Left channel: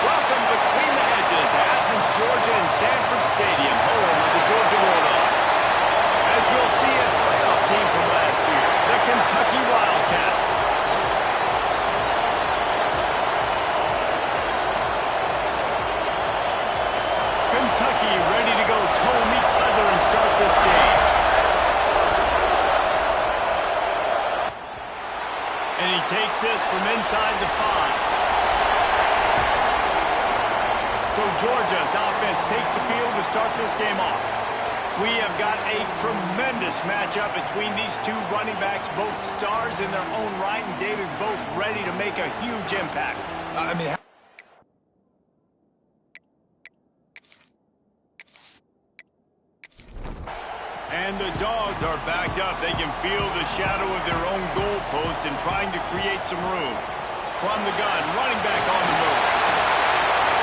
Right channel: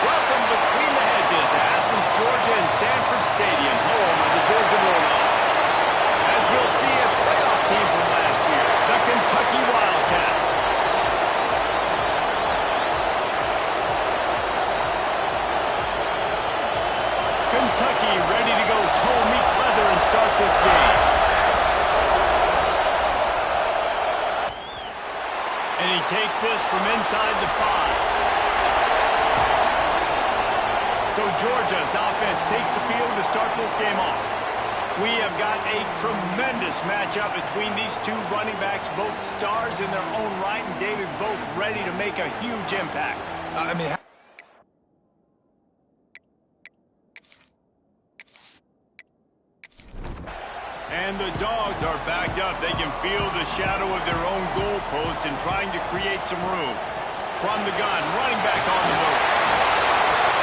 Welcome between the hedges to Athens, Georgia and Sanford Stadium, home of the Georgia Bulldogs. As we'll see, a playoff team from last year, the Kentucky Wildcats. Kentucky ready to go toe meets leather and start this game. And he takes this from inside the 5. So Georgia's offense takes the field to start this game off. We have got a tremendous matchup between these two running backs, both stars in their own right, and David, both ready to make a huge impact. And the Dogs are backed up. They can feel the shadow of their own goalpost and trying to create some room. From the gun, running back on the move.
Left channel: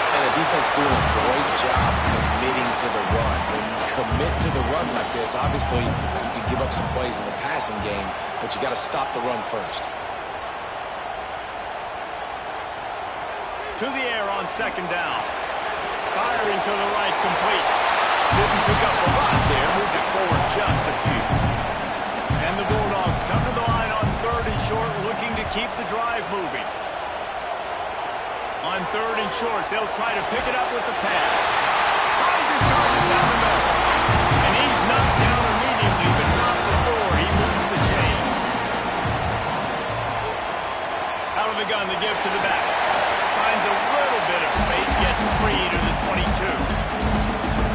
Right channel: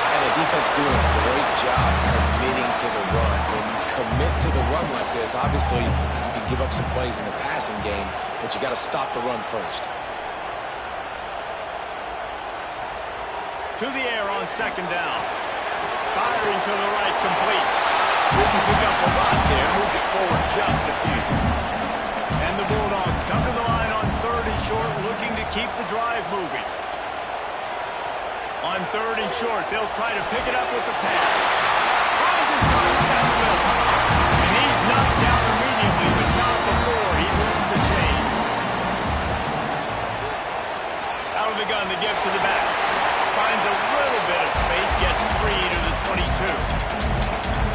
And the defense doing a great job committing to the run. When you commit to the run like this, obviously you can give up some plays in the passing game, but you got to stop the run first. To the air on second down. Firing to the right, complete. Didn't pick up a lot there, moved it forward just a few. And the Bulldogs come to the line on 3rd and short, looking to keep the drive moving. On 3rd and short, they'll try to pick it up with the pass. Finds his target down the middle. And he's knocked down immediately, but not before he moves the chains. Out of the gun, the give to the back. Finds a little bit of space, gets 3 to the 22.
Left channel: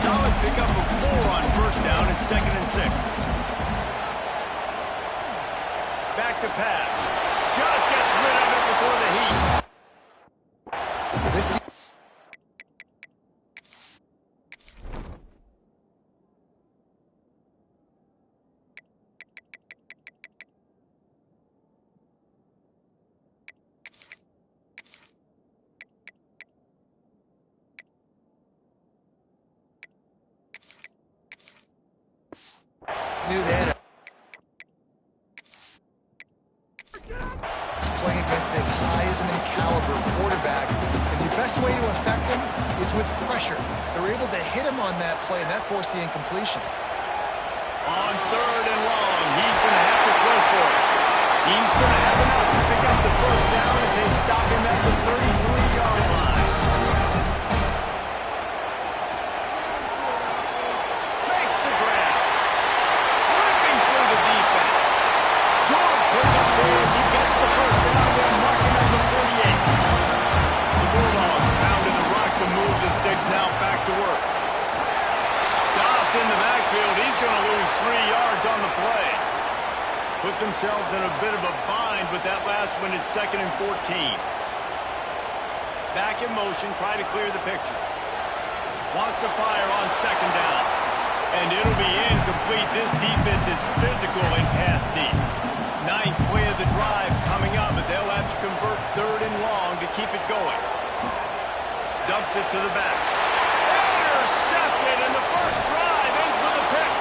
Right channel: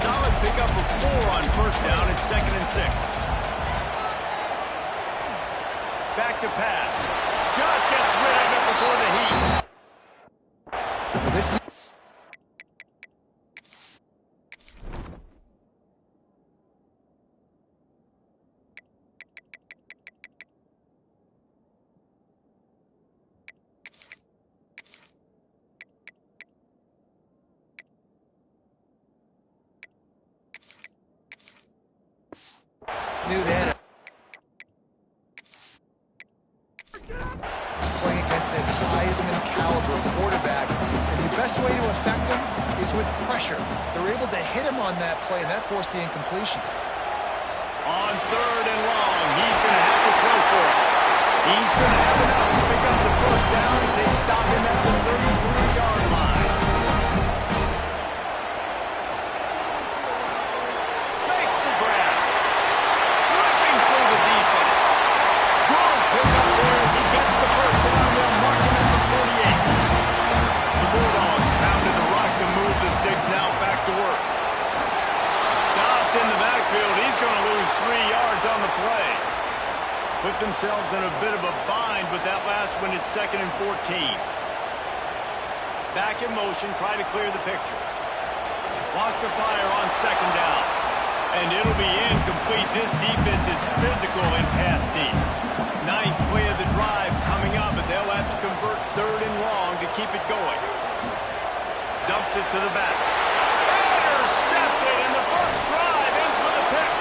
Solid pickup of 4 on 1st down and 2nd and 6. Back to pass. Just gets rid of it before the heat. This knew that playing against this Heisman caliber quarterback, and the best way to affect him is with pressure. They're able to hit him on that play, and that forced the incompletion. On 3rd and long, he's going to have to throw for it. He's going to have enough to pick up the 1st down as they stop him at the 33-yard line. Makes the grab. Ripping through the defense. Good pick up there as he gets the 1st down. They'll mark him at the 48. The Bulldogs pounded the rock to move the sticks, now back to work. Stopped in the backfield. He's going to lose 3 yards on the play. Put themselves in a bit of a bind, but that last one is 2nd and 14. Back in motion, try to clear the picture. Wants to fire on 2nd down. And it'll be incomplete. This defense is physical in pass deep. 9th play of the drive coming up, but they'll have to convert 3rd and long to keep it going. Dumps it to the back. Intercepted, and the first drive ends with a pick.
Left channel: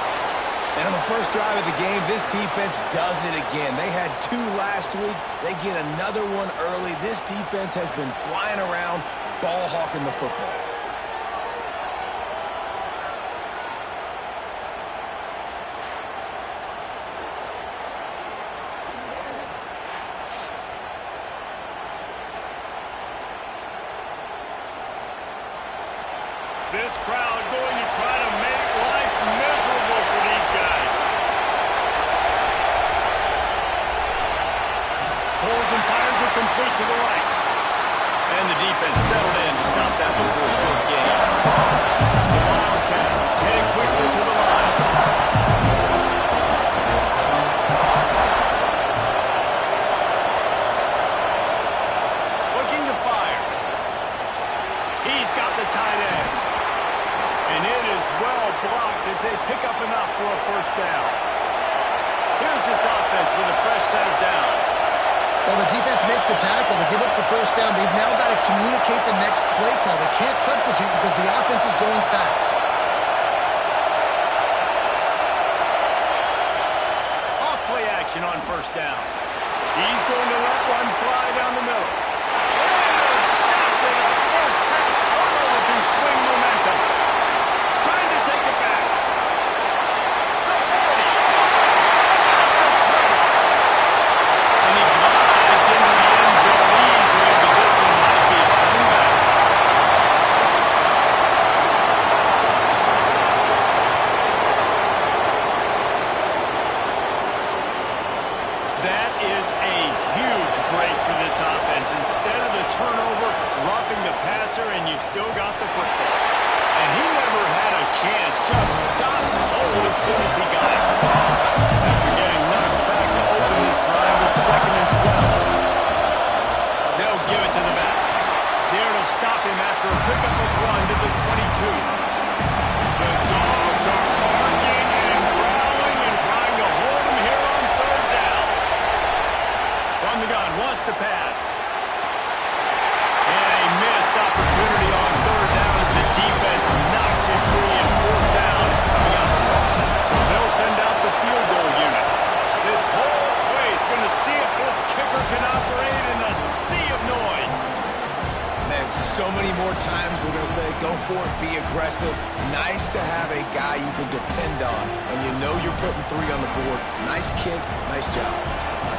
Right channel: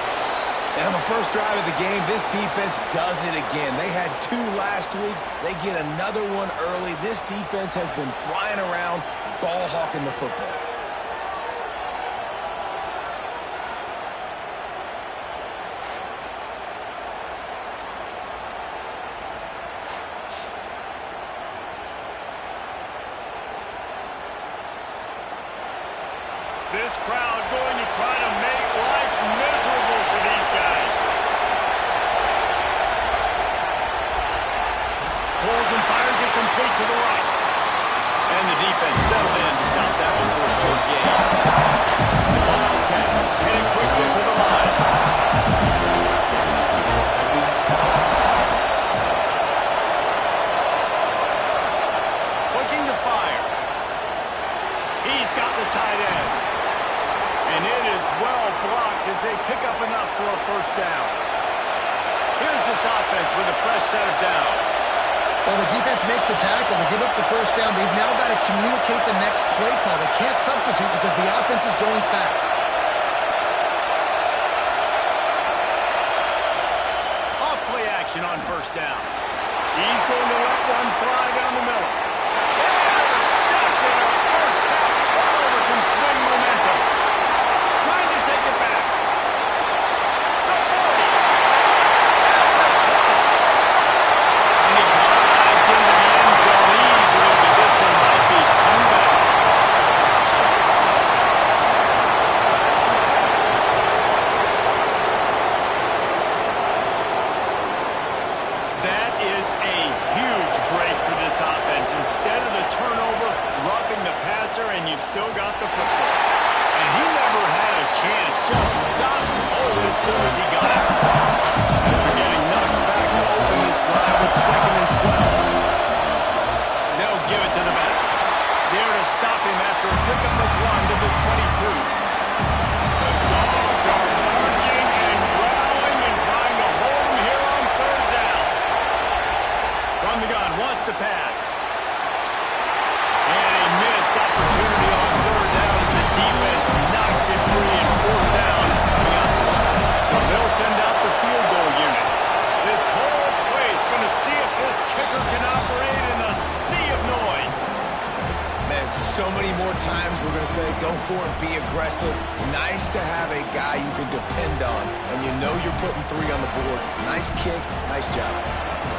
And on the first drive of the game, this defense does it again. They had 2 last week. They get another one early. This defense has been flying around, ball hawking the football. This crowd going to try to make life miserable for these guys. Pulls and fires it complete to the right. And the defense settled in to stop that before a short gain. The Wildcats headed quickly to the line. Looking to fire. He's got the tight end. And it is well blocked as they pick up enough for a 1st down. Here's this offense with a fresh set of downs. Well, the defense makes the tackle. They give up the 1st down. They've now got to communicate the next play call. They can't substitute because the offense is going fast. Off play action on 1st down. He's going to let one fly down the middle. Intercepted, a 1st passer, and you've still got the football. And he never had a chance. Just stopped cold as soon as he got it. After getting knocked back to open this drive with 2nd and 12. They'll give it to the back. There to stop him after a pickup of 1 to the 22. The Dogs are barking and growling and trying to hold him here on 3rd down. From the gun, wants to pass. And a missed opportunity on 3rd down as the defense knocks it free, and 4th down is coming up. So they'll send out the field goal unit. This whole place going to see if this kicker can operate in a sea of noise. Man, so many more times we're going to say, go for it, be aggressive. Nice to have a guy you can depend on, and you know you're putting 3 on the board. Nice kick, nice job.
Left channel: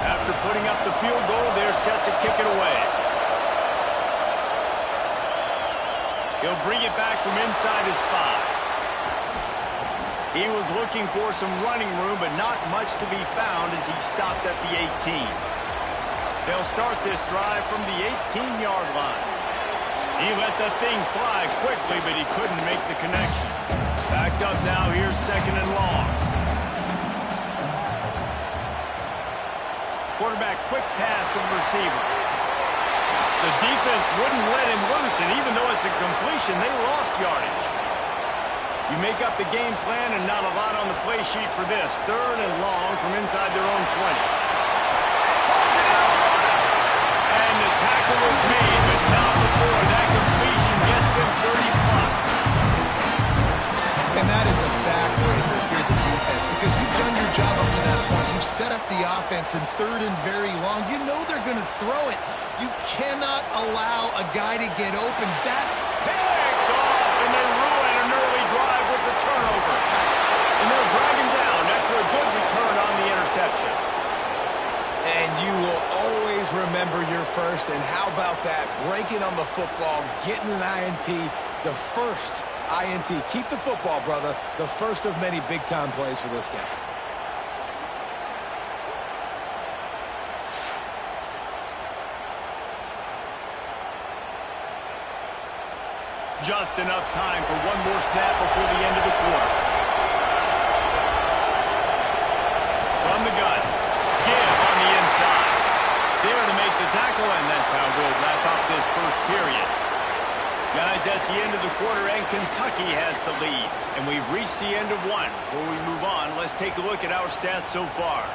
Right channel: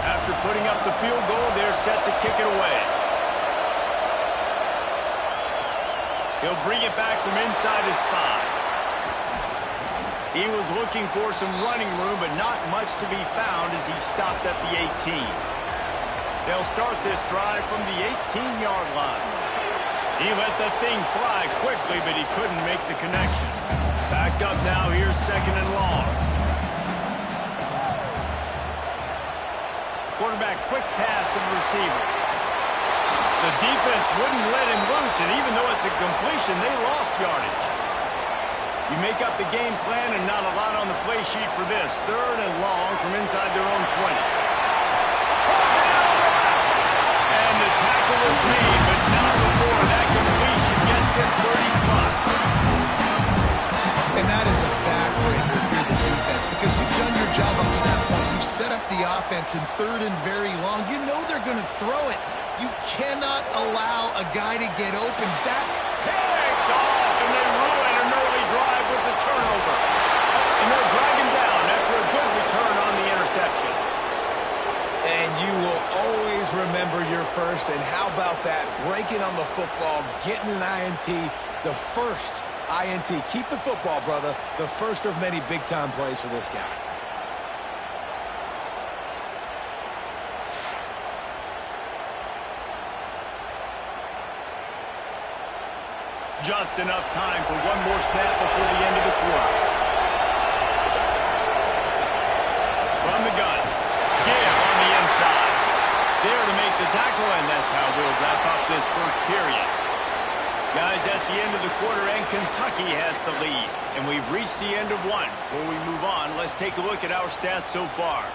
After putting up the field goal, they're set to kick it away. He'll bring it back from inside his 5. He was looking for some running room, but not much to be found as he stopped at the 18. They'll start this drive from the 18-yard line. He let that thing fly quickly, but he couldn't make the connection. Backed up now, here's 2nd and long. Quarterback quick pass to the receiver. The defense wouldn't let him loose, and even though it's a completion, they lost yardage. You make up the game plan and not a lot on the play sheet for this. 3rd and long from inside their own 20. Holds it out wide. And the tackle is made, but not before that completion gets them 30-plus. And that is a backbreaker if you're the defense, because you've done your job up to that point. You've set up the offense in 3rd and very long. You know they're going to throw it. You cannot allow a guy to get open. That picked off, and they ruin an early drive with the turnover. And they'll drag him down after a good return on the interception. And you will always remember your first. And how about that? Breaking on the football, getting an INT, the first INT. Keep the football, brother. The first of many big-time plays for this guy. Just enough time for one more snap before the end of the quarter. From the gun, give on the inside. There to make the tackle, and that's how we'll wrap up this first period. Guys, that's the end of the quarter, and Kentucky has the lead. And we've reached the end of one. Before we move on, let's take a look at our stats so far.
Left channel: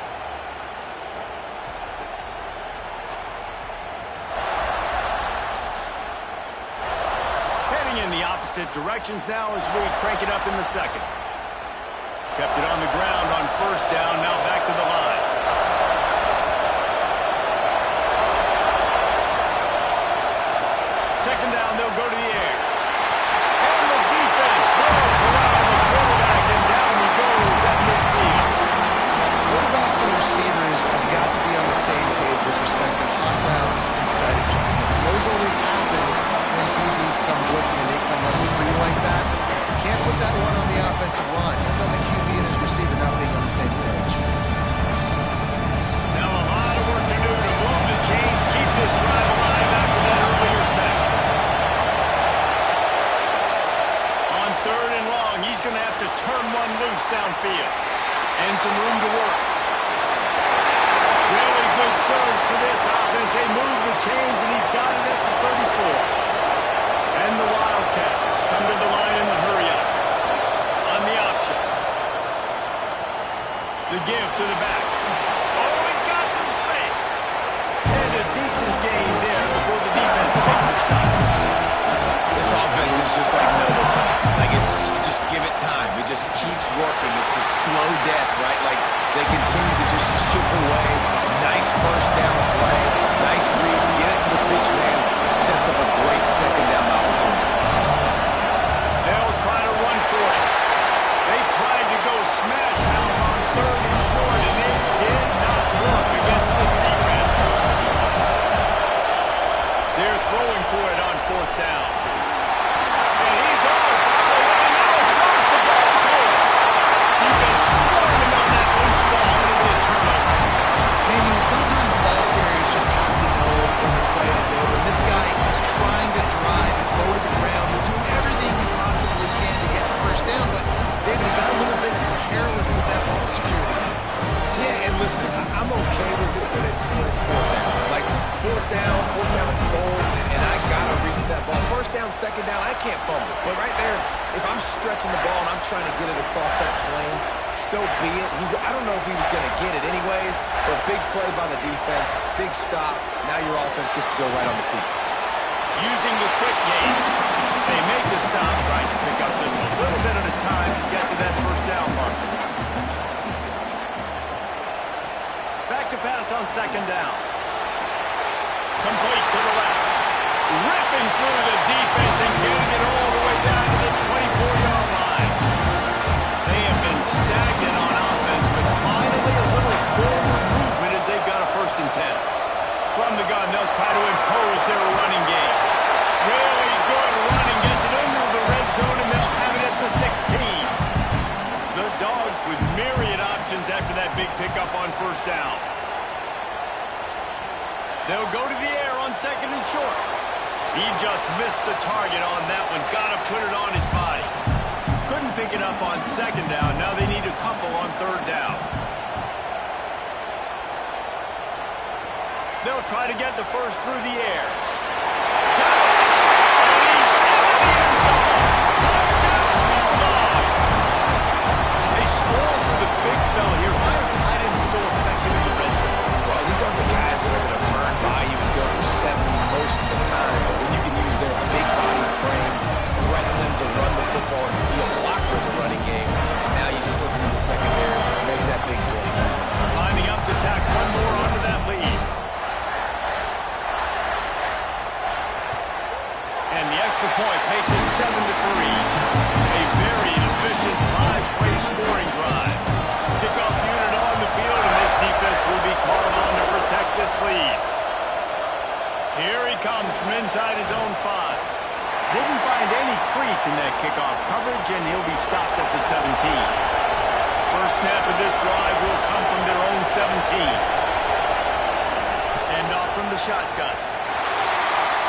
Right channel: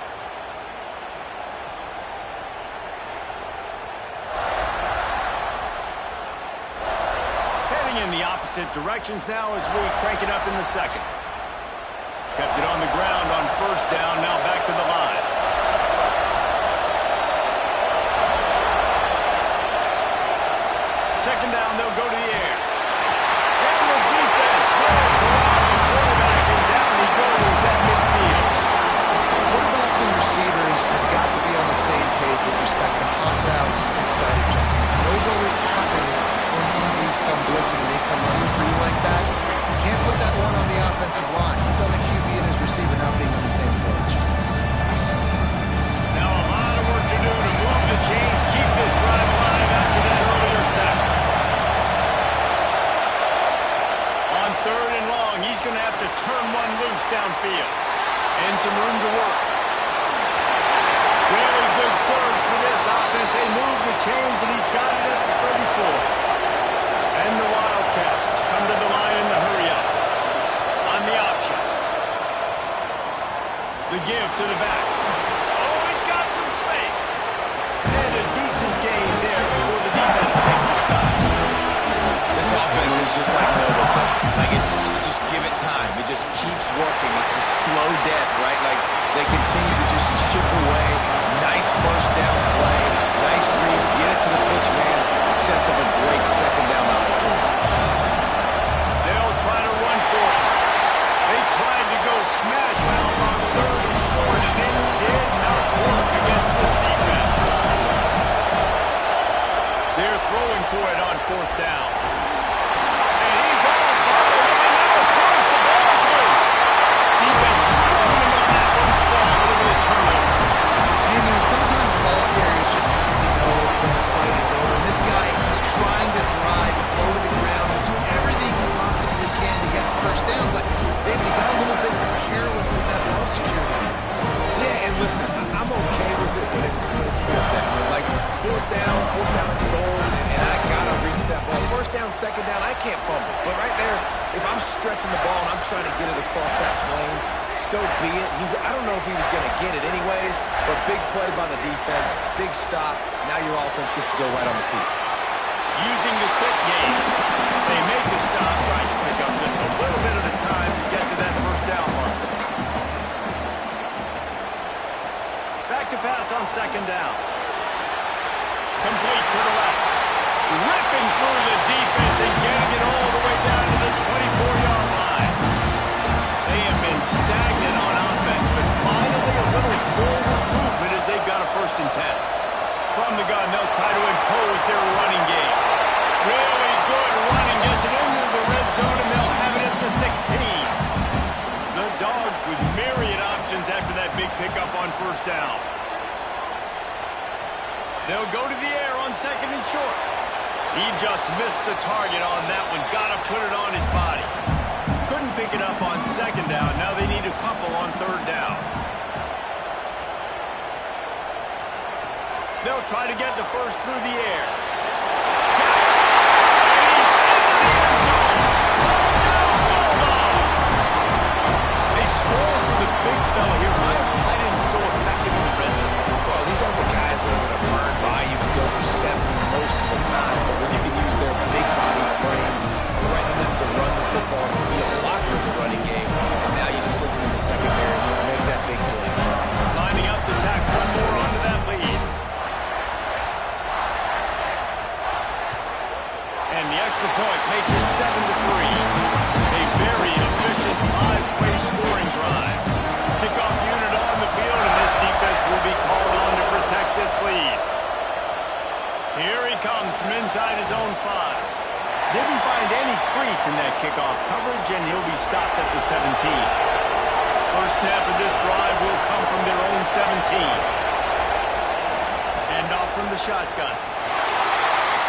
Heading in the opposite directions now as we crank it up in the second. Kept it on the ground on 1st down, now back to the line. Second down, they'll go to the air. And the defense will corral the quarterback, and down he goes at midfield. quarterbacks and receivers have got to be on the same page with respect to hot routes and sight adjustments. And those always happen when DBs come blitzing and they come running free like that. You can't put that one on the offensive line. That's on the QB and his receiver not being on the same page. Now a lot of work to do to move the chains, keep this drive alive after that earlier sack. On 3rd and long, he's going to have to turn one loose downfield. And some room to work. Really good surge for this offense. They move the chains, and he's got it at the 34. And the Wildcats come to the line in the hurry-up. On the option. The give to the back. Oh, he's got some space. And a decent gain there before the defense makes a stop. This offense is just like Novocaine. Like, just give it time. It just keeps working. It's a slow death, right? Like, they continue to just chip away. Nice first down play. Nice read. Get it to the pitch man. Sets up a great second down opportunity. They'll try to run for it. They tried to go smash mouth on 3rd and short, and it did not work against this defense. They're throwing for it on 4th down. And he's all bottled up, and now it's worse. The ball's loose. Defense swarming on that loose ball. It'll be a turnover. Man, you know, sometimes ball carriers just have to know when the fight is over. And this guy is trying to drive as David, he got a little bit careless with that ball security. Yeah, and listen, I'm okay with it when it's fourth down. Like, fourth down and goal, and I gotta reach that ball. First down, second down, I can't fumble. But right there, if I'm stretching the ball and I'm trying to get it across that plane, so be it. I don't know if he was going to get it anyways, but big play by the defense, big stop. Now your offense gets to go right on the field. Using the quick game, they make the stop, trying to pick up just a little bit at a time to get to that first down mark. Back to pass on second down. Complete to the left. Ripping through the defense and getting it all the way down to the 24-yard line. They have been stagnant on offense, but finally a little forward movement as they've got a 1st and 10. From the gun, they'll try to impose their running game. Really good running, gets it into the red zone, and they'll have it at the 16. The Dogs with myriad options after that big pickup on 1st down. They'll go to the air on 2nd and short. He just missed the target on that one. Got to put it on his body. Couldn't pick it up on 2nd down. Now they need a couple on 3rd down. They'll try to get the first through the air. Got it! And he's into the end zone. Touchdown, Bulldogs! They score for the big fella here. Why are tight ends so effective in the red zone? Well, these aren't the guys that are going to burn by you and go for 70 most of the time, but when you can use their big body frames, threaten them to run the football and be a blocker in the running game, and now you slip them in the secondary, make that big play. Lining up to tack one more onto that lead. And the extra point makes it 7-3. A very efficient 5-play scoring drive. Kickoff unit on the field, and this defense will be called on to protect this lead. Here he comes from inside his own 5. Didn't find any crease in that kickoff coverage, and he'll be stopped at the 17. First snap of this drive will come from their own 17. And off from the shotgun.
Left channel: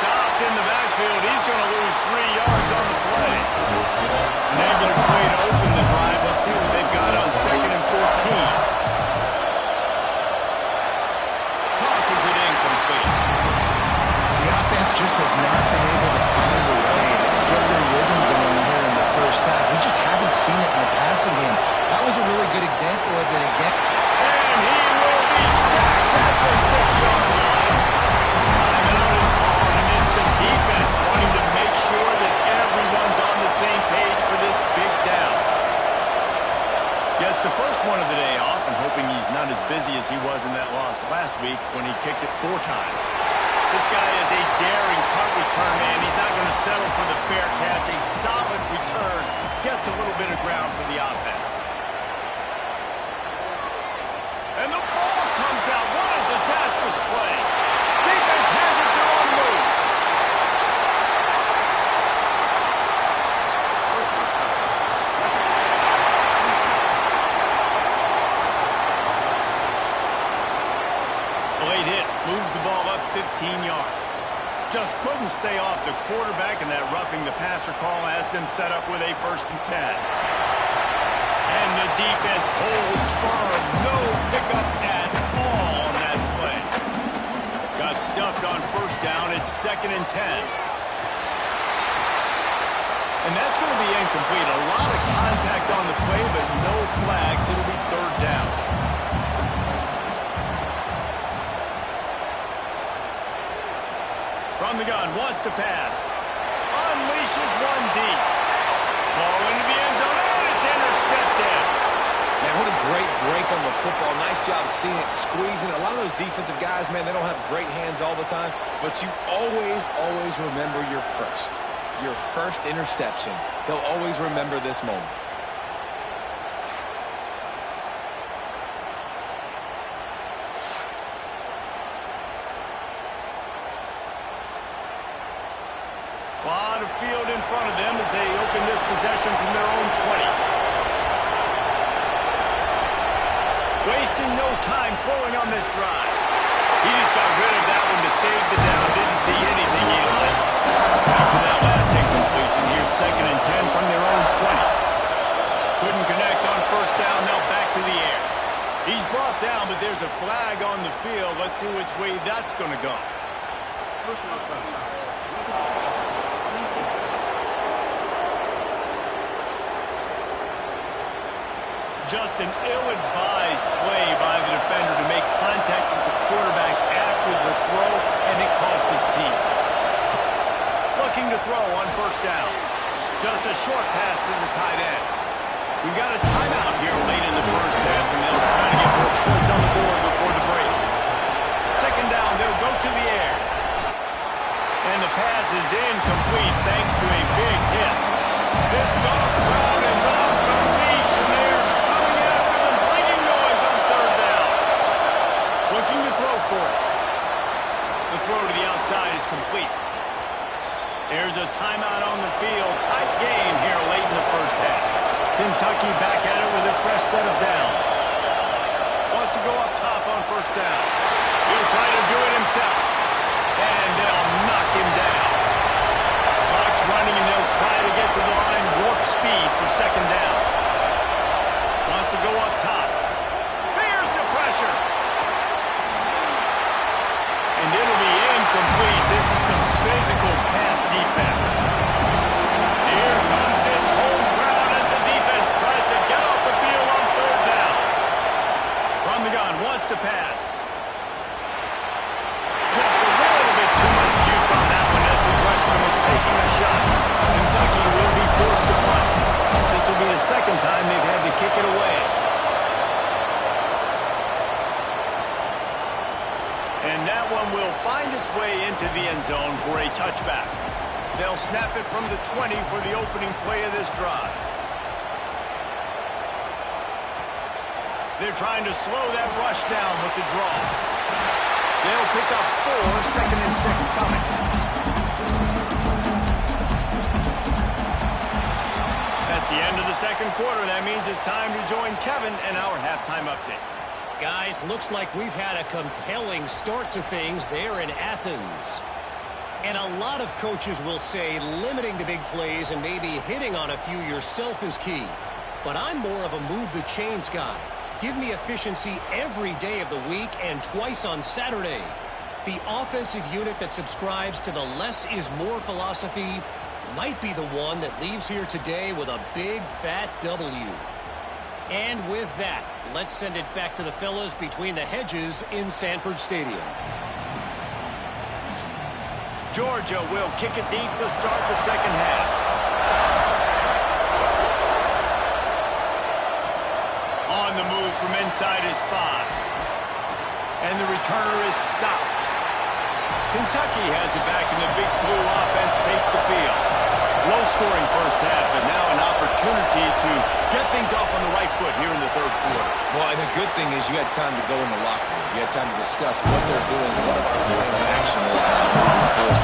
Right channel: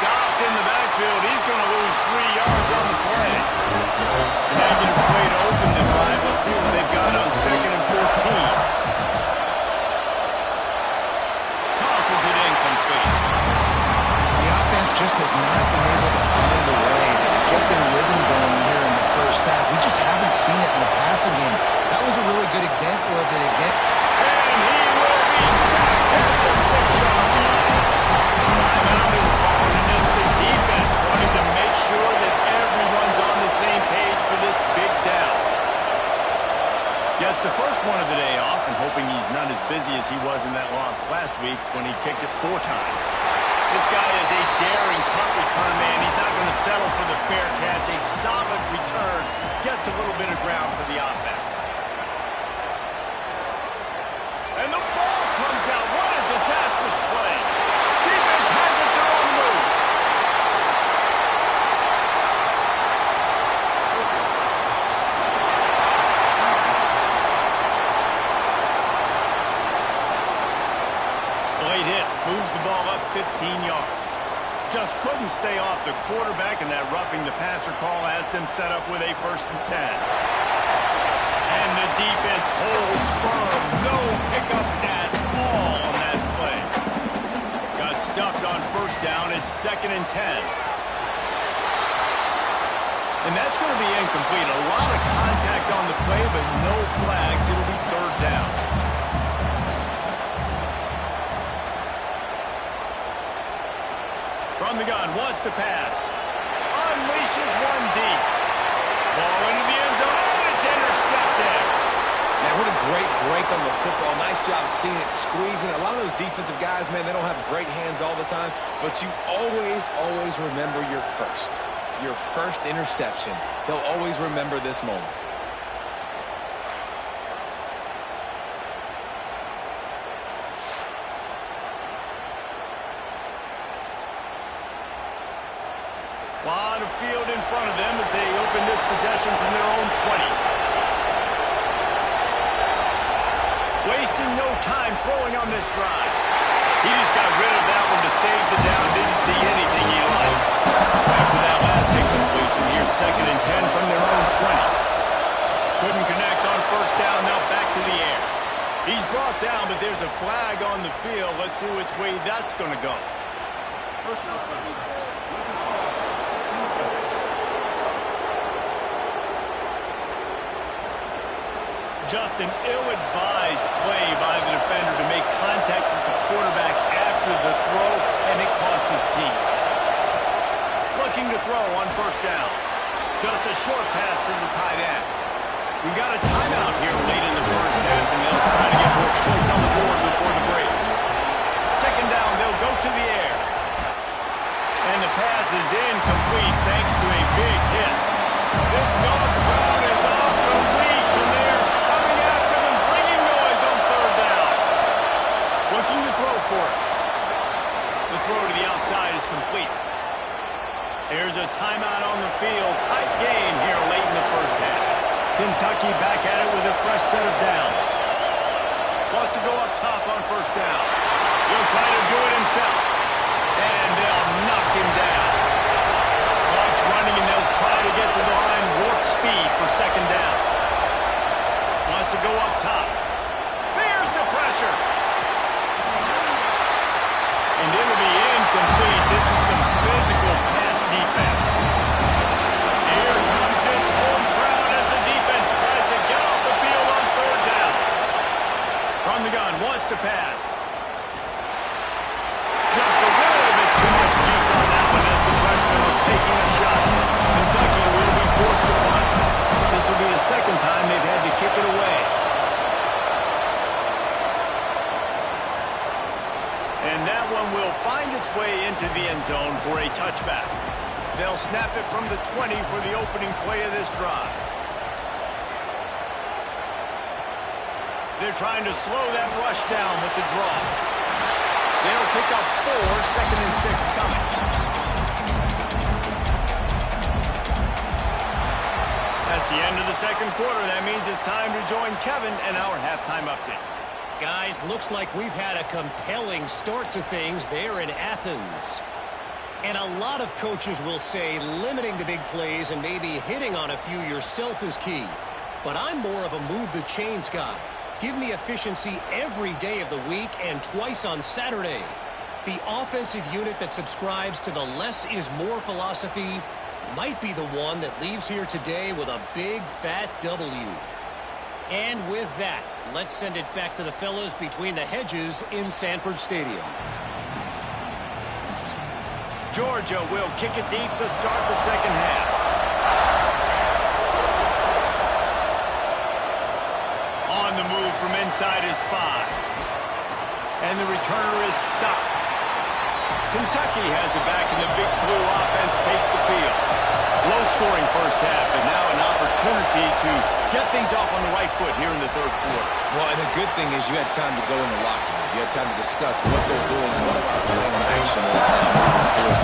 Stopped in the backfield. He's going to lose 3 yards on the play. A negative play to open the drive. Let's see what they've got on 2nd and 14. Tosses it incomplete. The offense just has not been able to find a way to get their rhythm going here in the first half. We just haven't seen it in the passing game. That was a really good example of it again. And he will be sacked at the 6-yard line. Timeout is called, and it's the defense wanting to make sure that everyone's on the same page for this big down. Yes, the first one of the day off, and hoping he's not as busy as he was in that loss last week when he kicked it 4 times. This guy is a daring punt return man. He's not going to settle for the fair catch. A solid return gets a little bit of ground for the offense. And the ball comes out. What a disastrous play. Defense has it their own move. Late hit, moves the ball up 15 yards. Just couldn't stay off the quarterback, and that roughing the passer call has them set up with a 1st and 10. And the defense holds firm. No pickup at all on that play. Got stuffed on 1st down. It's 2nd and 10. And that's going to be incomplete. A lot of contact on the play, but no flags. It'll be 3rd down. From the gun, wants to pass. Unleashes one deep. Ball into the end zone, and it's intercepted. Man, what a great break on the football. Nice job seeing it, squeezing. A lot of those defensive guys, man, they don't have great hands all the time, but you always remember your first interception. He'll always remember this moment. A lot of field in front of them as they open this possession from their own 20. Wasting no time throwing on this drive. He just got rid of that one to save the down. Didn't see anything he liked. After that last incompletion, here's 2nd and 10 from their own 20. Couldn't connect on first down. Now back to the air. He's brought down, but there's a flag on the field. Let's see which way that's going to go. Personal foul. Just an ill-advised play by the defender to make contact with the quarterback after the throw, and it cost his team. Looking to throw on first down. Just a short pass to the tight end. We've got a timeout here late in the first half, and they'll try to get more points on the board before the break. Second down, they'll go to the air. And the pass is incomplete thanks to a big hit. This dog crowd is off the leash, and they're coming after them, bringing noise on third down. Looking to throw for it. The throw to the outside is complete. There's a timeout on the field. Tight game here late in the first half. Kentucky back at it with a fresh set of downs. Wants to go up top on first down. He'll try to do it himself. And they'll knock him down. Clock's running, and they'll try to get to the line. Warp speed for second down. Wants to go up top. There's the pressure. And it'll be incomplete. This is some physical pass defense. Here comes this home crowd as the defense tries to get off the field on third down. From the gun, wants to pass. Just a little bit too much juice on that one as the freshman was taking a shot. Kentucky will be forced to punt. This will be the second time they've had to kick it away. And that one will find its way into the end zone for a touchback. They'll snap it from the 20 for the opening play of this drive. They're trying to slow that rush down with the draw. They'll pick up 4, second and 6 coming. That's the end of the second quarter. That means it's time to join Kevin and our halftime update. Guys, looks like we've had a compelling start to things there in Athens. And a lot of coaches will say limiting the big plays and maybe hitting on a few yourself is key. But I'm more of a move the chains guy. Give me efficiency every day of the week and twice on Saturday. The offensive unit that subscribes to the less is more philosophy might be the one that leaves here today with a big fat W. And with that, let's send it back to the fellas between the hedges in Sanford Stadium. Georgia will kick it deep to start the second half. On the move from inside is 5. And the returner is stopped. Kentucky has it back, and the Big Blue offense takes the field. Low-scoring first half, but now an opportunity to get things off on the right foot here in the third quarter. Well, and the good thing is you had time to go in the locker room. You had time to discuss what they're doing, what of our plan of action is now moving forward.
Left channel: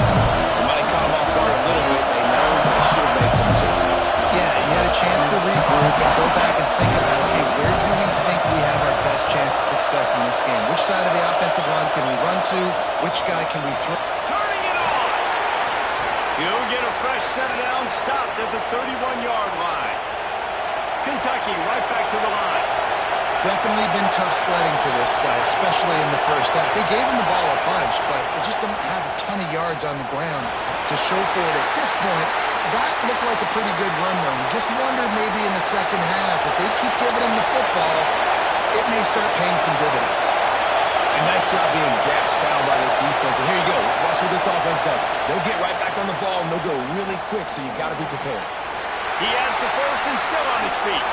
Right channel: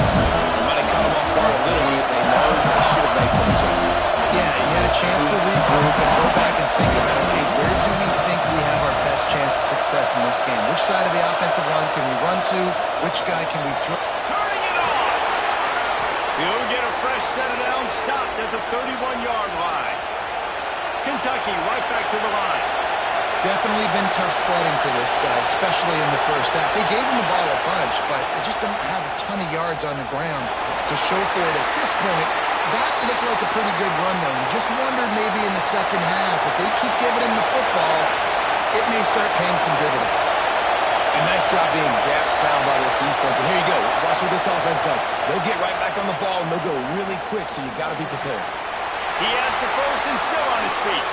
They might have caught them off guard a little bit. They know they should have made some adjustments. Yeah, you had a chance to regroup and go back and think about, okay, where do we think we have our best chance of success in this game? Which side of the offensive line can we run to? Which guy can we throw? Turning it on! He'll get a fresh set of downs, stopped at the 31-yard line. Kentucky right back to the line. Definitely been tough sledding for this guy, especially in the first half. They gave him the ball a bunch, but they just don't have a ton of yards on the ground to show for it at this point. That looked like a pretty good run, though. You just wondered maybe in the second half, if they keep giving him the football, it may start paying some dividends. A nice job being gap sound by this defense. And here you go. Watch what this offense does. They'll get right back on the ball, and they'll go really quick, so you got to be prepared. He has the first and still on his feet.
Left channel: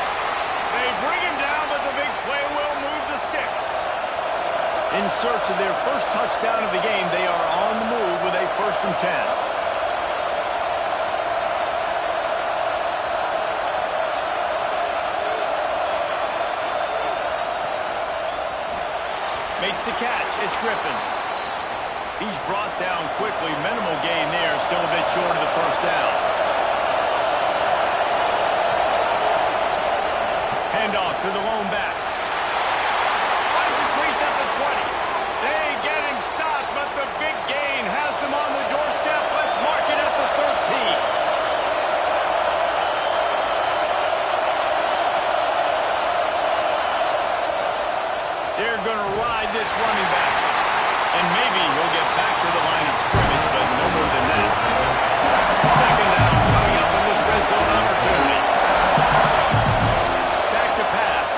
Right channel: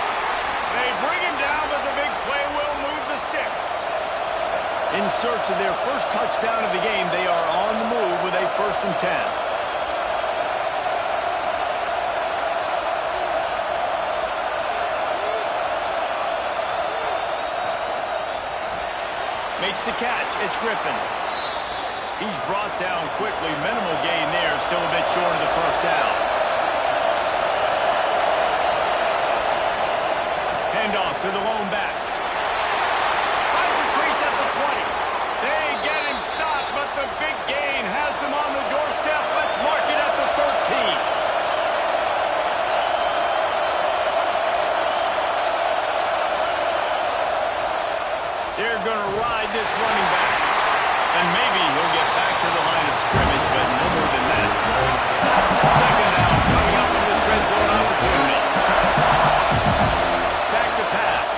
They bring him down, but the big play will move the sticks. In search of their first touchdown of the game, they are on the move with a 1st and 10. Makes the catch. It's Griffin. He's brought down quickly. Minimal gain there. Still a bit short of the first down. Handoff to the lone back. Finds a crease at the 20. They get him stopped, but the big gain has them on the doorstep. Let's mark it at the 13. They're going to ride this running back. And maybe he'll get back to the line of scrimmage, but no more than that. Second down coming up in this red zone opportunity. Back to pass.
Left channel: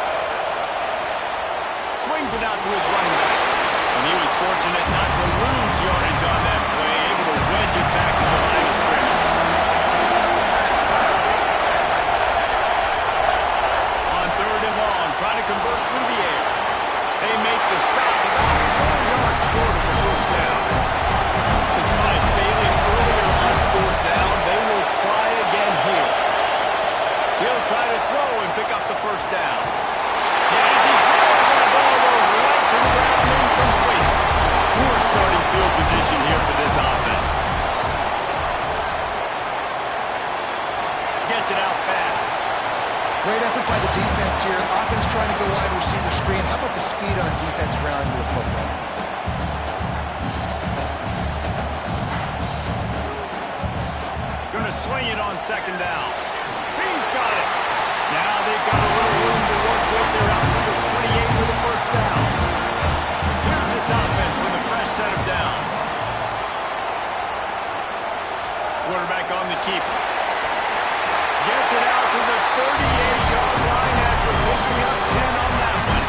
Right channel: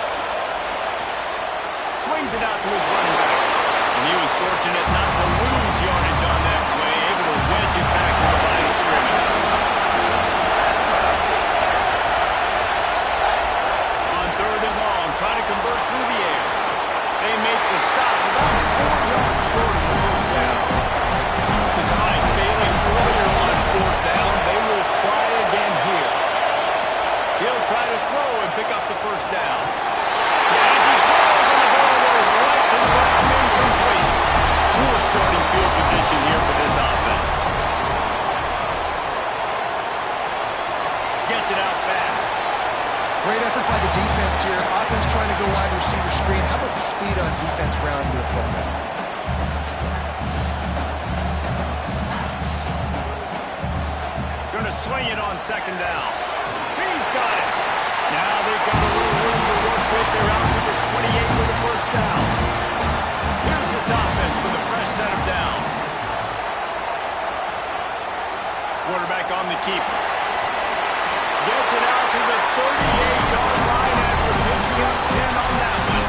Swings it out to his running back. And he was fortunate not to lose yardage on that play, able to wedge it back to the line of scrimmage. On third and long, trying to convert through the air. They make the stop about 4 yards short of the first down. Despite failing earlier on fourth down, they will try again here. He'll try to throw and pick up the first down. And as he throws, and the ball goes right to the ground, incomplete. Poor starting field position here for this offense. Gets it out fast. Great effort by the defense here. Offense trying to go wide receiver screen. How about the speed on defense rounding to the football? Going to swing it on second down. He's got it. Now they've got a little room to work with. They're out to the 28 with the first down. Here's this offense with a fresh set of downs. Quarterback on the keeper. Gets it out to the 38-yard line after picking up 10 on that one.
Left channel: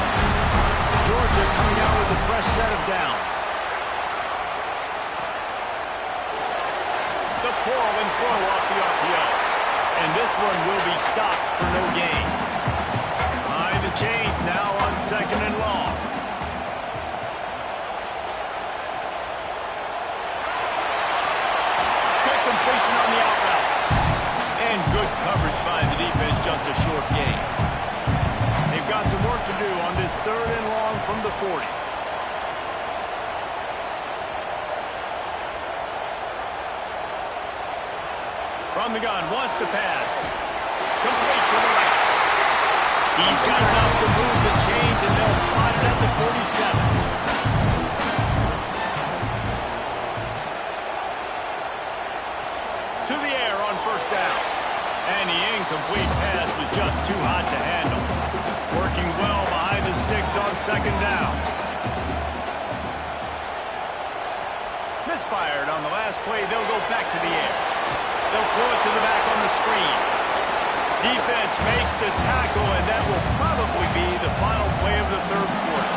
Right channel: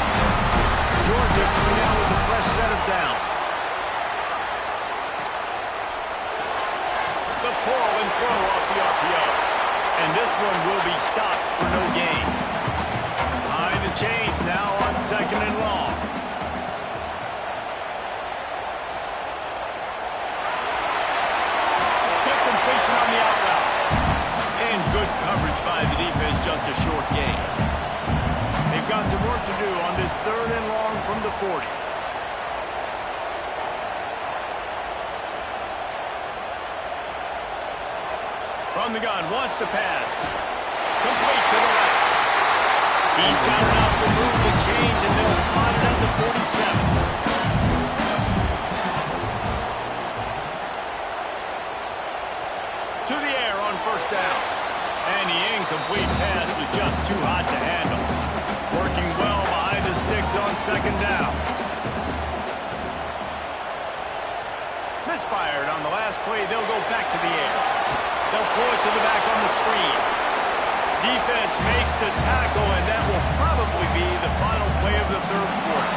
Georgia coming out with a fresh set of downs. The pull and throw off the RPO. And this one will be stopped for no gain. Behind the chains now on second and long. Quick completion on the out route. And good coverage by the defense, just a short gain. They've got some work to do on this third and long from the 40. From the gun, wants to pass. Complete to the left. He's got enough to move the chains, and they'll spot it at the 47. To the air on first down. And the incomplete pass was just too hot to handle. Working well behind the sticks on second down. Misfired on the last play. They'll go back to the air. They'll throw it to the back on the screen. Defense makes the tackle, and that will probably be the final play of the third quarter.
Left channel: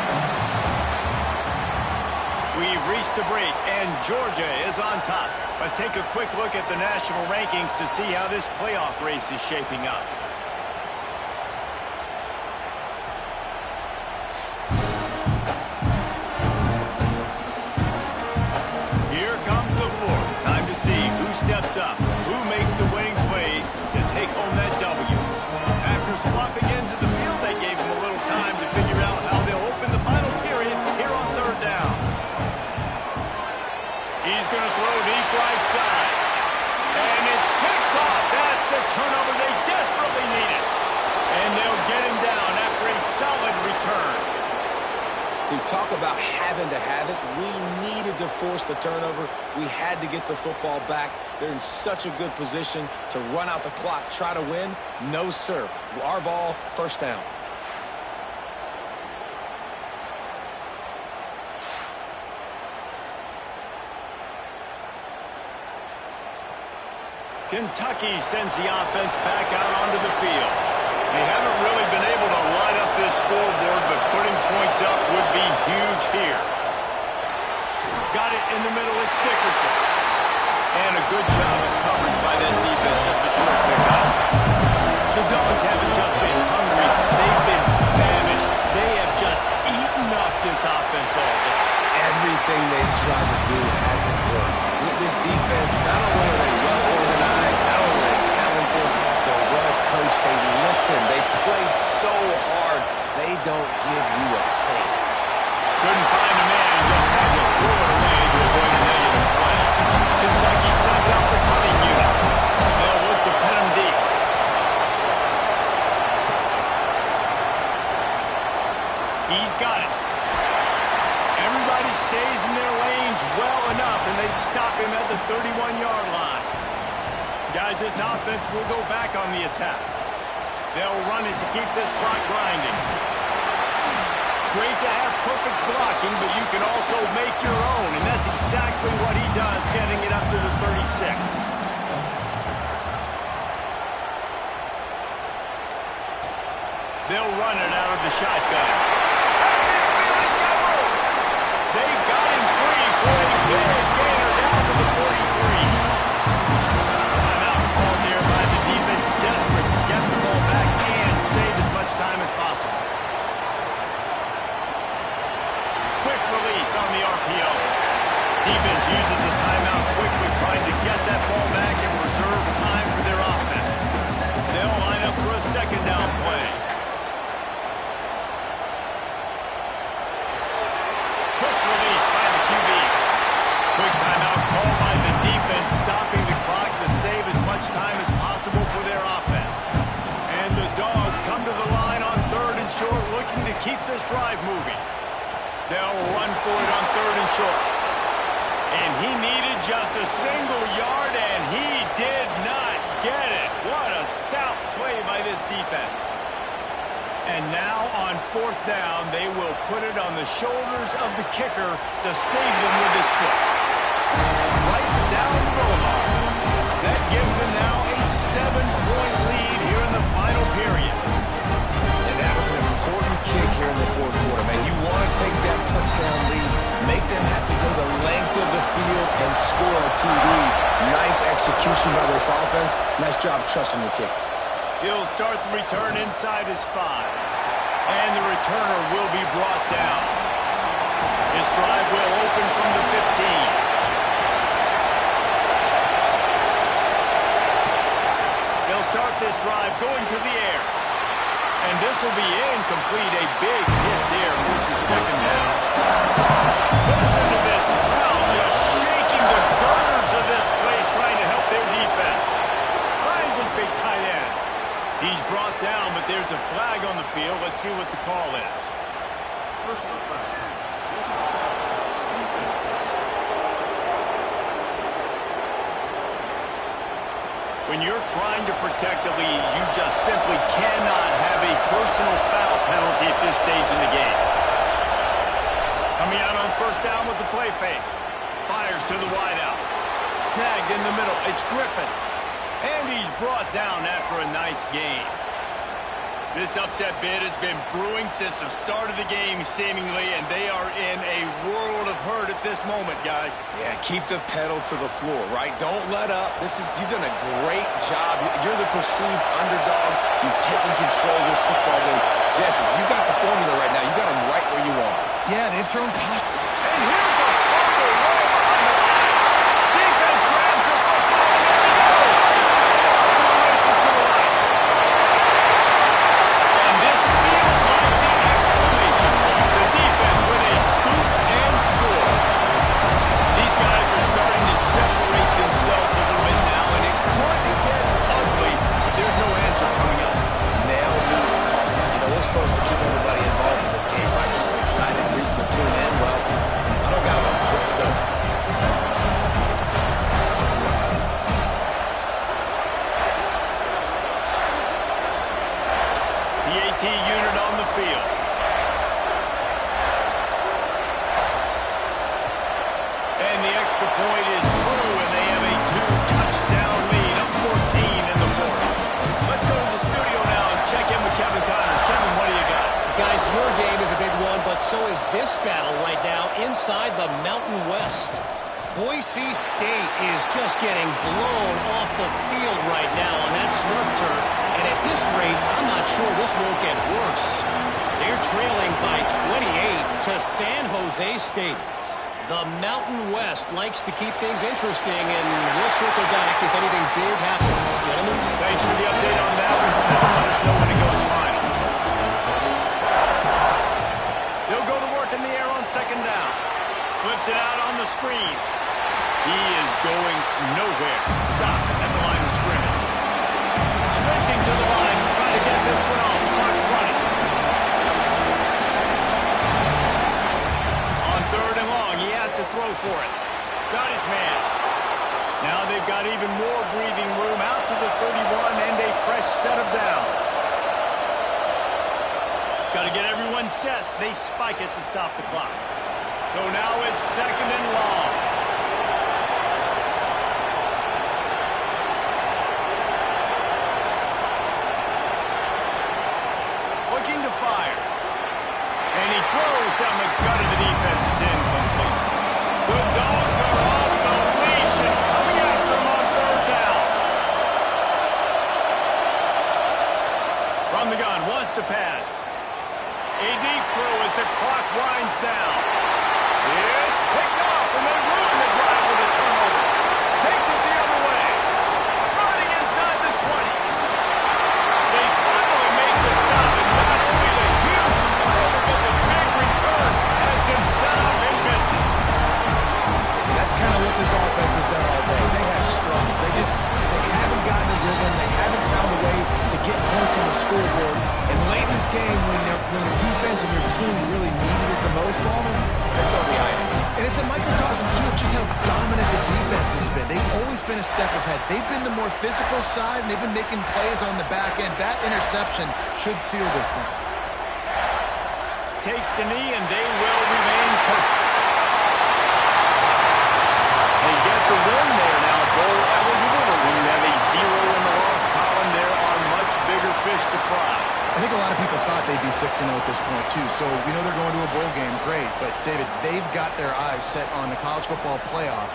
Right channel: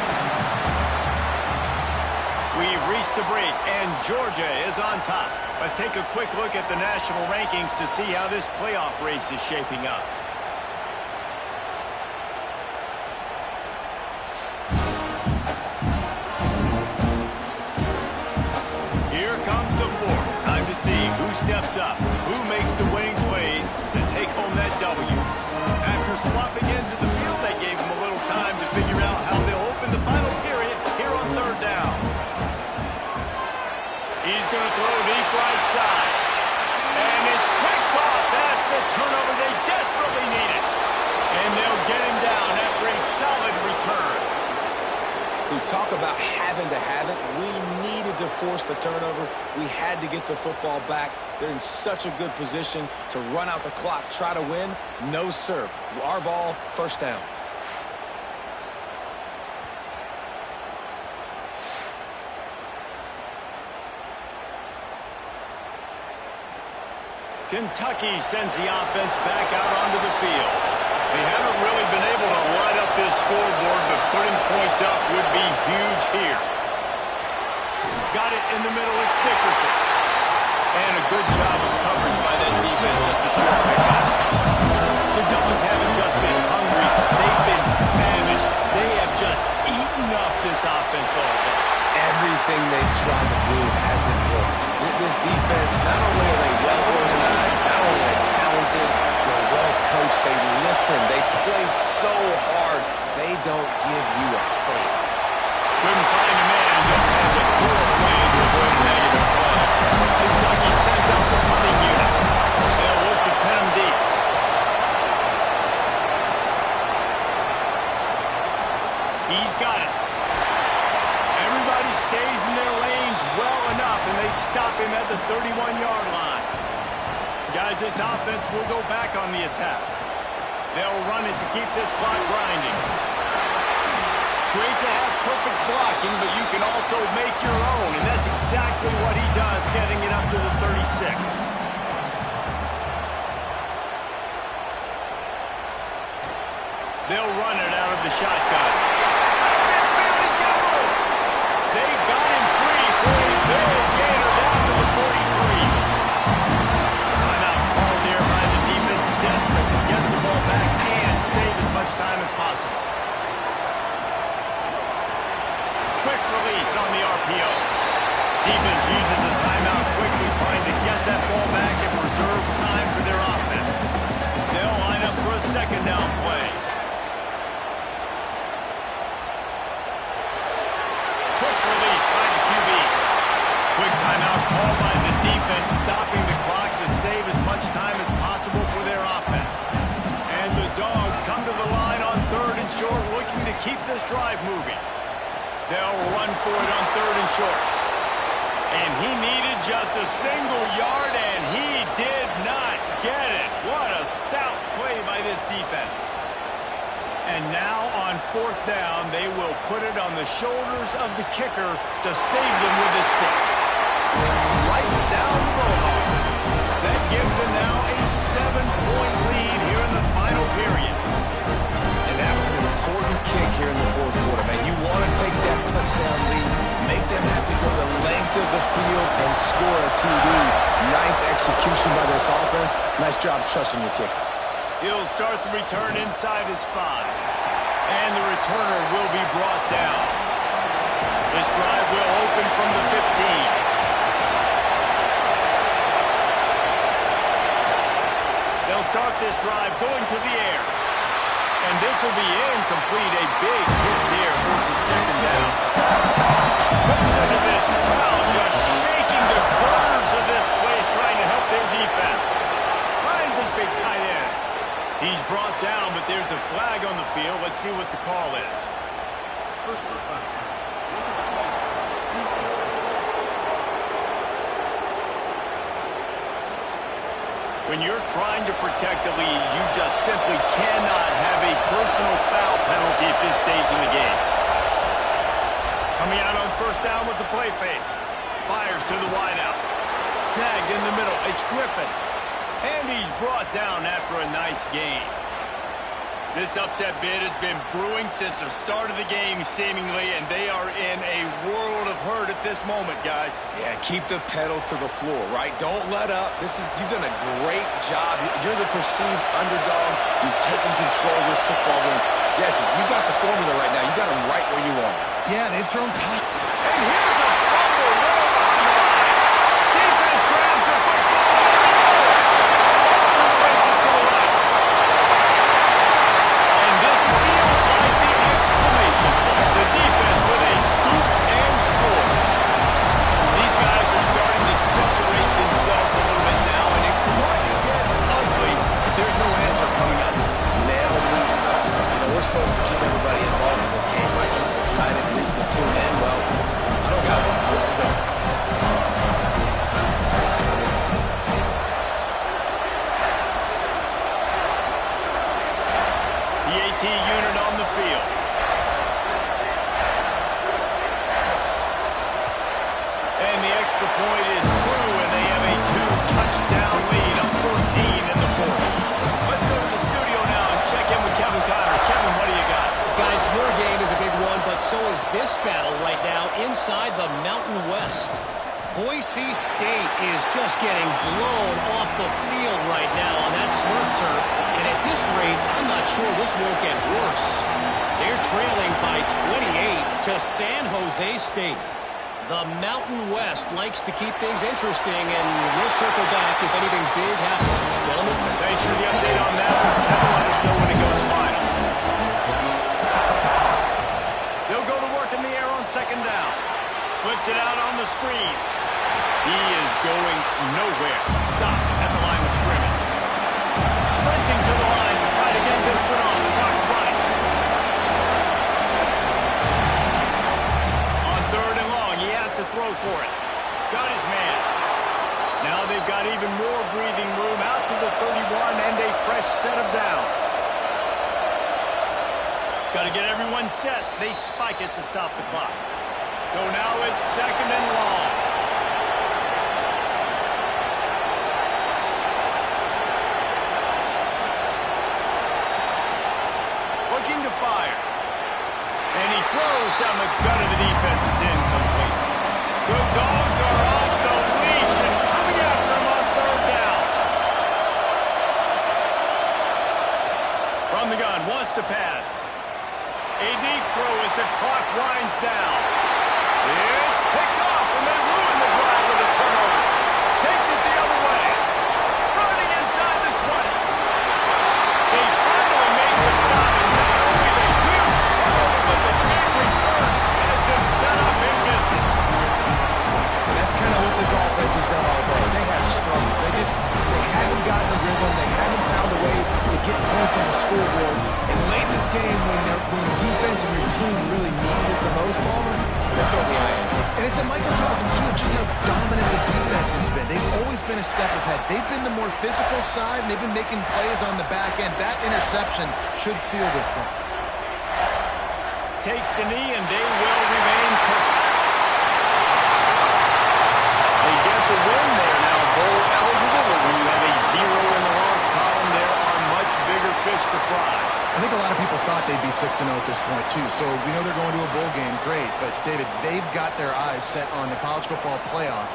We've reached the break, and Georgia is on top. Let's take a quick look at the national rankings to see how this playoff race is shaping up. Here comes the fourth. Time to see who steps up, who makes the winning plays to take home that W. After swapping ends of the field, that gave them a little time to figure out how they'll open the final period here on third down. He's going to throw deep right side. And it's picked off. That's the turnover they desperately needed. And they'll get him down after a solid return. To talk about having to have it, we needed to force the turnover. We had to get the football back. They're in such a good position to run out the clock, try to win. No, sir. Our ball, first down. Kentucky sends the offense back out onto the field. They haven't really been able to light up this scoreboard, but putting points up would be huge here. Got it in the middle, it's Dickerson. And a good job of coverage by that defense, just a short pickup. The Dogs haven't just been hungry, they've been famished. They have just eaten up this offense all day. Everything they've tried to do hasn't worked. This defense, not only are they well organized, not only are they talented, they're well coached, they listen, they play so hard, they don't give you a thing. Couldn't find a man, just had to throw it away to avoid a negative play. Kentucky sends out the punting unit. They'll look to pin him deep. He's got it. Everybody stays in their lanes well enough, and they stop him at the 31-yard line. Guys, this offense will go back on the attack. They'll run it to keep this clock grinding. Great to have perfect blocking, but you can also make your own, and that's exactly what he does, getting it up to the 36. They'll run it out of the shotgun. Out of midfield, he's got room. They got him free for a big gainer down to the 43. Timeout called there by the defense, desperate to get the ball back and save as much time as possible. Quick release on the RPO. Defense uses a timeout quickly, trying to get that ball back and reserve time for their offense. They'll line up for a second down play. Quick release by the QB. Quick timeout called by the defense, stopping the clock to save as much time as possible for their offense. And the Dogs come to the line on 3rd and short, looking to keep this drive moving. They'll run for it on 3rd and short. And he needed just a single yard, and he did not get it. What a stout play by this defense. And now on 4th down, they will put it on the shoulders of the kicker to save them with his foot. Right down the roll. That gives them now a 7-point lead here in the final period. And that was an important kick here in the 4th quarter, man. You want to take that touchdown lead, make them have to go the length of the field and score a TD. Nice execution by this offense. Nice job trusting your kicker. He'll start the return inside his 5. And the returner will be brought down. This drive will open from the 15. They'll start this drive going to the air. And this will be incomplete. A big hit there forces second down. Listen to this crowd just shaking the girders of this place, trying to help their defense. Finds his big tight end. He's brought down, but there's a flag on the field. Let's see what the call is. Personal foul. Look at the pass. Defense. When you're trying to protect the lead, you just simply cannot have a personal foul penalty at this stage in the game. Coming out on 1st down with the play fake. Fires to the wideout. Snagged in the middle. It's Griffin. And he's brought down after a nice gain. This upset bid has been brewing since the start of the game, seemingly, and they are in a world of hurt at this moment, guys. Yeah, keep the pedal to the floor, right? Don't let up. You've done a great job. You're the perceived underdog. You've taken control of this football game. Jesse, you got the formula right now. You got them right where you want them. Yeah, they've thrown caution. And here's a fumble way behind the line. Defense grabs the football, and there he goes. Off to the races to the right. And this feels like the exclamation point. The defense with a scoop and score. These guys are starting to separate themselves a little bit now, and it could get ugly if there's no answer coming up. Nail meat coffee. You know, we're supposed to keep everybody involved in this game, right? Keep them excited, reason to tune in. Well, I don't got one. This is over. The AT unit on the field. And the extra point is true, and they have a 2-touchdown lead, up 14 in the 4th. Let's go to the studio now and check in with Kevin Connors. Kevin, what do you got? Guys, your game is a big one, but so is this battle right now inside the Mountain West. Boise State is just getting blown off the field right now on that Smurf turf. And at this rate, I'm not sure this won't get worse. They're trailing by 28 to San Jose State. The Mountain West likes to keep things interesting, and we'll circle back if anything big happens. Gentlemen? Thanks for the update on that one. Kevin, let us know when it goes final. They'll go to work in the air on 2nd down. Flips it out on the screen. He is going nowhere. Stopped at the line of scrimmage. Sprinting to the line to try to get this one off. Clock's running. On 3rd and long, he has to throw for it. Got his man. Now they've got even more breathing room out to the 31 and a fresh set of downs. Got to get everyone set. They spike it to stop the clock. So now it's 2nd and long. Looking to fire. And he throws down the gut of the defense. It's incomplete. The Dogs are off the leash and coming after him on 3rd down. From the gun, wants to pass. A deep throw as the clock winds down. It's picked off, and they ruin the drive with a turnover. Takes it the other way. Running inside the 20. They finally make the stop, and not only the huge turnover, but the big return has them set up in business. And that's kind of what this offense has done all day. They have struggled. They haven't gotten a rhythm. They haven't found a way to get points on the scoreboard. And late in this game, when your defense and your team really needed it the most, Palmer, they throw the INT. And it's a microcosm, too, of just how dominant the defense has been. They've always been a step ahead. They've been the more physical side, and they've been making plays on the back end. That interception should seal this thing. Takes the knee, and they will remain perfect. They get the win. They are now bowl eligible, but when you have a 0 in the loss column, there are much bigger fish to fry. I think a lot of people thought they'd be 6-0 at this point, too. So we know they're going to a bowl game. Great. But, David, they've got their eyes set on the college football playoff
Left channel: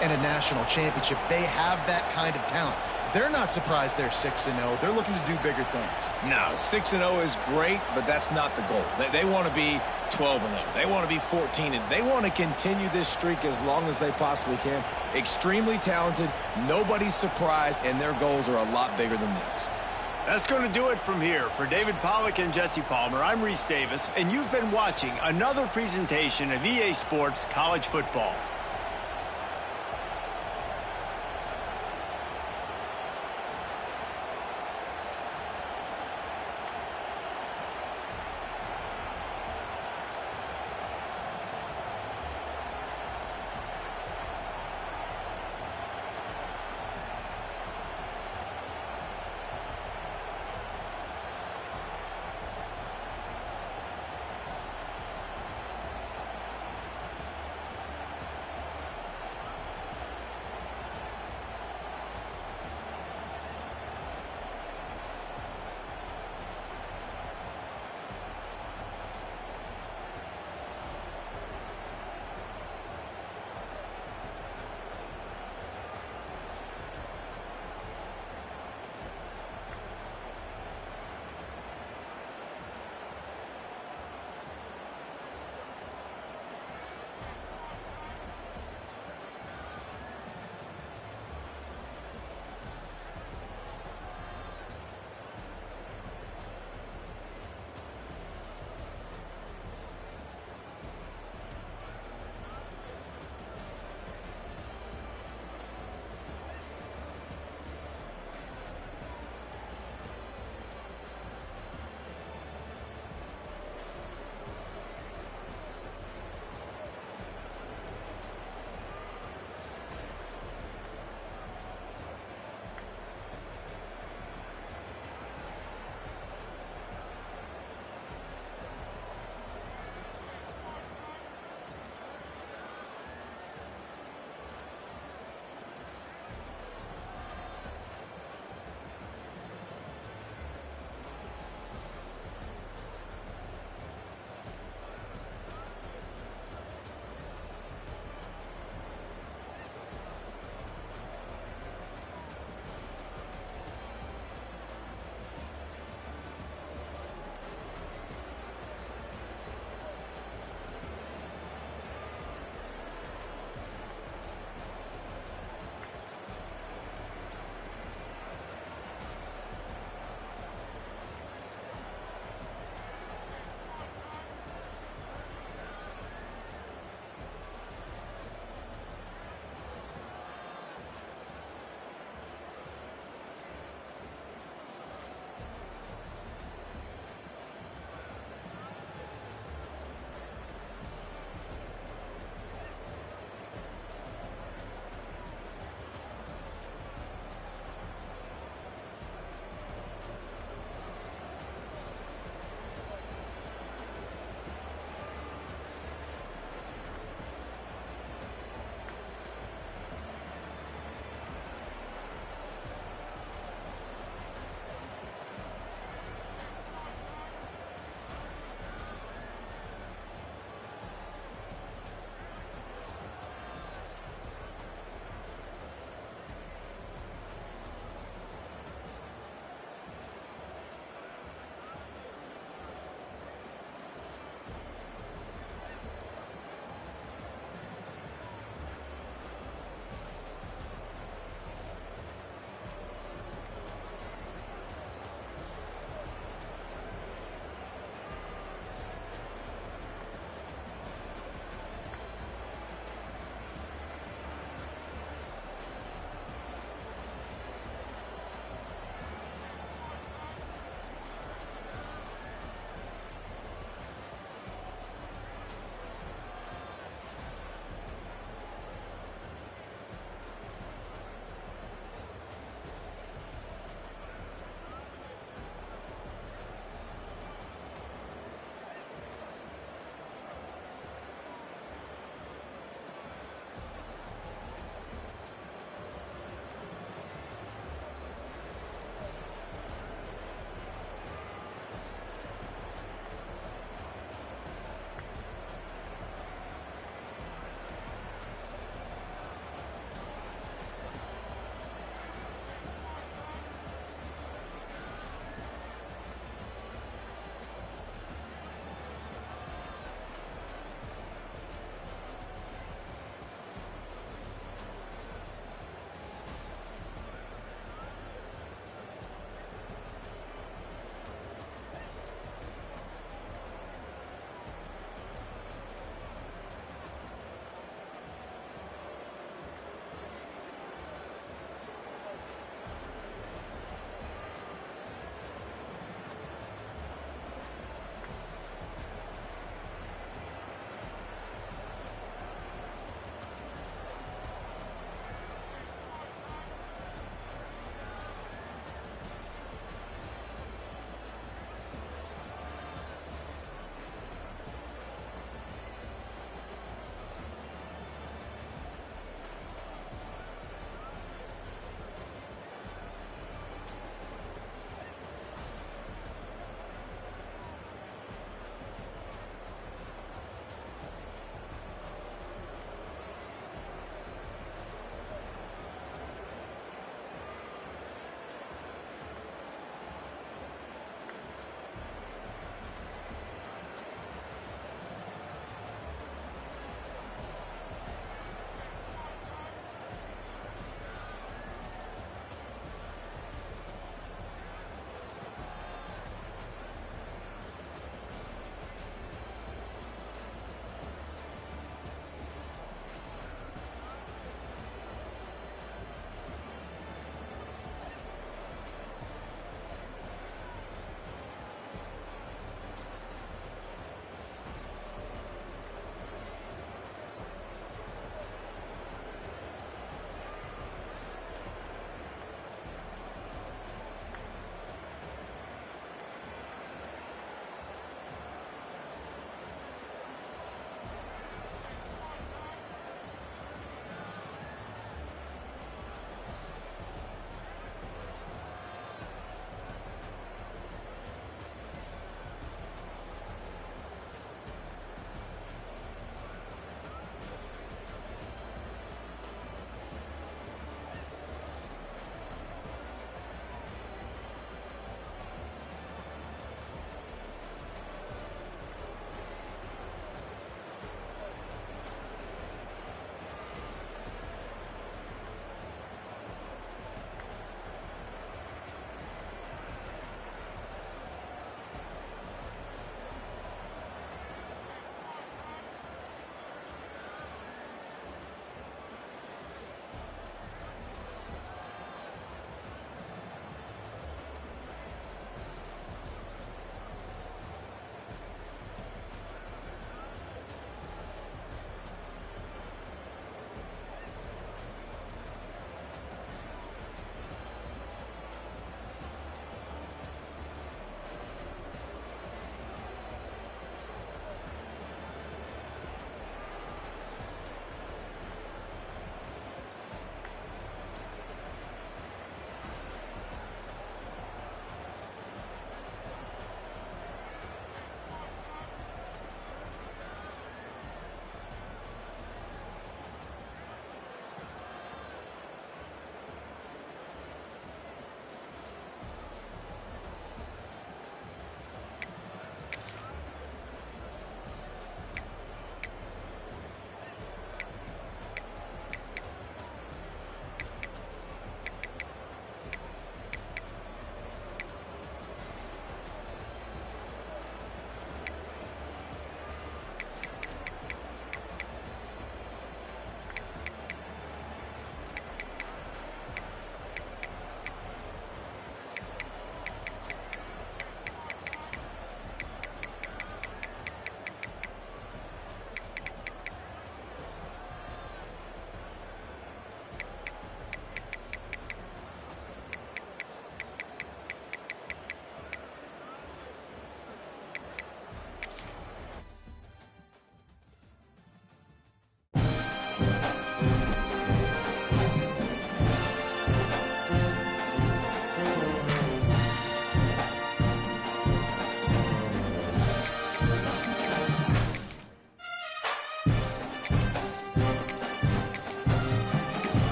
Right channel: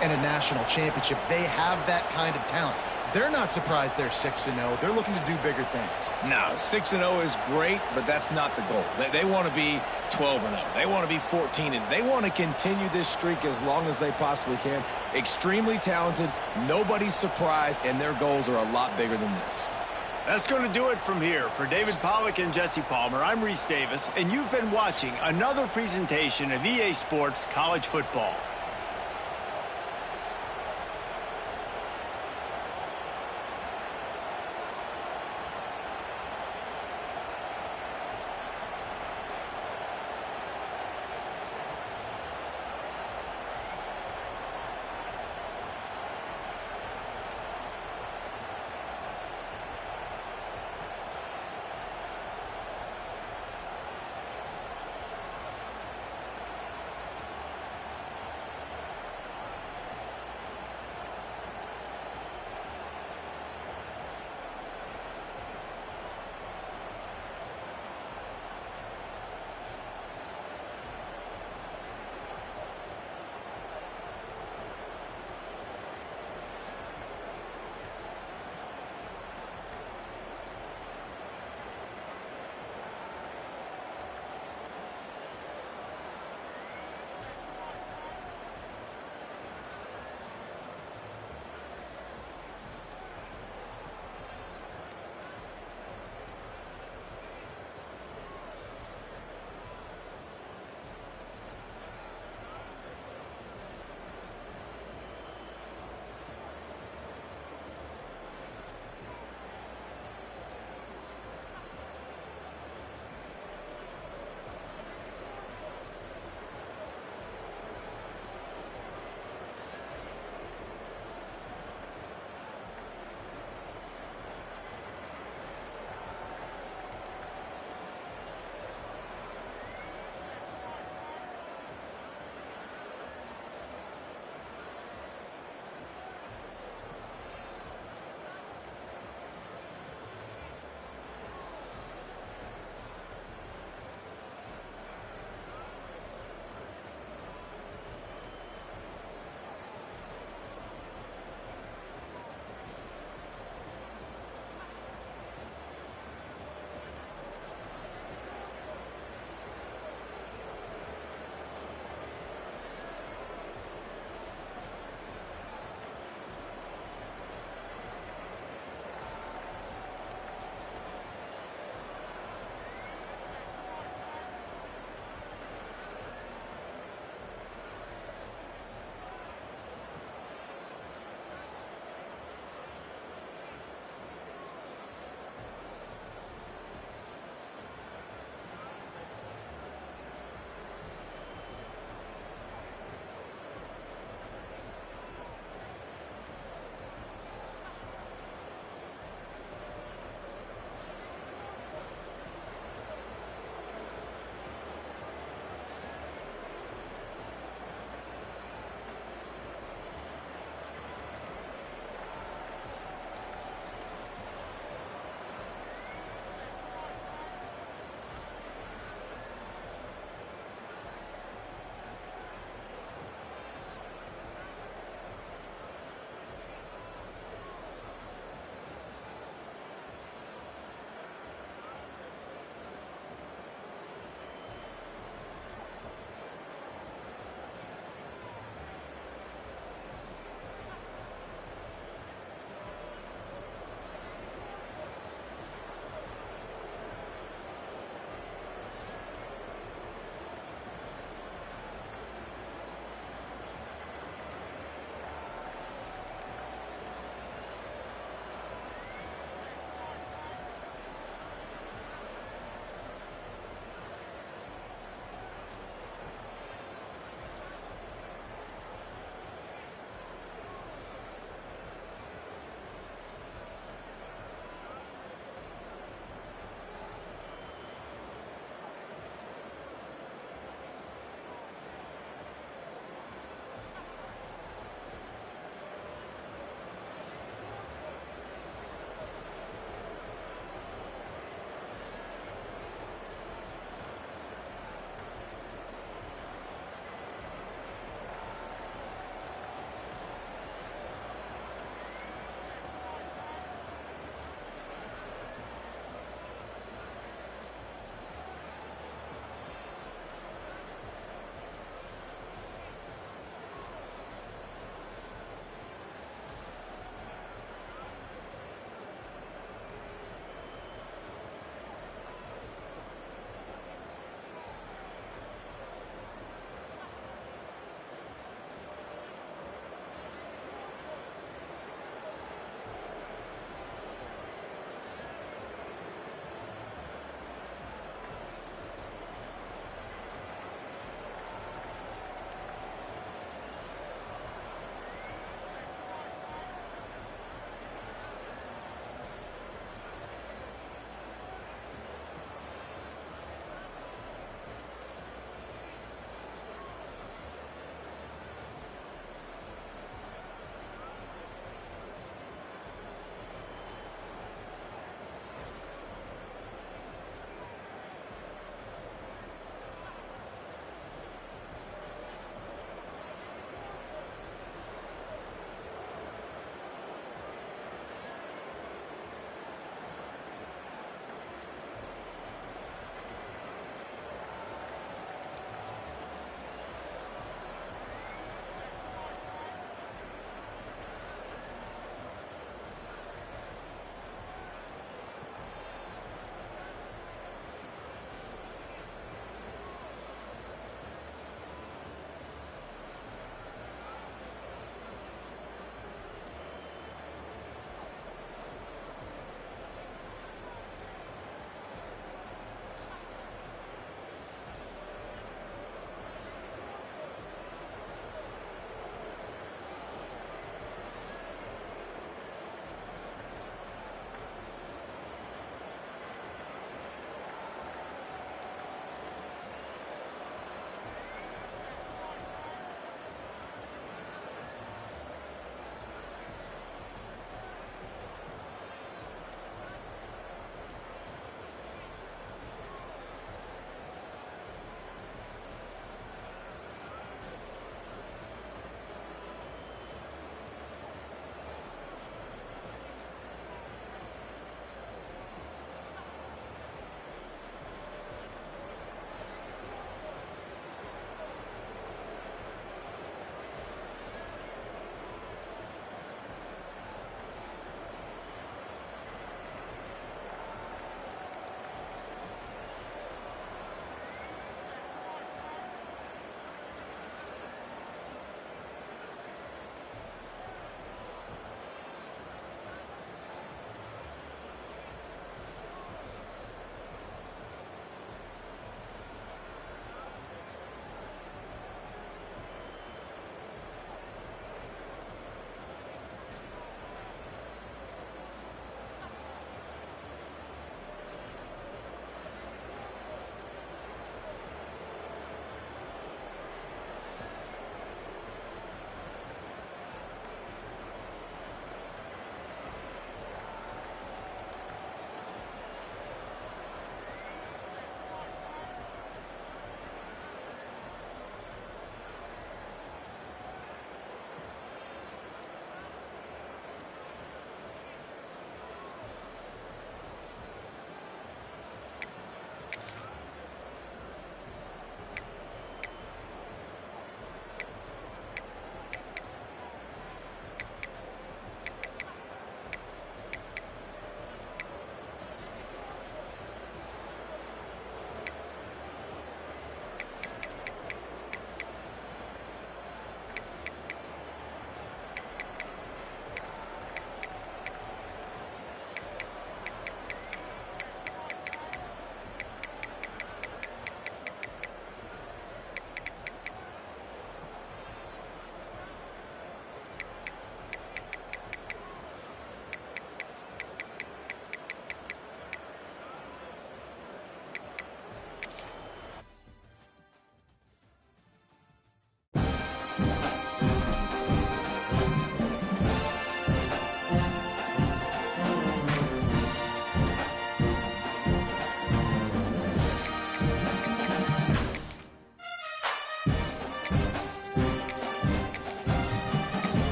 and a national championship. They have that kind of talent. They're not surprised they're 6-0. They're looking to do bigger things. No, 6-0 is great, but that's not the goal. They want to be 12-0. They want to be 14-0. They want to continue this streak as long as they possibly can. Extremely talented. Nobody's surprised, and their goals are a lot bigger than this. That's going to do it from here. For David Pollack and Jesse Palmer, I'm Reese Davis, and you've been watching another presentation of EA Sports College Football.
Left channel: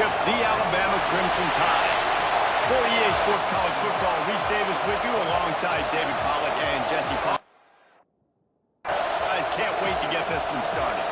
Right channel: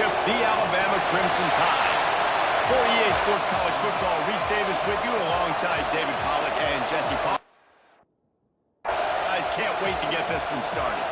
championship, the Alabama Crimson Tide. For EA Sports College Football, Reese Davis with you alongside David Pollack and Jesse Pollack. Guys, can't wait to get this one started.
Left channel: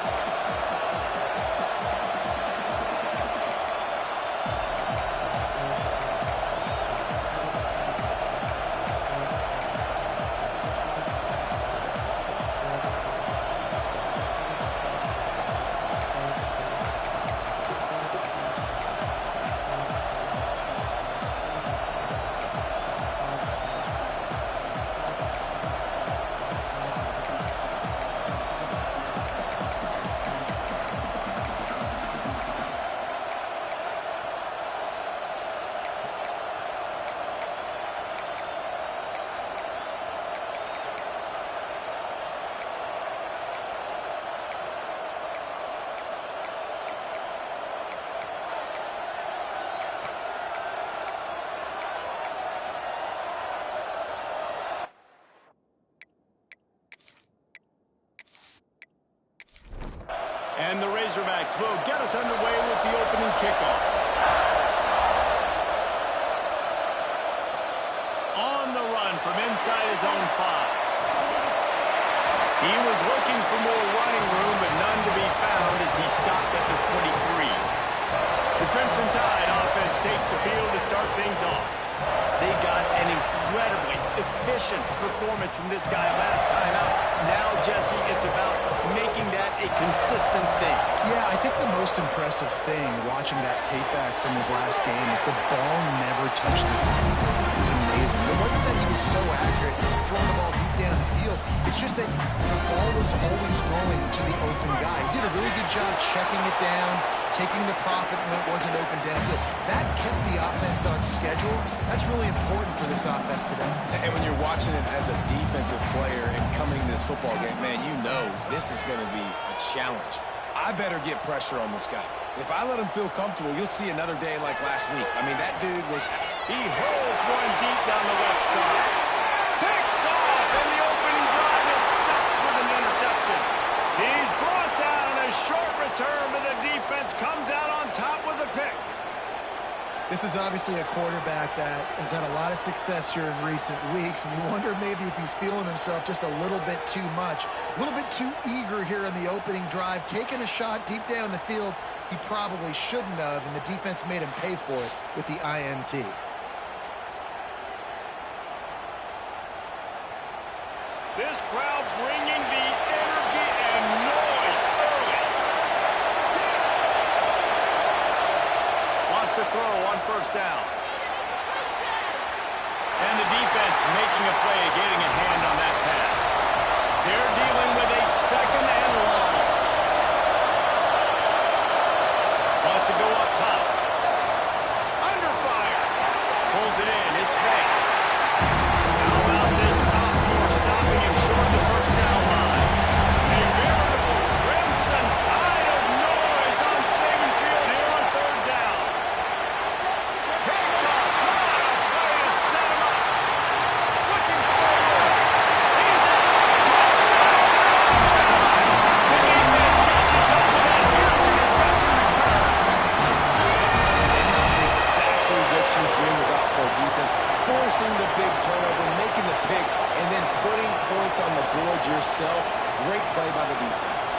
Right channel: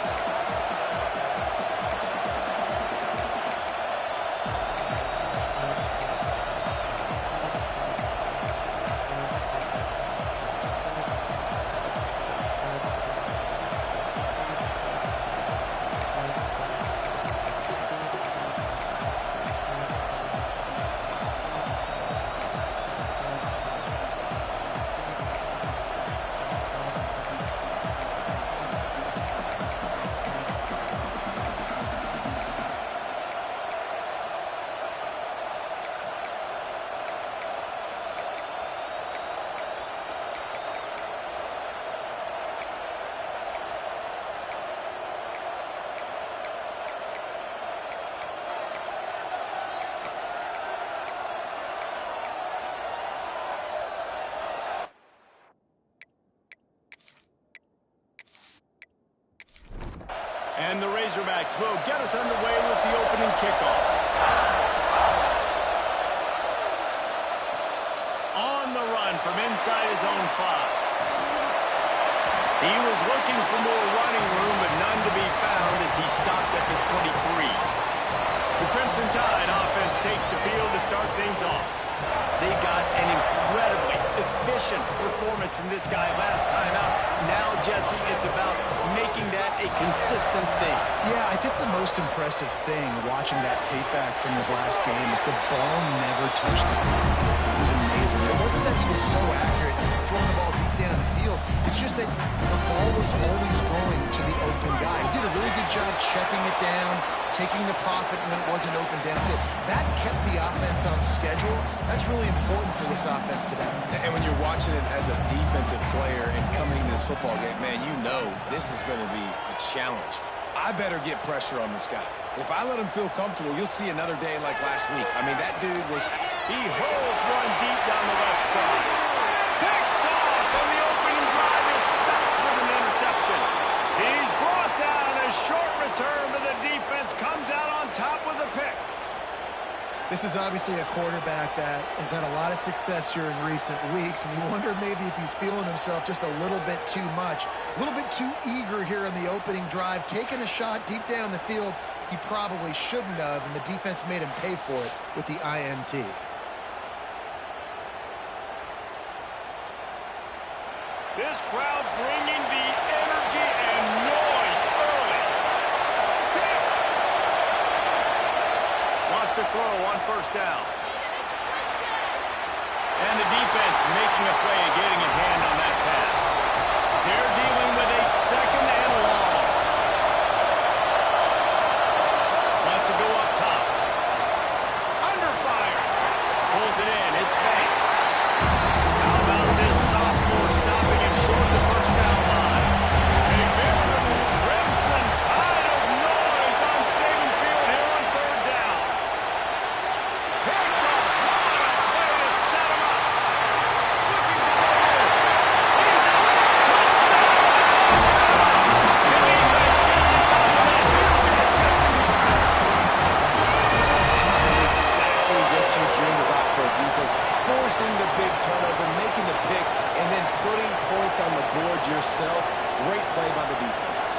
And the Razorbacks will get us underway with the opening kickoff. On the run from inside his own 5. He was looking for more running room, but none to be found as he stopped at the 23. The Crimson Tide offense takes the field to start things off. They got an incredibly efficient performance from this guy last time out. Now, Jesse, it's about making that a consistent thing. Yeah, I think the most impressive thing watching that tape back from his last game is the ball never touched the ground. It was amazing. It wasn't that he was so accurate throwing the ball deep down the field. It's just that the ball was always going to the open guy. He did a really good job checking it down, taking the profit when it wasn't open downfield. That kept the offense on schedule. That's really important for this offense today. And when you're watching it as a defensive player and coming to this football game, man, you know this is going to be a challenge. I better get pressure on this guy. If I let him feel comfortable, you'll see another day like last week. I mean, that dude was... He holds one deep down the left side. Picked off, and the opening drive is stopped with an interception. He's brought down. A short return, but the defense comes out on top with a pick. This is obviously a quarterback that has had a lot of success here in recent weeks, and you wonder maybe if he's feeling himself just a little bit too much, a little bit too eager here in the opening drive, taking a shot deep down the field he probably shouldn't have, and the defense made him pay for it with the INT. This crowd bringing the energy and noise early. Lost to throw on first down. And the defense making a play, getting a hand on that pass. They're dealing with a second and long. Wants to go up top. Under fire. Pulls it in. It's Banks. How about this sophomore stopping him short of the first down line? A veritable Crimson Tide of noise on Saban Field here on third down. Picked off. What a play to set him up. Looking for more. He's in. Touchdown, Alabama. The defense gets it done with a huge interception return. And this is exactly what you dream about for a defense. Forcing the big turnover, making the pick, and then putting points on the board yourself. Great play by the defense.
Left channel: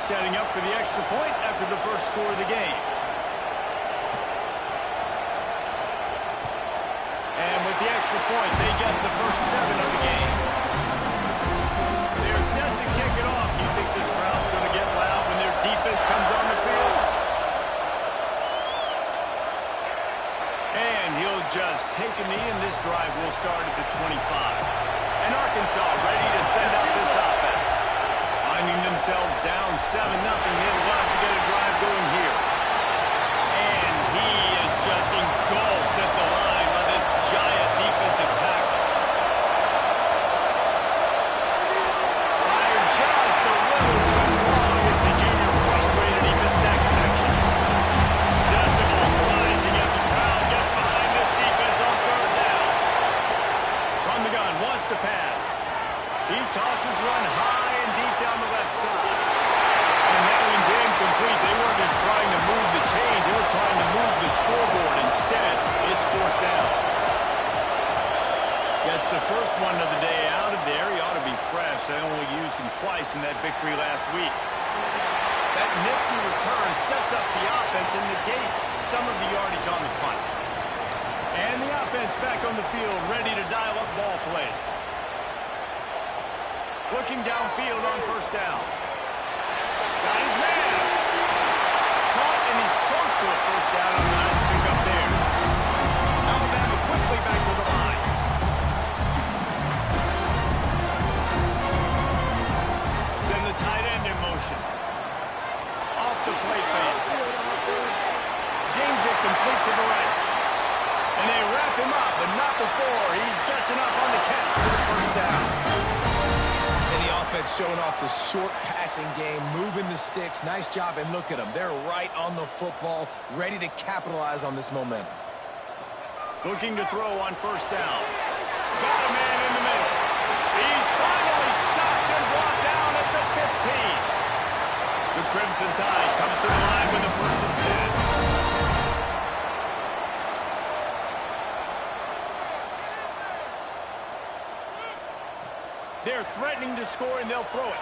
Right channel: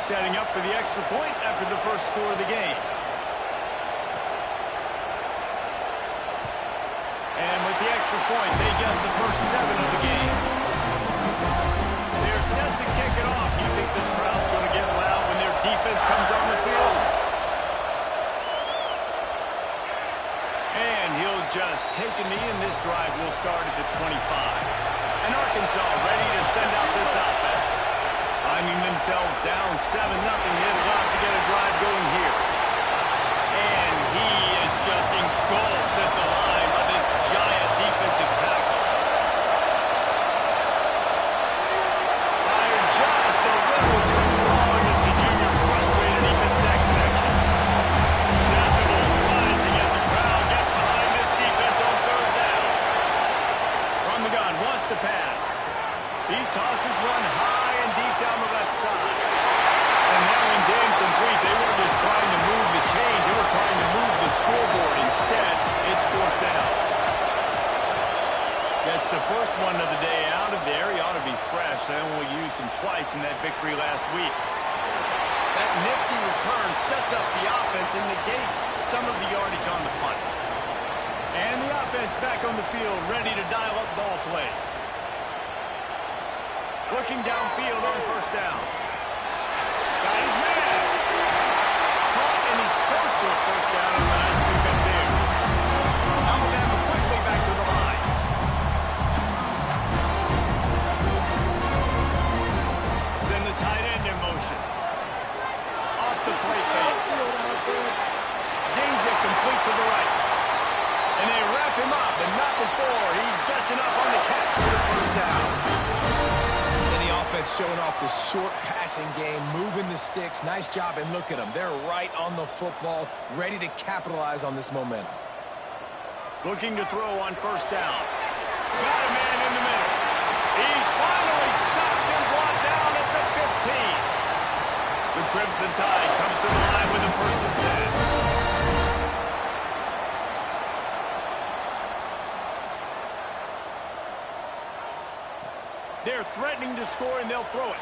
Setting up for the extra point after the first score of the game. And with the extra point, they get the first 7 of the game. They're set to kick it off. You think this crowd's going to get loud when their defense comes on the field? And he'll just take a knee, and this drive will start at the 25. And Arkansas ready to send out this offense. Finding themselves down 7-0, they'd love to get a drive going here. And he is just engulfed at the line by this giant defensive tackle. Fired just a little too long as the junior frustrated he missed that connection. Decibels rising as the crowd gets behind He tosses one high and deep down the left side. And that one's incomplete. They weren't just trying to move the chains. They were trying to move the scoreboard. Instead, it's fourth down. Gets the first one of the day out of there. He ought to be fresh. They only used him twice in that victory last week. That nifty return sets up the offense and negates some of the yardage on the punt. And the offense back on the field, ready to dial up ball plays. Looking downfield on first down. Got his man. Caught, and he's close to a first down on the nice pick up there. Alabama quickly back to the line. Send the tight end in motion. Off the play fake. Zings it complete to the right. And they wrap him up, but not before he gets enough on the catch for the first down. And the offense showing off the short passing game, moving the sticks. Nice job, and look at them. They're right on the football, ready to capitalize on this momentum. Looking to throw on first down. Got a man in the middle. He's finally stopped and brought down at the 15. The Crimson Tide comes to the line with a first and 10. They're threatening to score, and they'll throw it.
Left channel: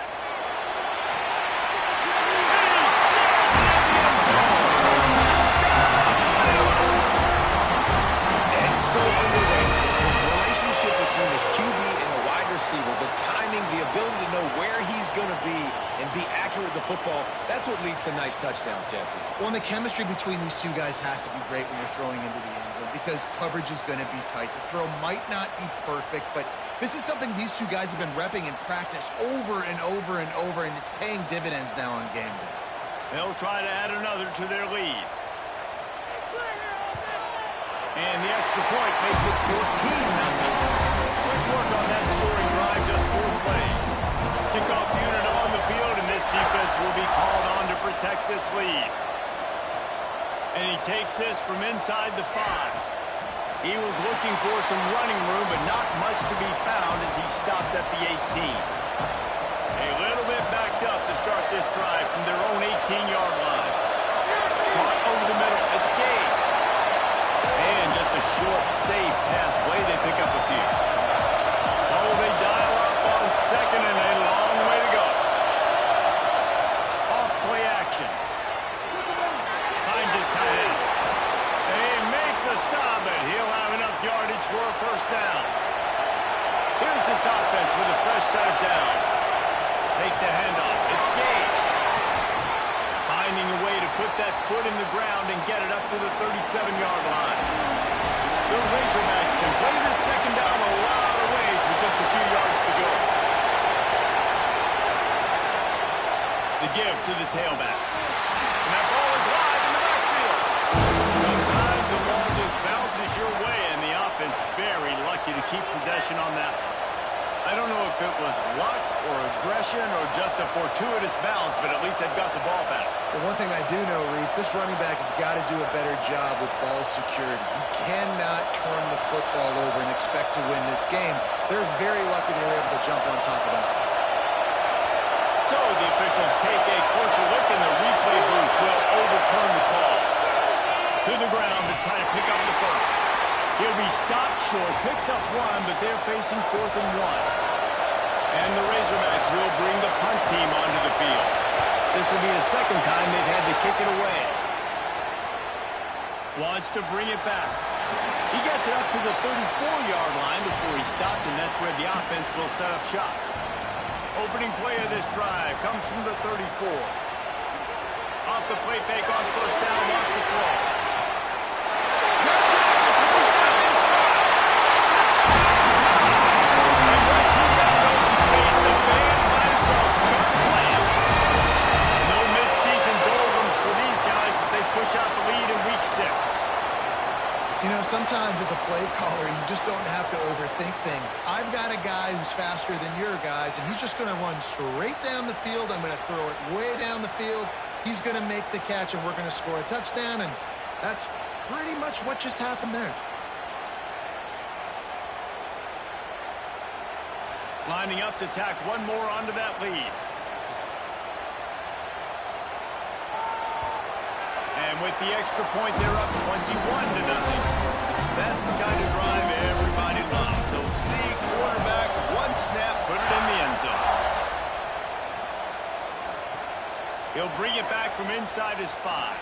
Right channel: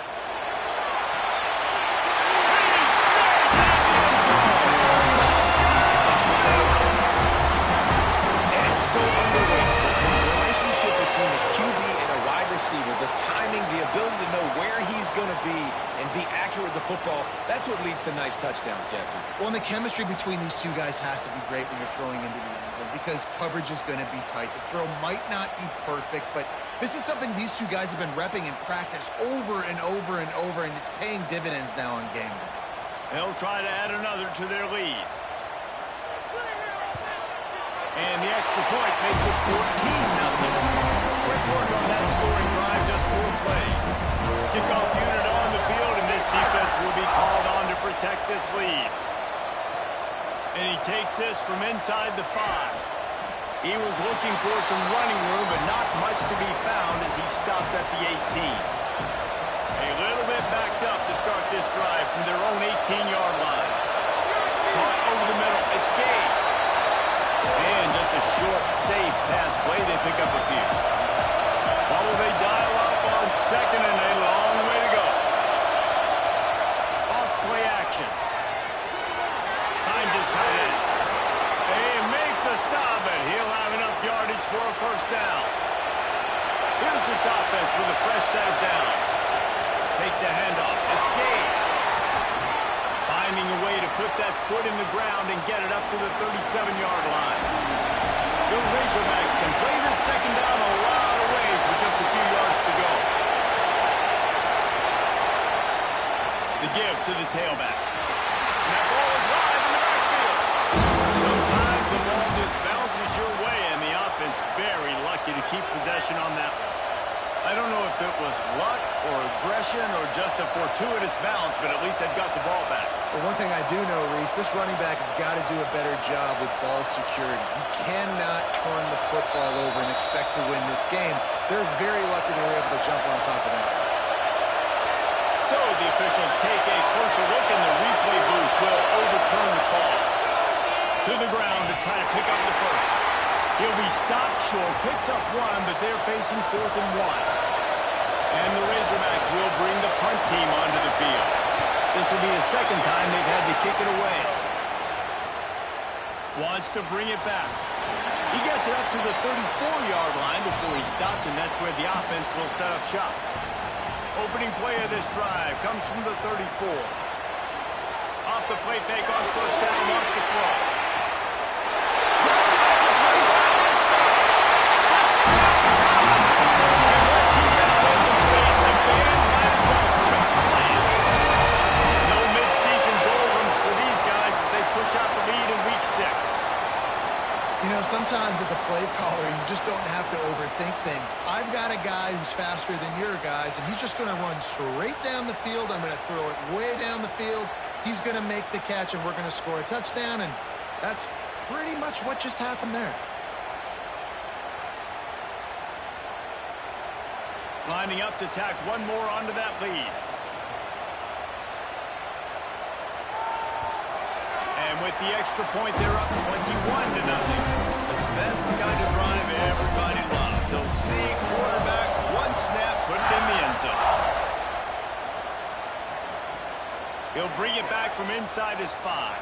He snares it in the end zone. Touchdown, Bama! And it's so underrated. The relationship between a QB and a wide receiver, the timing, the ability to know where he's going to be and be accurate with the football, that's what leads to nice touchdowns, Jesse. Well, and the chemistry between these two guys has to be great when you're throwing into the end zone because coverage is going to be tight. The throw might not be perfect, but this is something these two guys have been repping in practice over and over and over, and it's paying dividends now on game day. They'll try to add another to their lead. And the extra point makes it 14-0. Quick work on that scoring drive, just 4 plays. Kickoff unit on the field, and this defense will be called on to protect this lead. And he takes this from inside the 5. He was looking for some running room, but not much to be found as he stopped at the 18. A little bit backed up to start this drive from their own 18-yard line. Caught over the middle. It's Gage. And just a short, safe pass play. They pick up a few. While they dial up on second and a long way to go. Off play action. Finds his tight end. They make the stop, but he'll have enough yardage for a first down. Here's this offense with a fresh set of downs. Takes the handoff. It's Gage. Finding a way to put that foot in the ground and get it up to the 37-yard line. The Razorbacks can play this second down a lot of ways with just a few yards to go. The give to the tailback. And that ball is live in the backfield. Sometimes the ball just bounces your way, and the offense very lucky to keep possession on that one. I don't know if it was luck or aggression or just a fortuitous bounce, but at least they've got the ball back. Well, one thing I do know, Reese, this running back has got to do a better job with ball security. You cannot turn the football over and expect to win this game. They're very lucky they were able to jump on top of that. So the officials take a closer look, and the replay booth will overturn the call. To the ground to try to pick up the first. He'll be stopped short, picks up 1, but they're facing 4th and 1. And the Razorbacks will bring the punt team onto the field. This will be the second time they've had to kick it away. Wants to bring it back. He gets it up to the 34-yard line before he stopped, and that's where the offense will set up shop. Opening play of this drive comes from the 34. Off the play fake on first down, wants to throw. Push out the lead in week 6. You know, sometimes as a play caller, you just don't have to overthink things. I've got a guy who's faster than your guys, and he's just going to run straight down the field. I'm going to throw it way down the field. He's going to make the catch, and we're going to score a touchdown, and that's pretty much what just happened there. Lining up to tack one more onto that lead. And with the extra point, they're up 21-0. That's the kind of drive everybody loves. So see quarterback, one snap, put it in the end zone. He'll bring it back from inside his 5.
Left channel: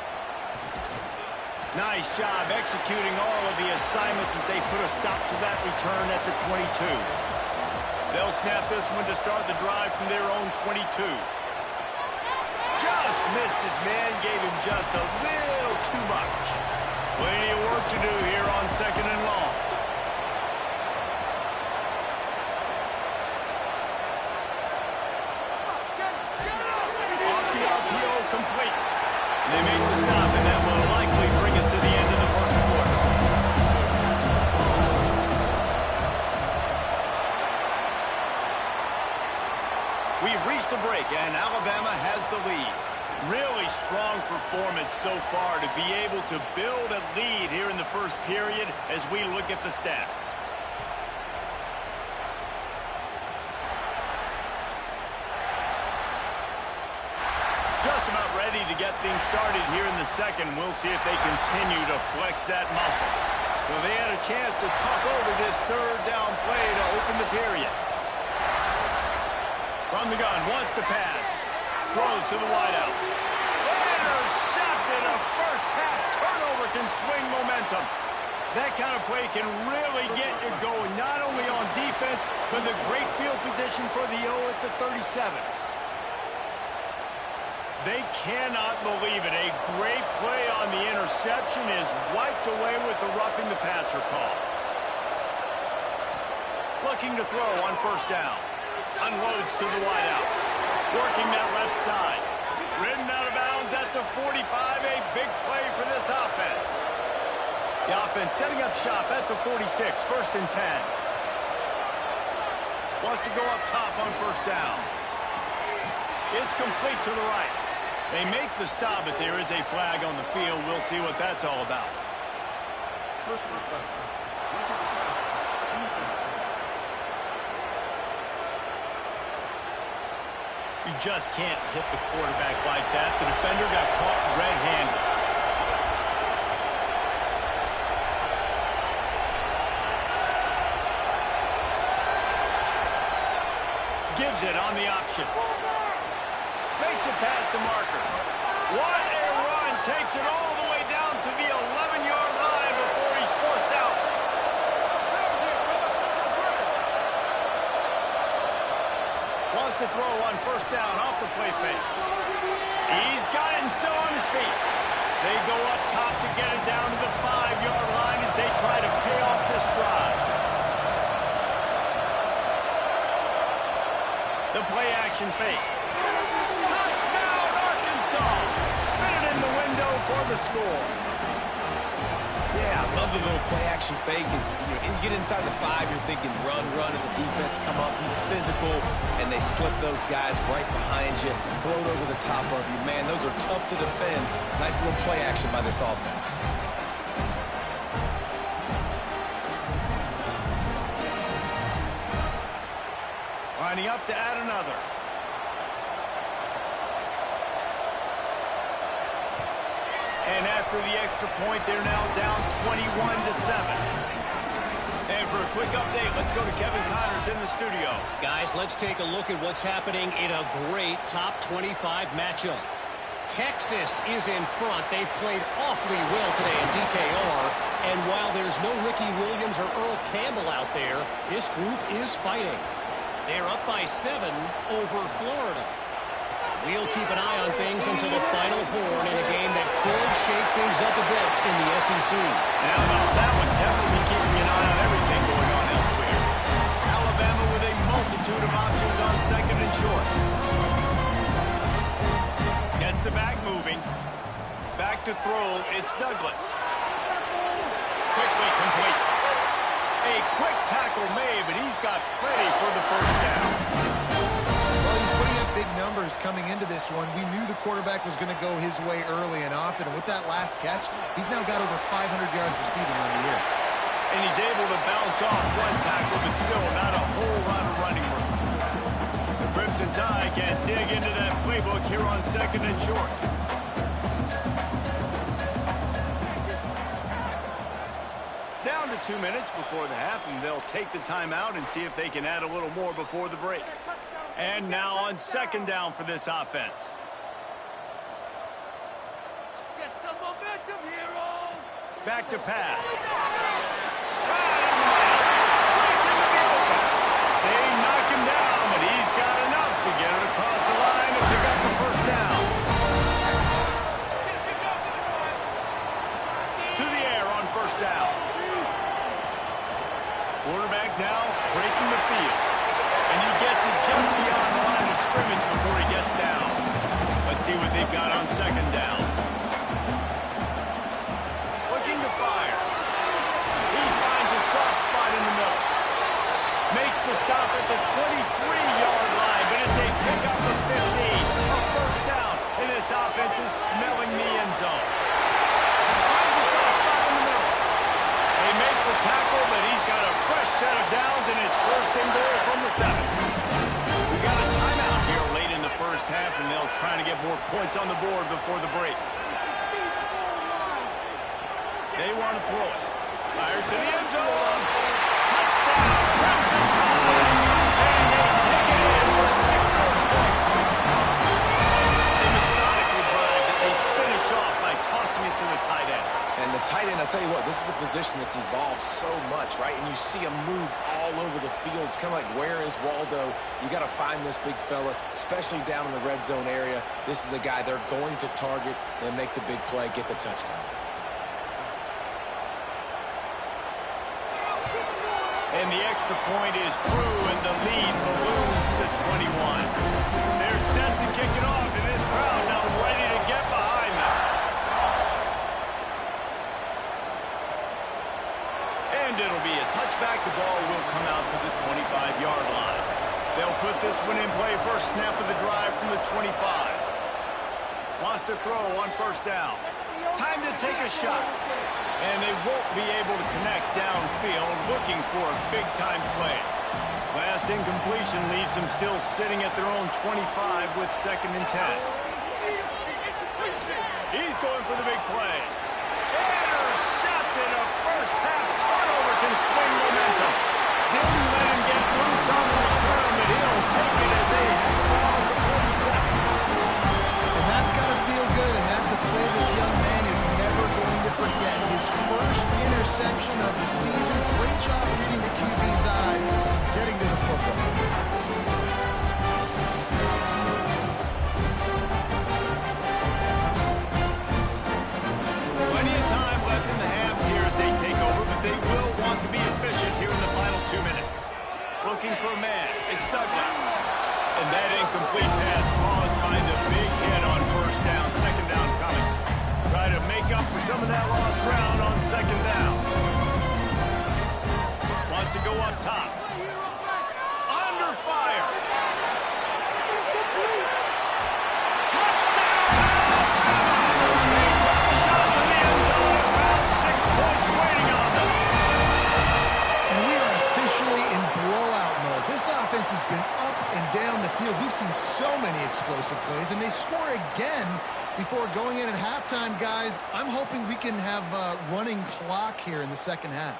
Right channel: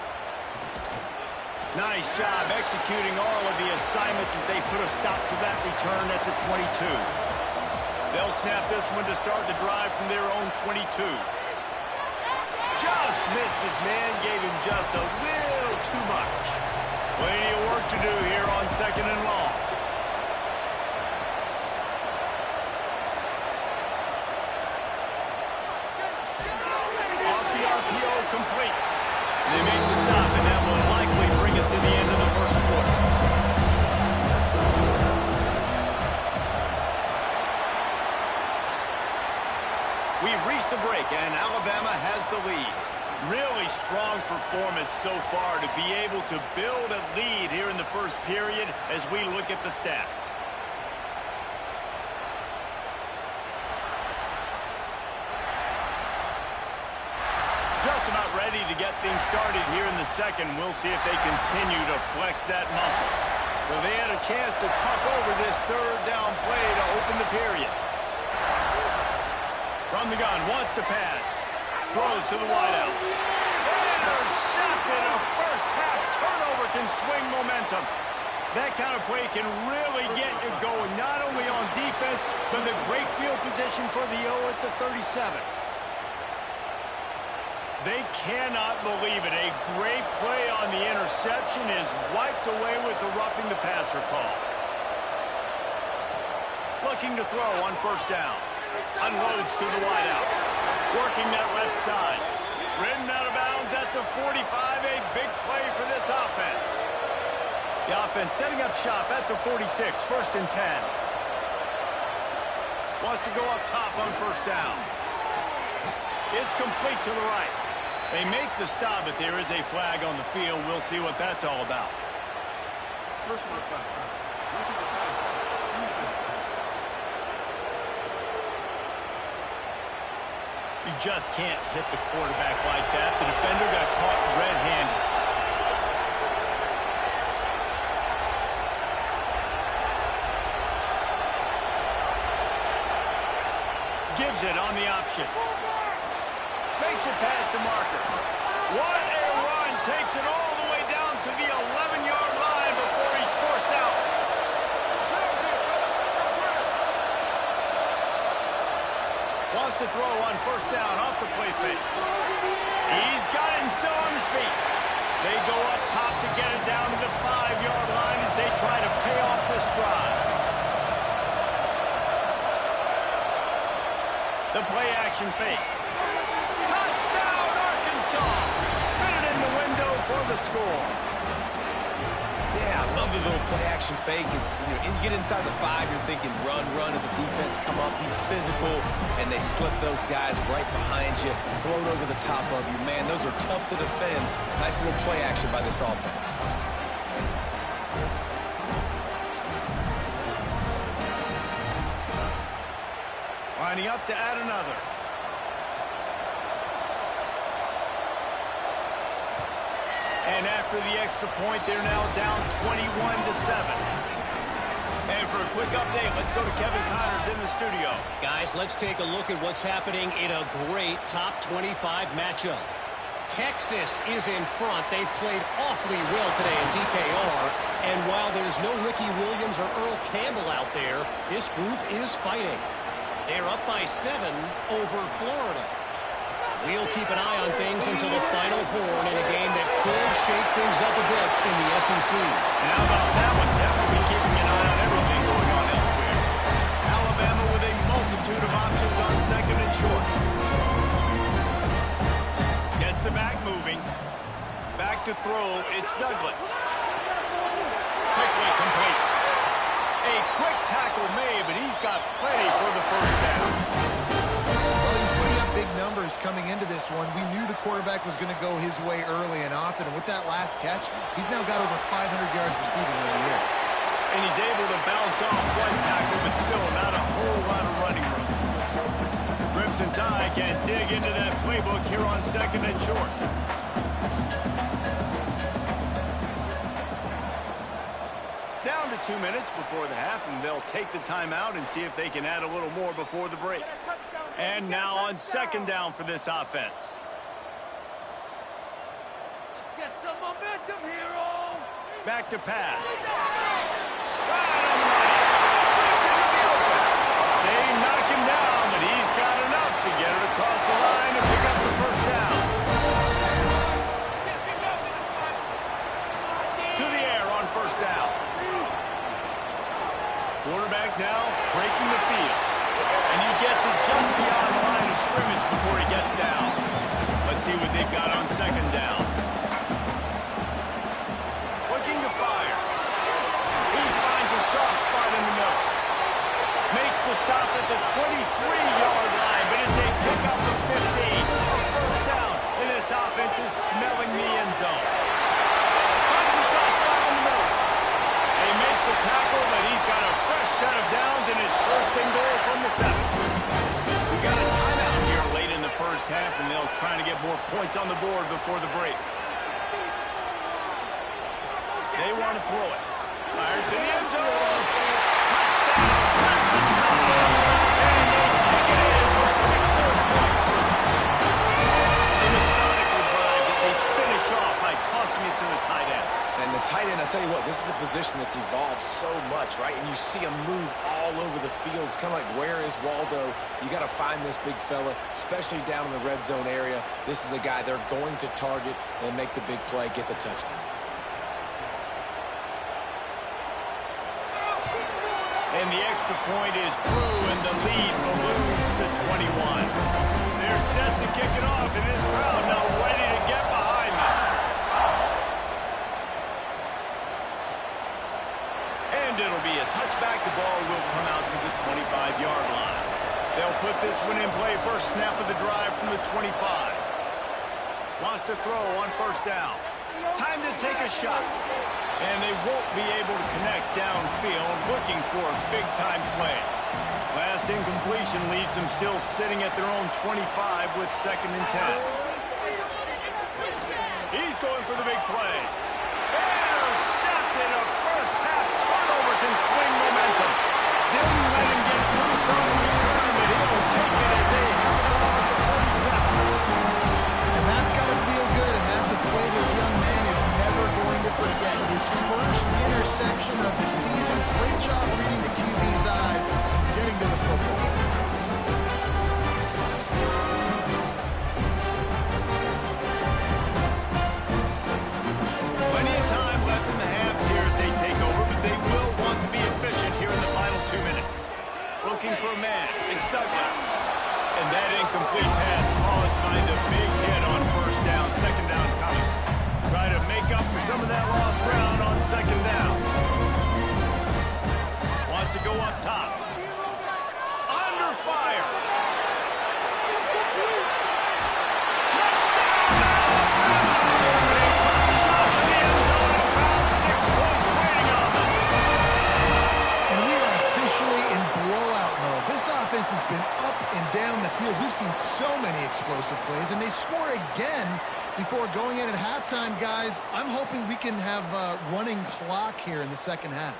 Nice job executing all of the assignments as they put a stop to that return at the 22. They'll snap this one to start the drive from their own 22. Just missed his man, gave him just a little too much. Plenty of work to do here on 2nd and long. Off the RPO, complete. And they make the stop, and that will likely bring us to the end of the first quarter. We've reached a break, and Alabama has the lead. Really strong performance so far to be able to build a lead here in the first period as we look at the stats. Just about ready to get things started here in the second. We'll see if they continue to flex that muscle. So they had a chance to talk over this third down play to open the period. From the gun, wants to pass. Throws to the wideout. Intercepted. A first-half turnover can swing momentum. That kind of play can really get you going, not only on defense, but the great field position for the O at the 37. They cannot believe it. A great play on the interception is wiped away with the roughing the passer call. Looking to throw on first down. Unloads to the wideout. Working that left side. Ridden out of bounds at the 45. A big play for this offense. The offense setting up shop at the 46. 1st and 10. Wants to go up top on first down. It's complete to the right. They make the stop, but there is a flag on the field. We'll see what that's all about. Personal foul. Roughing the passer. Defense. You just can't hit the quarterback like that. The defender got caught red-handed. Gives it on the option. Makes it past the marker. What a run. Takes it all the way down to the 11-yard line before he's forced out. Wants to throw on first down off the play fake. He's got it and still on his feet. They go up top to get it down to the 5-yard line as they try to pay off this drive. The play action fake. Touchdown, Arkansas! Fitted in the window for the score. Yeah, I love the little play-action fake. It's, you get inside the 5, you're thinking run as a defense, come up, be physical, and they slip those guys right behind you, throw it over the top of you. Man, those are tough to defend. Nice little play action by this offense. Lining up to add another. And after the extra point, they're now down 21-7. And for a quick update, let's go to Kevin Connors in the studio. Guys, let's take a look at what's happening in a great top 25 matchup. Texas is in front. They've played awfully well today in DKR. And while there's no Ricky Williams or Earl Campbell out there, this group is fighting. They're up by 7 over Florida. We'll keep an eye on things until the final horn in a game that could shake things up a bit in the SEC. And how about that one? Definitely keeping an eye on everything going on elsewhere. Alabama with a multitude of options on 2nd and short. Gets the back moving. Back to throw. It's Douglas. Quickly complete. A quick tackle made, but he's got plenty for the first down. Well, he's putting up big numbers coming into this one. We knew the quarterback was going to go his way early and often, and with that last catch, he's now got over 500 yards receiving on the year. And he's able to bounce off one tackle, but still not a whole lot of running room. The Crimson Tide can dig into that playbook here on 2nd and short. Down to 2 minutes before the half, and they'll take the timeout and see if they can add a little more before the break. And now on 2nd down for this offense. Let's get some momentum, hero! Back to pass. Right on the money. Breaks into the open. They knock him down, but he's got enough to get it across the line and pick up the first down. To the air on 1st down. Quarterback now breaking the field. And he gets it just beyond the line of scrimmage before he gets down. Let's see what they've got on 2nd down. Looking to fire. He finds a soft spot in the middle. Makes the stop at the 23-yard line, but it's a pickup of 15. A first down, and this offense is smelling the end zone. Finds a soft spot in the middle. They make the tackle, but he's got a fresh set of downs, and it's 1st and goal from the 7. We got a timeout here late in the first half, and they'll try to get more points on the board before the break. They want to throw it. Fires to the end zone. Touchdown, Crimson Tide. And they take it in for 6 more points. A methodical drive that they finish off by tossing it to the tight end. And the tight end, I'll tell you what, this is a position that's evolved so much, right? And you see him move all over the field. It's kind of like, where is Waldo? You got to find this big fella, especially down in the red zone area. This is the guy they're going to target and make the big play, get the touchdown. And the extra point is true, and the lead balloons to 21. They're set to kick it off, and this crowd now ready to get behind them. And it'll be a touchback. The ball will come out to the 25-yard line. They'll put this one in play. First snap of the drive from the 25. Wants to throw on 1st down. Time to take a shot. And they won't be able to connect downfield, looking for a big-time play. Last incompletion leaves them still sitting at their own 25 with 2nd and 10. He's going for the big play. Intercepted. A first-half turnover can swing momentum. Didn't let him get loose on the return, but he'll take it as they have the ball at the 47. And that's got to feel good, and that's a play this young man is never going to forget. His first interception of the season. Great job reading the QB's eyes, getting to the football. Plenty of time left in the half here as they take over, but they will want to be efficient here in the final 2 minutes. Looking for a man. It's Douglas. And that incomplete pass caused by the big hit on 1st down. 2nd down coming. Try to make up for some of that lost ground on 2nd down. Wants to go up top. Under fire. Touchdown, Alabama! They took a shot to the end zone and found 6 points waiting on them. And we are officially in blowout mode. This offense has been up and down the field. We've seen so many explosive plays, and they score again before going in at halftime, guys. I'm hoping we can have a running clock here in the 2nd half.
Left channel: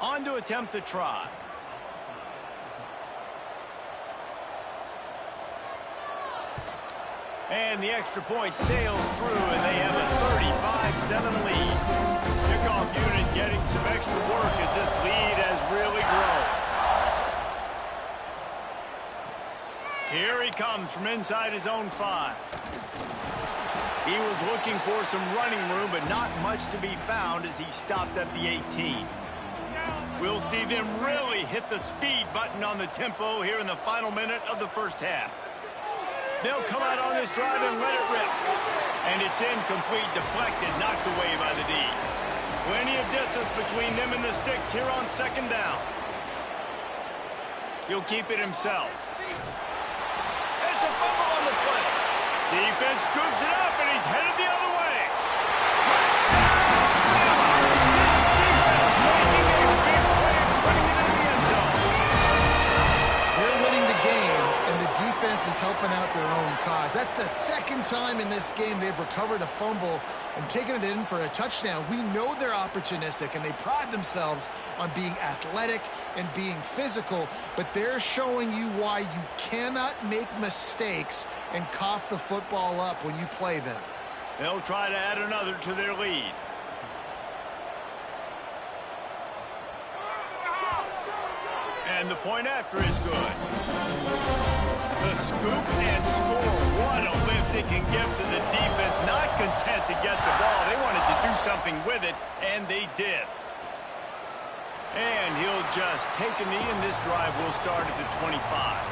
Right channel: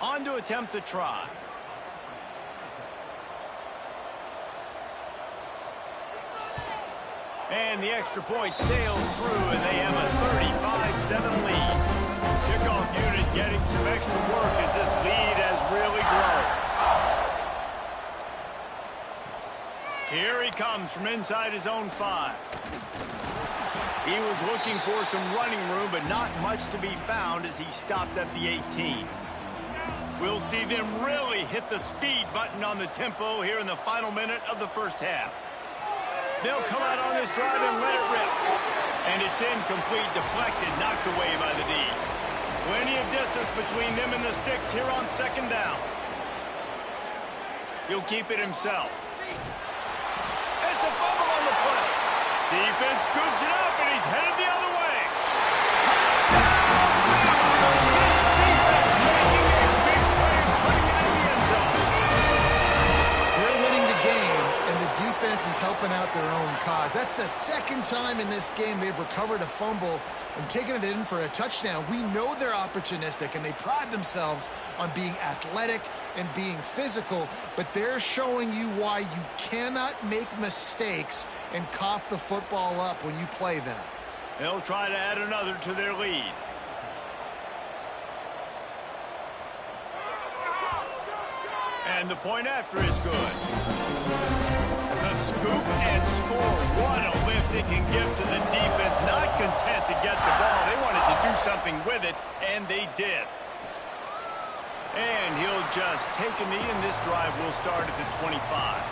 On to attempt the try. And the extra point sails through, and they have a 35-7 lead. Kickoff unit getting some extra work as this lead has really grown. Here he comes from inside his own 5. He was looking for some running room, but not much to be found as he stopped at the 18. We'll see them really hit the speed button on the tempo here in the final minute of the first half. They'll come out on this drive and let it rip. And it's incomplete, deflected, knocked away by the D. Plenty of distance between them and the sticks here on 2nd down. He'll keep it himself. It's a fumble on the play. Defense scoops it up, and he's headed the other way. Touchdown, Bama! This defense making a big play and putting it in the end zone. They're winning the game, and the defense is helping out their own cause. That's the second time in this game they've recovered a fumble and taken it in for a touchdown. We know they're opportunistic, and they pride themselves on being athletic and being physical, but they're showing you why you cannot make mistakes and cough the football up when you play them. They'll try to add another to their lead. And the point after is good. The scoop and score. What a lift it can give to the defense. Not content to get the ball. They wanted to do something with it, and they did. And he'll just take a knee, and this drive will start at the 25.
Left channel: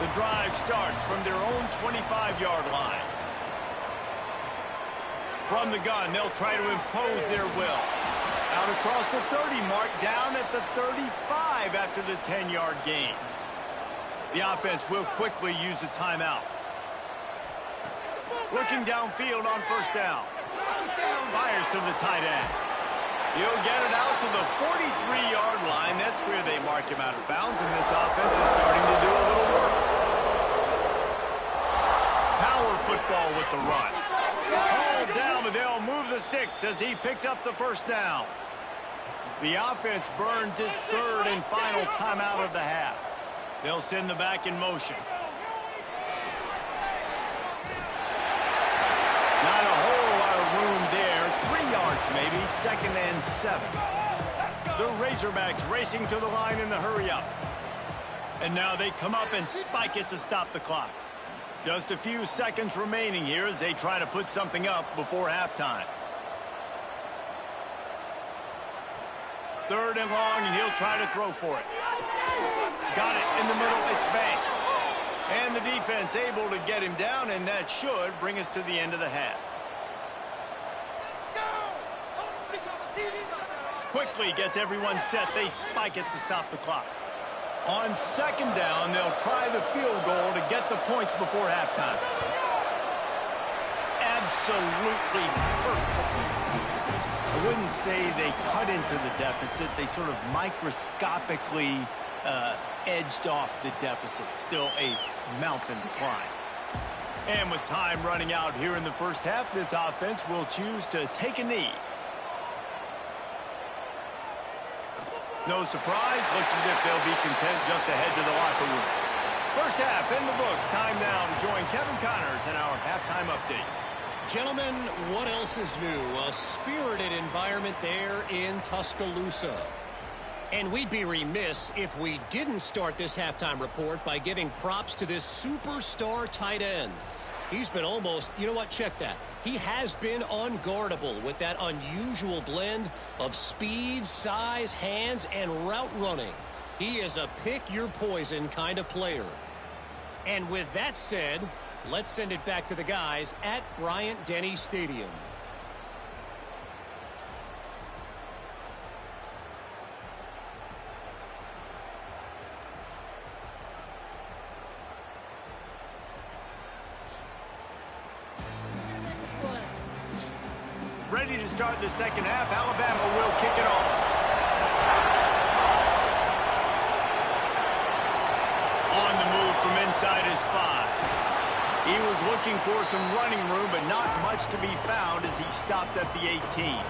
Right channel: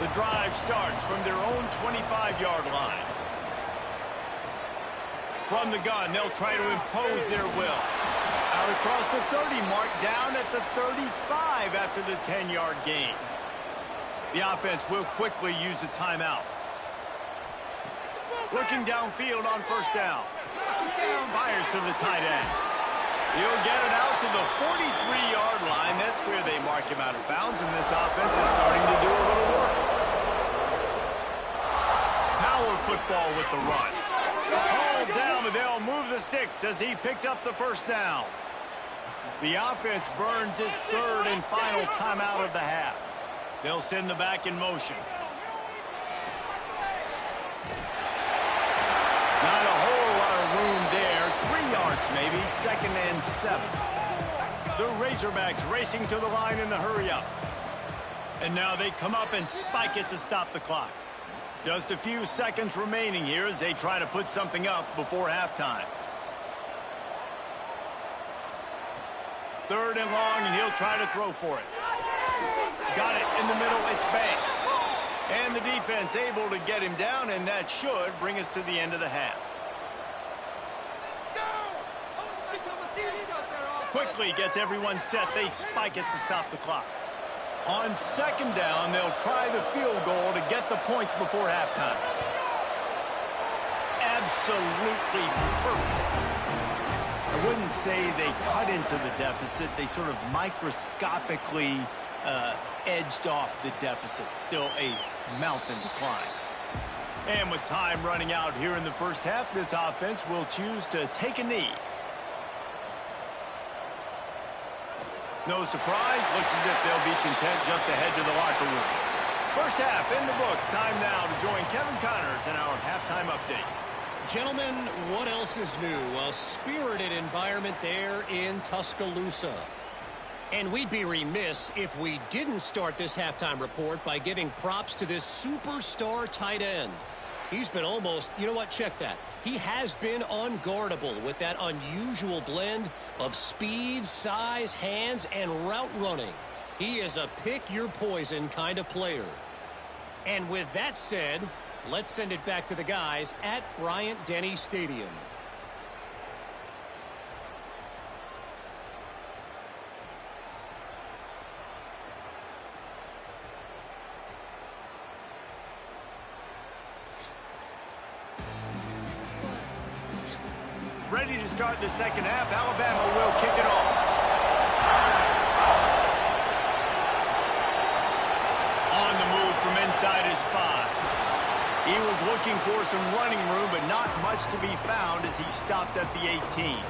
The drive starts from their own 25-yard line. From the gun, they'll try to impose their will. Out across the 30 mark, down at the 35 after the 10-yard gain. The offense will quickly use a timeout. Looking downfield on first down. Fires to the tight end. He'll get it out to the 43-yard line. That's where they mark him out of bounds, and this offense is starting to do a little work. Power football with the run. Hauled down, but they'll move the sticks as he picks up the first down. The offense burns its third and final timeout of the half. They'll send the back in motion. Not a whole lot of room there. 3 yards maybe, 2nd and 7. The Razorbacks racing to the line in the hurry-up. And now they come up and spike it to stop the clock. Just a few seconds remaining here as they try to put something up before halftime. 3rd and long, and he'll try to throw for it. Got it in the middle, it's Banks. And the defense able to get him down, and that should bring us to the end of the half. Quickly gets everyone set. They spike it to stop the clock. On 2nd down, they'll try the field goal to get the points before halftime. Absolutely perfect. I wouldn't say they cut into the deficit. They sort of microscopically edged off the deficit. Still a mountain to climb. And with time running out here in the first half, this offense will choose to take a knee. No surprise. Looks as if they'll be content just to head to the locker room. First half in the books. Time now to join Kevin Connors in our halftime update. Gentlemen, what else is new? A spirited environment there in Tuscaloosa. And we'd be remiss if we didn't start this halftime report by giving props to this superstar tight end. He's been almost, you know what, check that. He has been unguardable with that unusual blend of speed, size, hands, and route running. He is a pick-your-poison kind of player. And with that said, let's send it back to the guys at Bryant-Denny Stadium. Ready to start the second half. Alabama will kick it off. On the move from inside his 5. He was looking for some running room, but not much to be found as he stopped at the 18.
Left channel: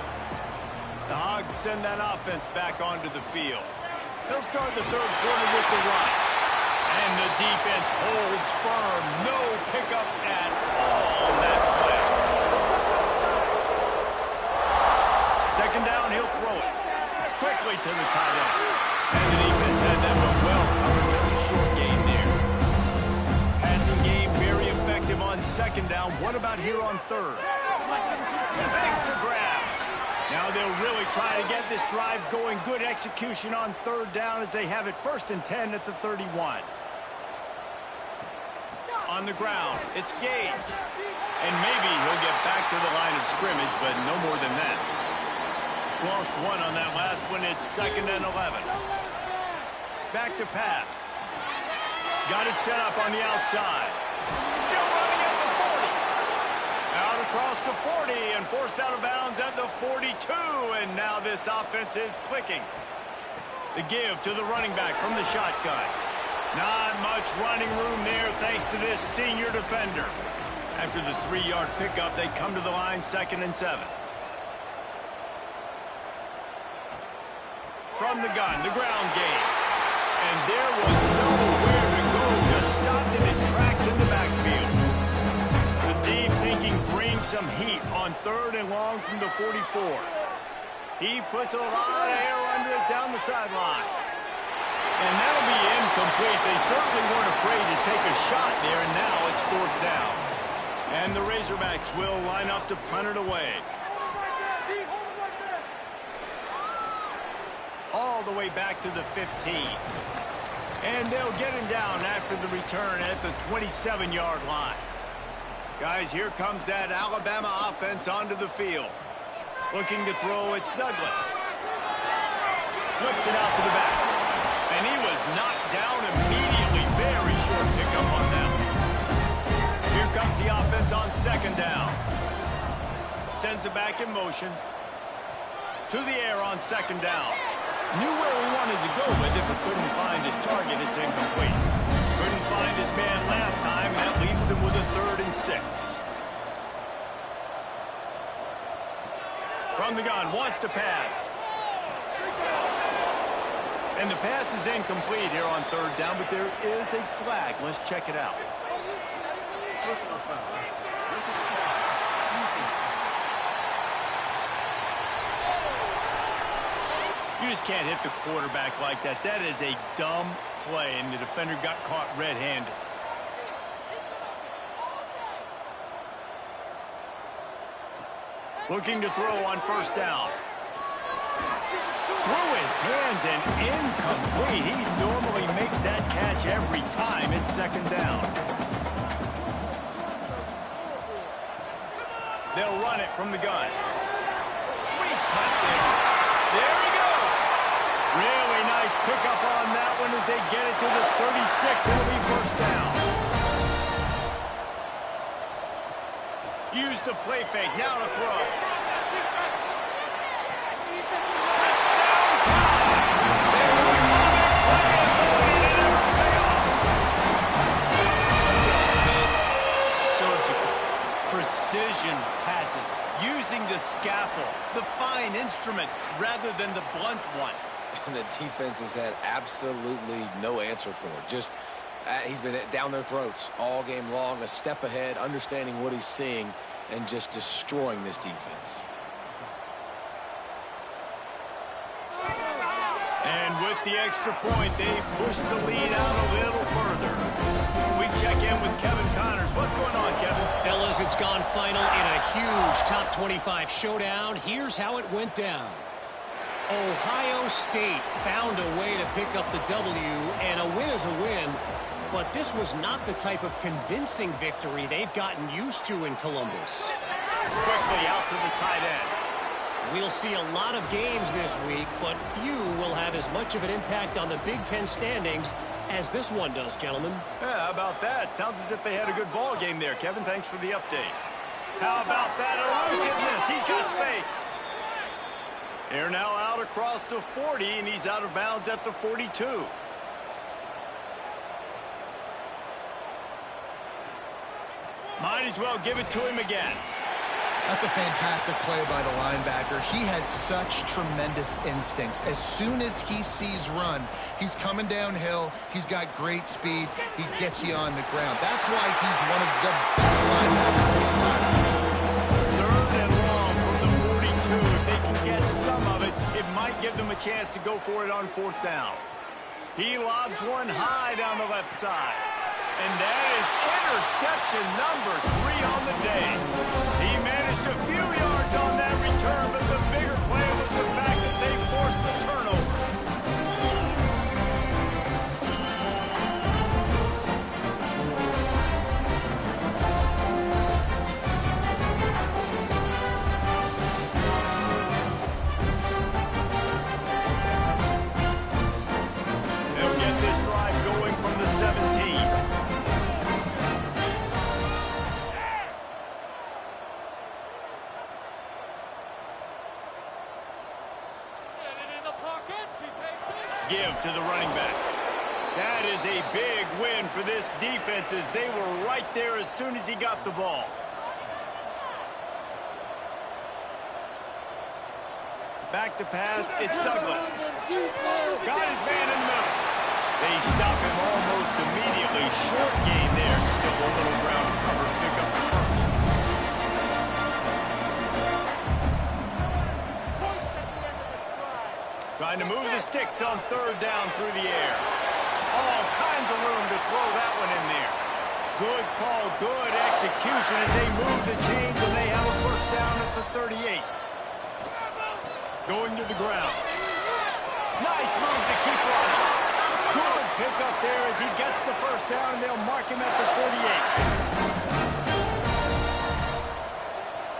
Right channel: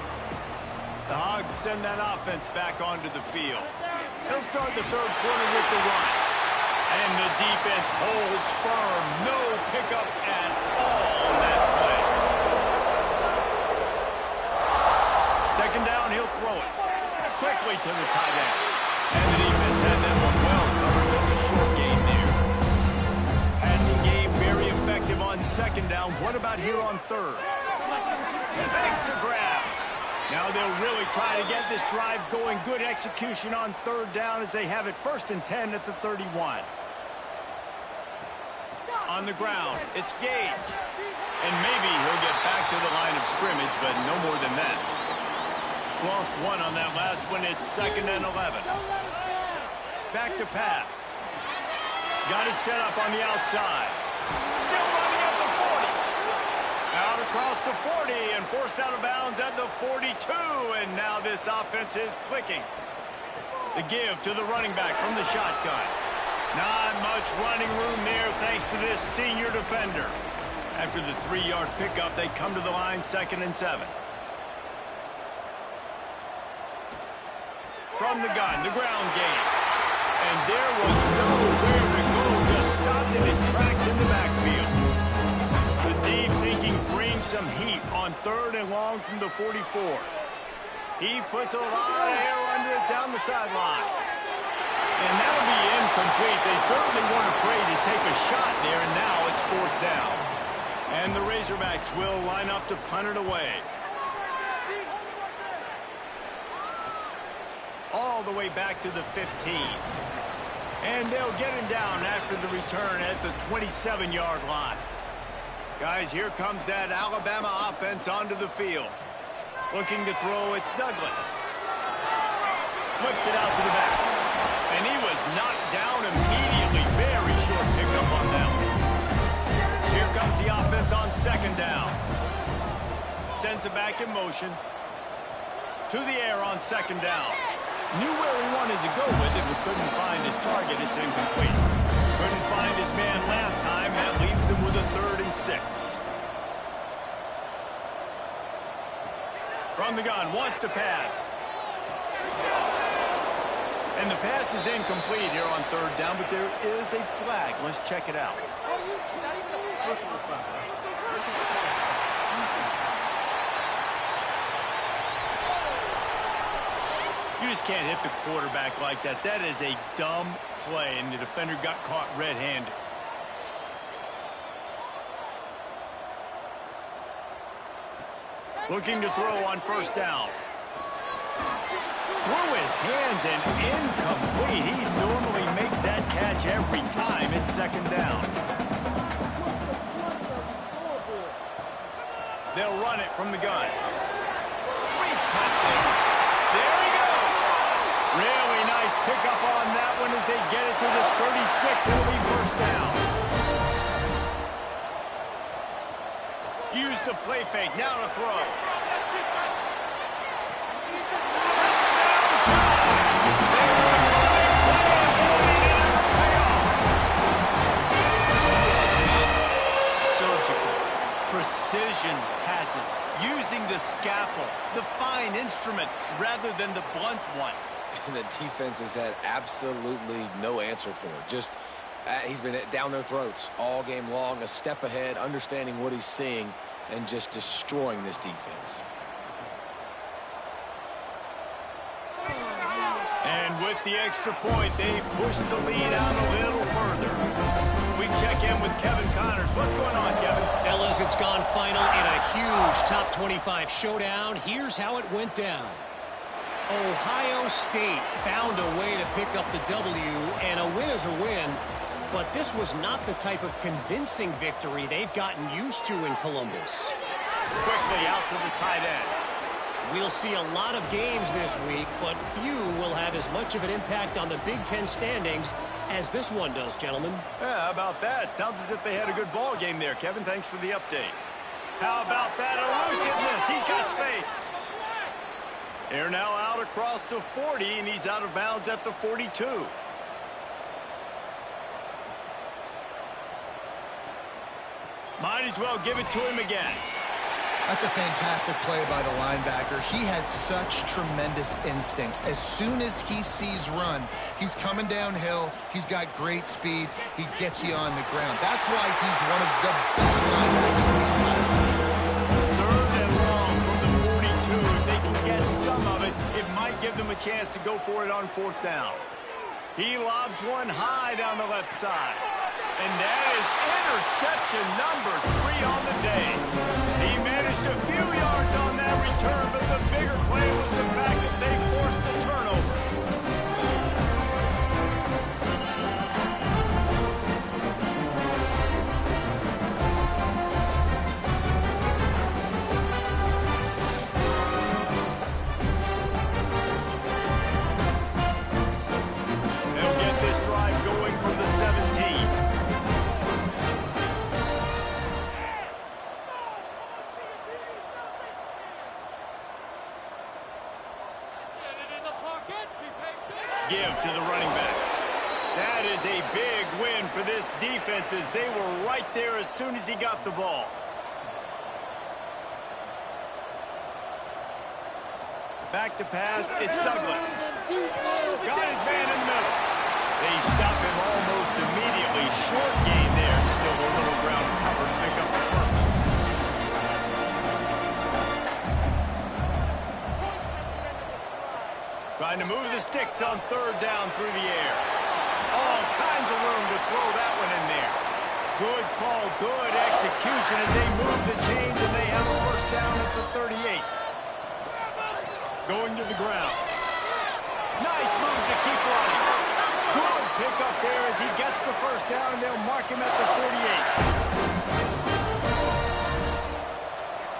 The Hogs send that offense back onto the field. They'll start the third quarter with the run. And the defense holds firm. No pickup at all on that play. Second down, he'll throw it. Quickly to the tight end. And the defense had that one well covered. Just a short gain there. Passing game very effective on second down. What about here on third? Extra grab. Now they'll really try to get this drive going. Good execution on third down as they have it 1st and 10 at the 31. On the ground, it's Gage. And maybe he'll get back to the line of scrimmage, but no more than that. Lost one on that last one. It's 2nd and 11. Back to pass. Got it set up on the outside. Still running at the 40. across the 40 and forced out of bounds at the 42. And now this offense is clicking. The give to the running back from the shotgun. Not much running room there thanks to this senior defender. After the 3-yard pickup, they come to the line 2nd and 7. From the gun, the ground game. And there was nowhere to go, just stopped in his tracks in the backfield. The D thinking bring some heat on 3rd and long from the 44. He puts a lot of air under it down the sideline. And that'll be incomplete. They certainly weren't afraid to take a shot there, and now it's 4th down. And the Razorbacks will line up to punt it away. All the way back to the 15. And they'll get him down after the return at the 27-yard line. Guys, here comes that Alabama offense onto the field. Looking to throw, it's Douglas. Flips it out to the back. And he was knocked down immediately. Very short pickup on that one. Here comes the offense on 2nd down. Sends it back in motion. To the air on 2nd down. Knew where he wanted to go with it, but couldn't find his target. It's incomplete. Couldn't find his man last time. That leaves him with a 3rd and 6. From the gun, wants to pass. And the pass is incomplete here on 3rd down, but there is a flag. Let's check it out. Personal foul. Look at the pass. You just can't hit the quarterback like that. That is a dumb play, and the defender got caught red-handed. Looking to throw on 1st down. Through his hands and incomplete. He normally makes that catch every time. It's 2nd down. They'll run it from the gun. Sweet cut there. There he goes. Really nice pickup on that one as they get it to the 36. It'll be 1st down. Use the play fake. Now to throw. Touchdown time. They were on their play, and boy, did it ever pay off. Surgical. Precision passes. Using the scalpel, the fine instrument, rather than the blunt one. And the defense has had absolutely no answer for it. Just, he's been down their throats all game long, a step ahead, understanding what he's seeing, and just destroying this defense. And with the extra point, they push the lead out a little further. We check in with Kevin Connors. What's going on, Kevin? Fellas, it's gone final in a huge top 25 showdown. Here's how it went down. Ohio State found a way to pick up the W, and a win is a win. But this was not the type of convincing victory they've gotten used to in Columbus. Quickly out to the tight end. We'll see a lot of games this week, but few will have as much of an impact on the Big Ten standings as this one does, gentlemen. Yeah, how about that? Sounds as if they had a good ball game there, Kevin. Thanks for the update. How about that elusiveness? He's got space. They're now out across the 40, and he's out of bounds at the 42. Might as well give it to him again. That's a fantastic play by the linebacker. He has such tremendous instincts. As soon as he sees run, he's coming downhill. He's got great speed. He gets you on the ground. That's why he's one of the best linebackers in the entire country. 3rd and long from the 42. If they can get some of it, it might give them a chance to go for it on 4th down. He lobs one high down the left side. And that is interception number 3 on the day. He managed a few yards on that return, but the bigger play was the fact that they forced the turnover. They'll get this drive going from the 17. Give to the running back. That is a big win for this defense as they were right there as soon as he got the ball. Back to pass, it's Douglas. Got his man in the middle. They stop him almost immediately. Short gain there. Still a little ground cover to pick up the first. Trying to move the sticks on third down through the air. All kinds of room to throw that one in there. Good call, good execution as they move the chains and they have a first down at the 38. Going to the ground. Nice move to keep running. Good pick up there as he gets the first down, and they'll mark him at the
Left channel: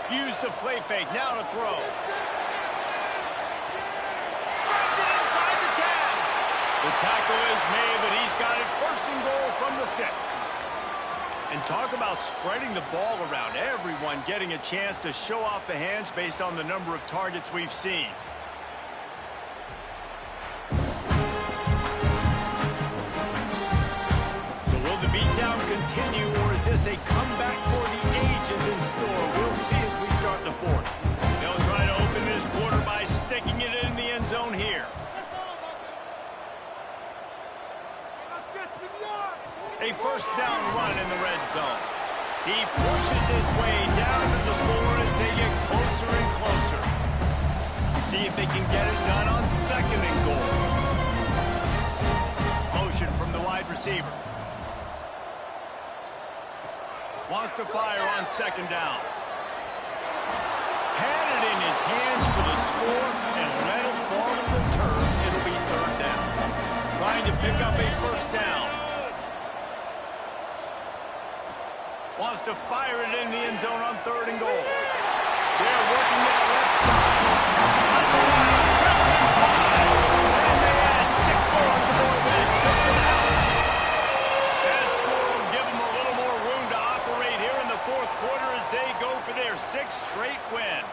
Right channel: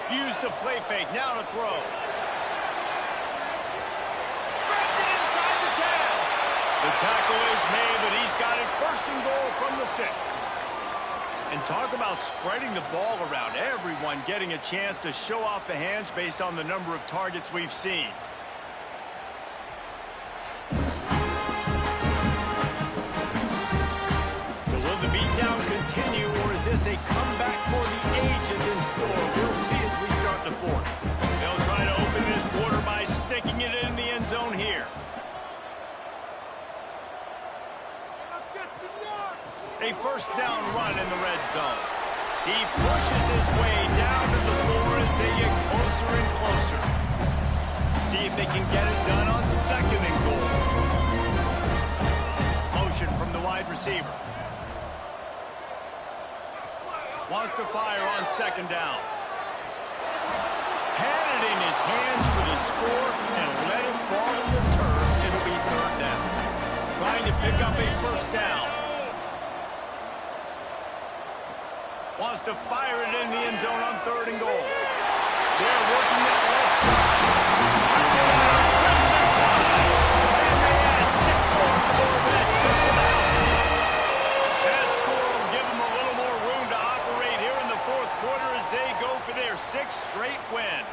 48. Use the play fake. Now to throw. Grabs it inside the 10. The tackle is made, but he's got it first and goal from the 6. And talk about spreading the ball around. Everyone getting a chance to show off the hands based on the number of targets we've seen. So will the beatdown continue, or is this a comeback for the ages in store? We'll see as we start the fourth. They'll try to open this quarter by sticking it in the end zone here. A first down run in the red zone. He pushes his way down to the floor as they get closer and closer. See if they can get it done on second and goal. Motion from the wide receiver. Wants to fire on second down. Had it in his hands for the score and let it fall to the turf. It'll be third down. Trying to pick up a first down. Wants to fire it in the end zone on third and goal. They're working that left side. Touchdown, Crimson Tide. And they add 6 more to the board with that trip to the house. That score will give them a little more room to operate here in the fourth quarter as they go for their 6th straight win.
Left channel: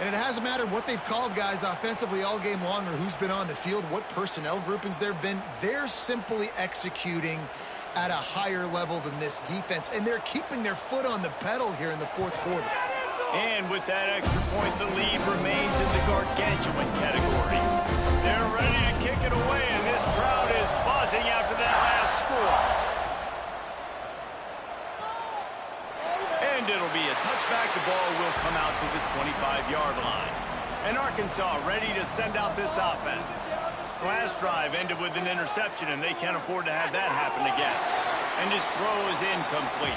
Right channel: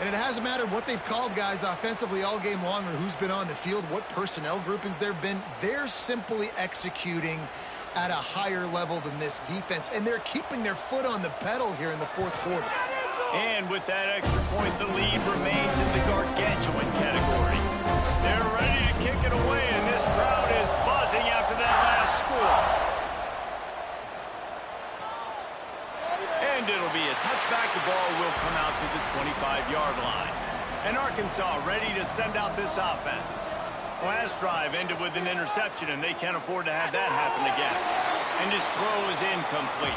And it hasn't mattered what they've called guys offensively all game long or who's been on the field, what personnel groupings there have been. They're simply executing at a higher level than this defense, and they're keeping their foot on the pedal here in the fourth quarter. And with that extra point, the lead remains in the gargantuan category. They're ready to kick it away, and this crowd is buzzing after that last score. And it'll be a touchback. The ball will come out to the 25-yard line. And Arkansas ready to send out this offense. Last drive ended with an interception, and they can't afford to have that happen again. And his throw is incomplete.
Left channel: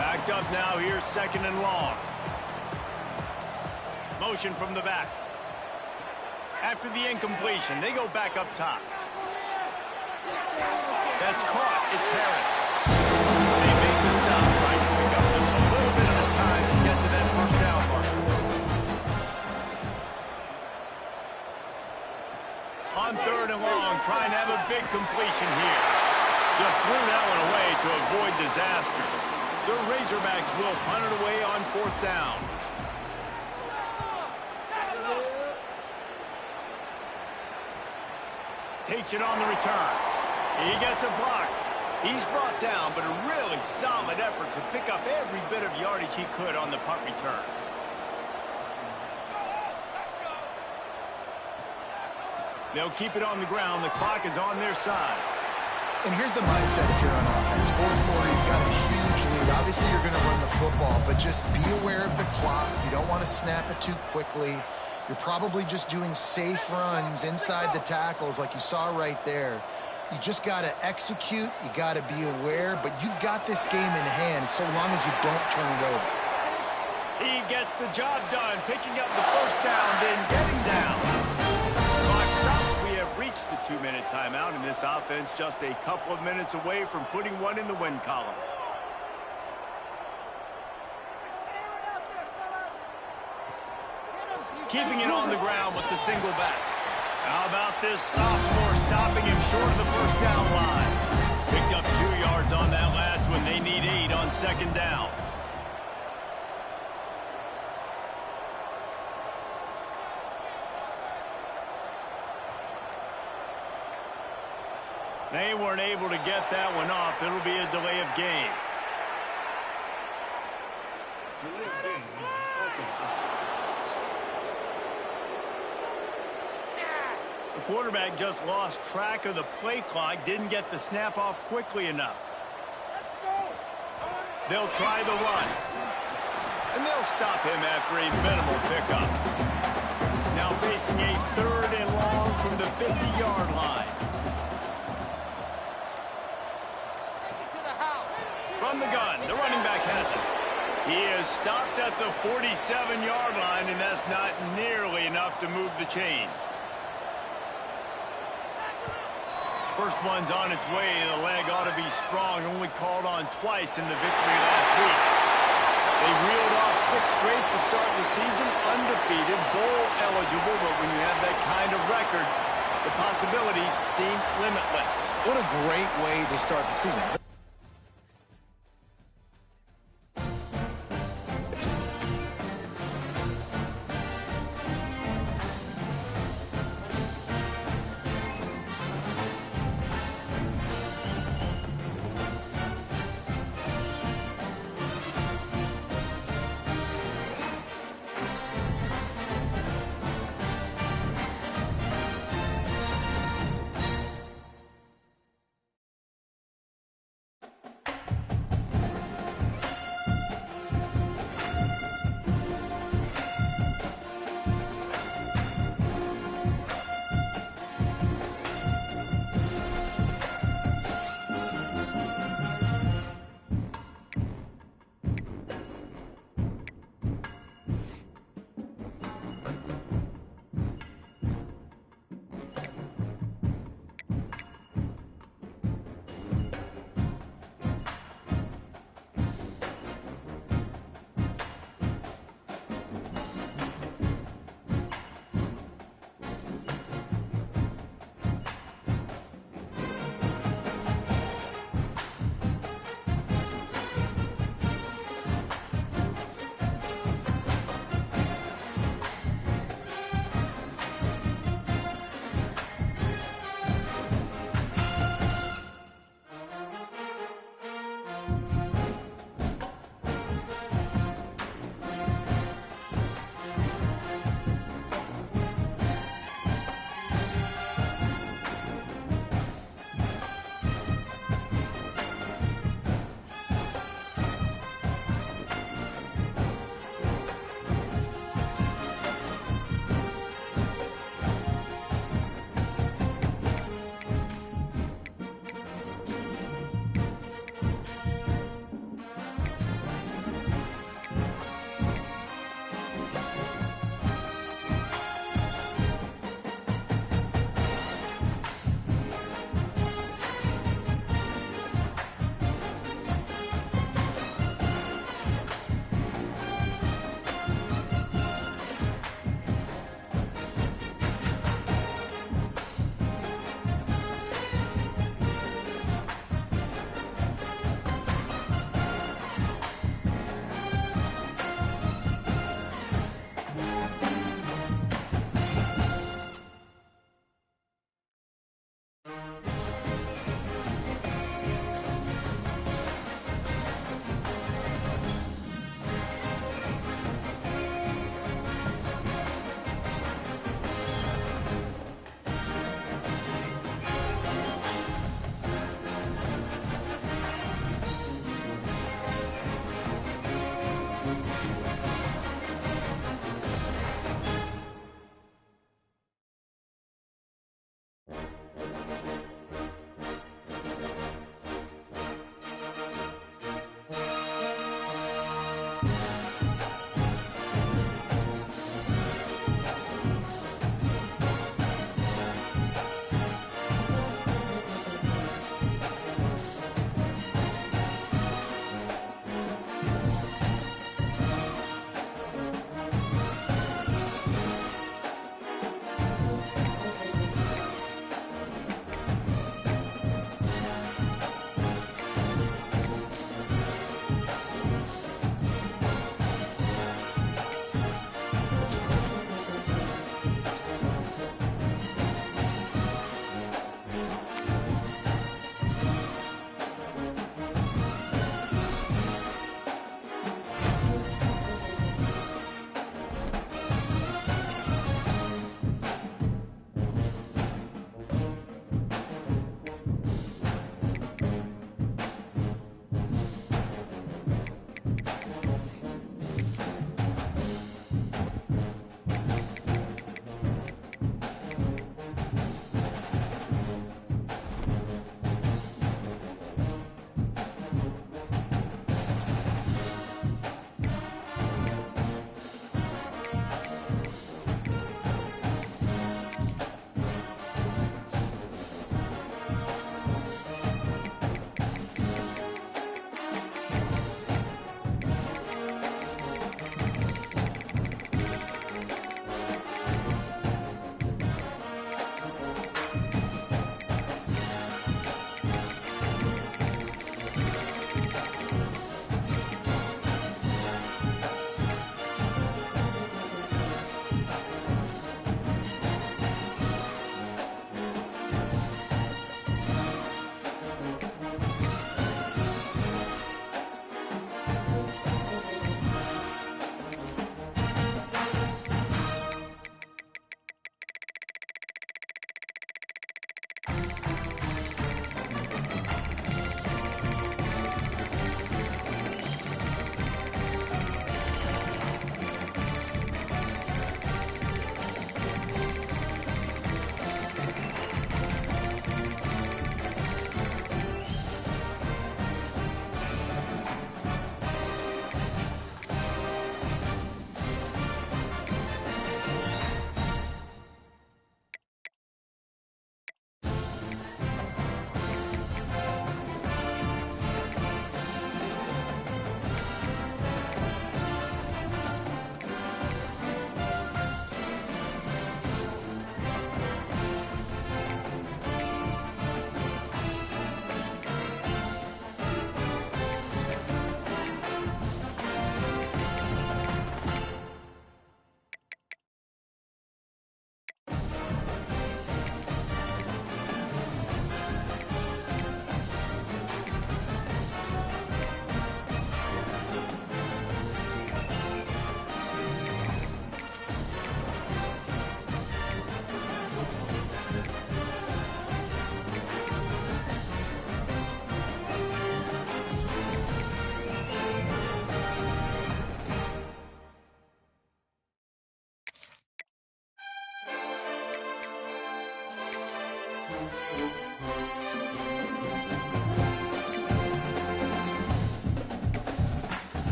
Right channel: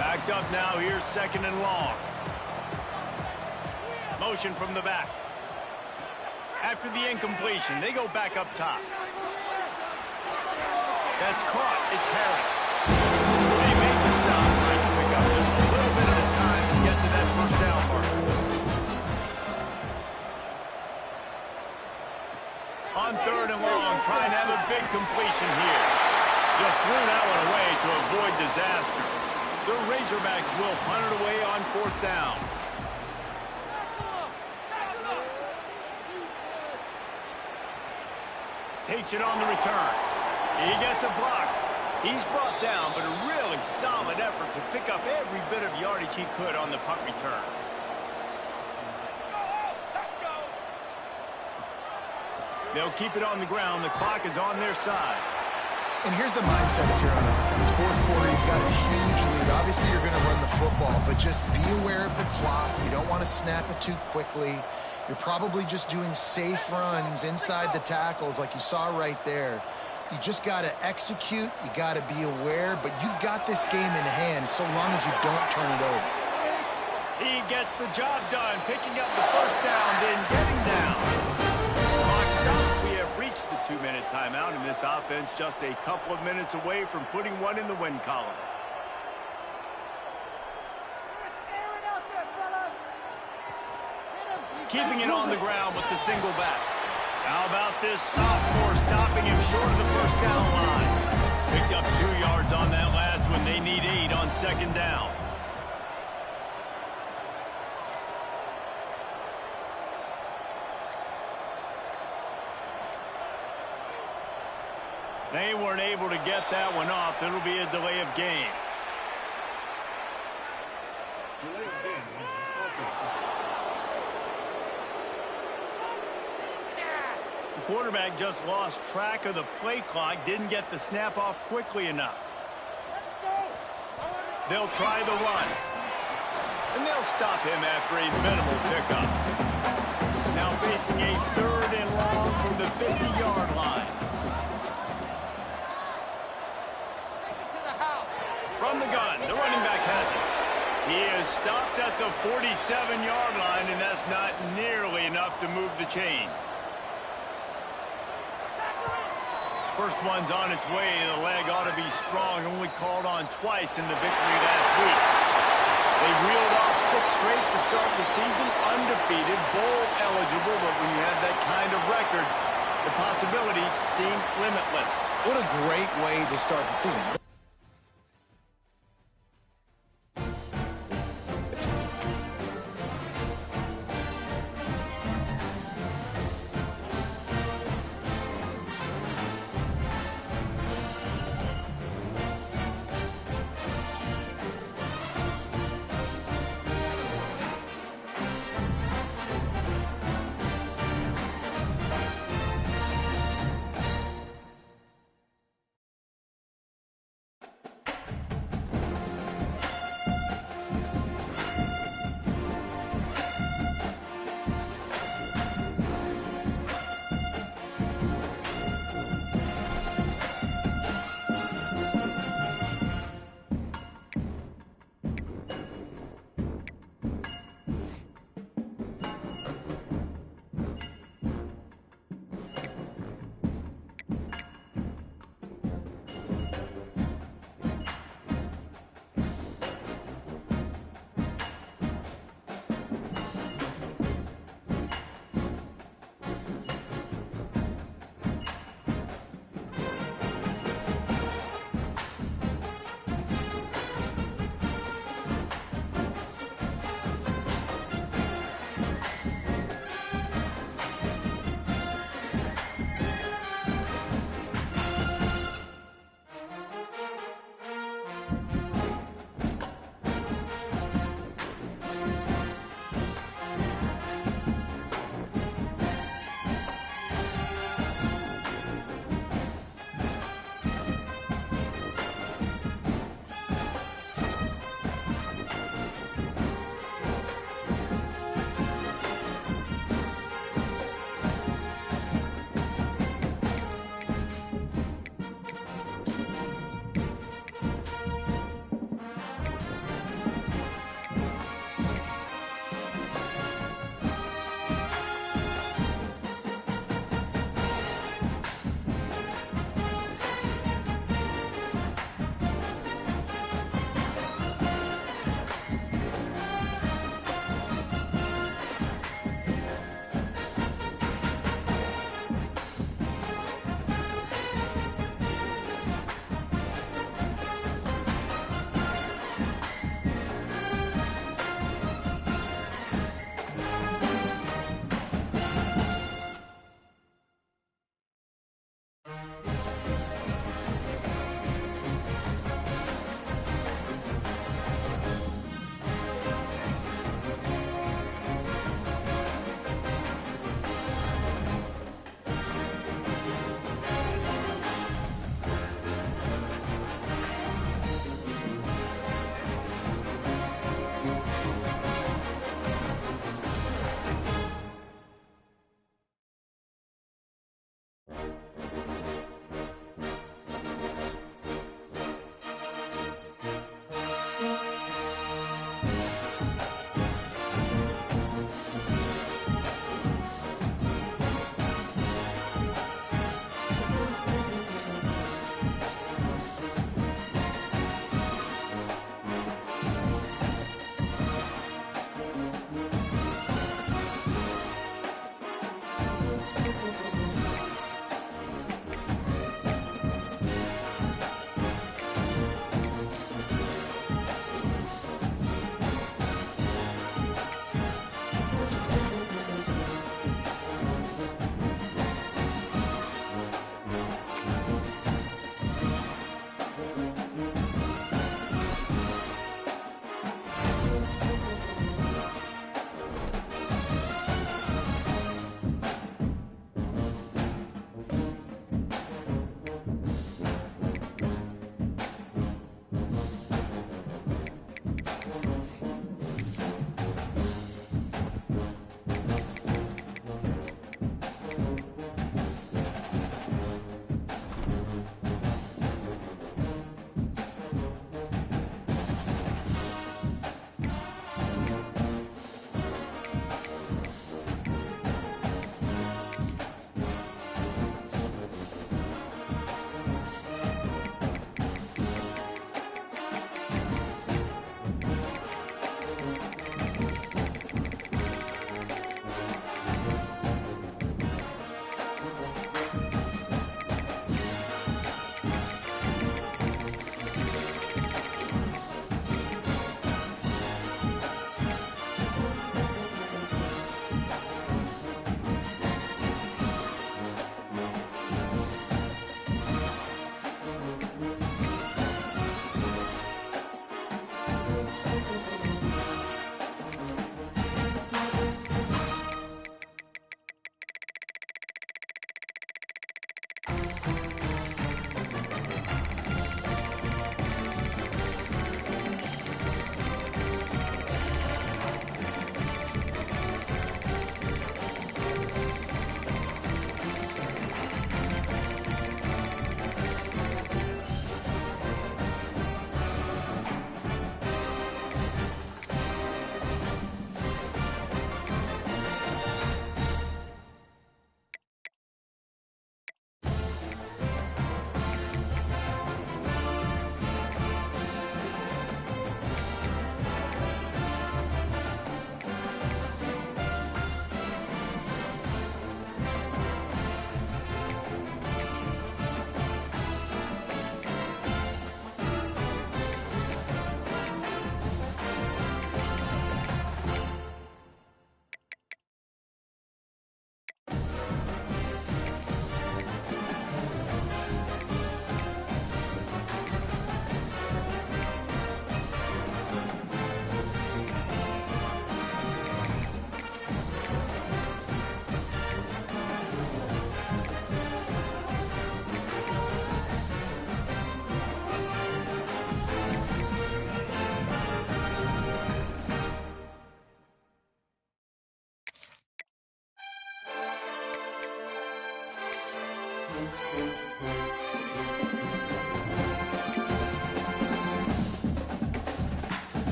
Backed up now, here's second and long. Motion from the back. After the incompletion, they go back up top. That's caught. It's Harris. They make the stop, trying to pick up just a little bit at a time to get to that first down marker. On third and long, trying to have a big completion here. Just threw that one away to avoid disaster. The Razorbacks will punt it away on fourth down. Takes it on the return. He gets a block. He's brought down, but a really solid effort to pick up every bit of yardage he could on the punt return. They'll keep it on the ground. The clock is on their side. And here's the mindset if you're on offense. Fourth quarter, you've got a huge lead. Obviously, you're going to run the football, but just be aware of the clock. You don't want to snap it too quickly. You're probably just doing safe runs inside the tackles like you saw right there. You just got to execute. You got to be aware, but you've got this game in hand so long as you don't turn it over. He gets the job done, picking up the first down, then getting down. Clock stops. We have reached the 2-minute timeout, and this offense just a couple of minutes away from putting one in the win column. Keeping it on the ground with the single back. How about this sophomore stopping him short of the first down line? Picked up 2 yards on that last one. They need 8 on second down. They weren't able to get that one off. It'll be a delay of game. Delay of game. Offense. The quarterback just lost track of the play clock, didn't get the snap off quickly enough. They'll try the run. And they'll stop him after a minimal pickup. Now facing a 3rd and long from the 50-yard line. From the gun, the running back has it. He is stopped at the 47-yard line, and that's not nearly enough to move the chains. First one's on its way. The leg ought to be strong. Only called on twice in the victory last week. They reeled off 6 straight to start the season, undefeated, bowl eligible, but when you have that kind of record, the possibilities seem limitless. What a great way to start the season.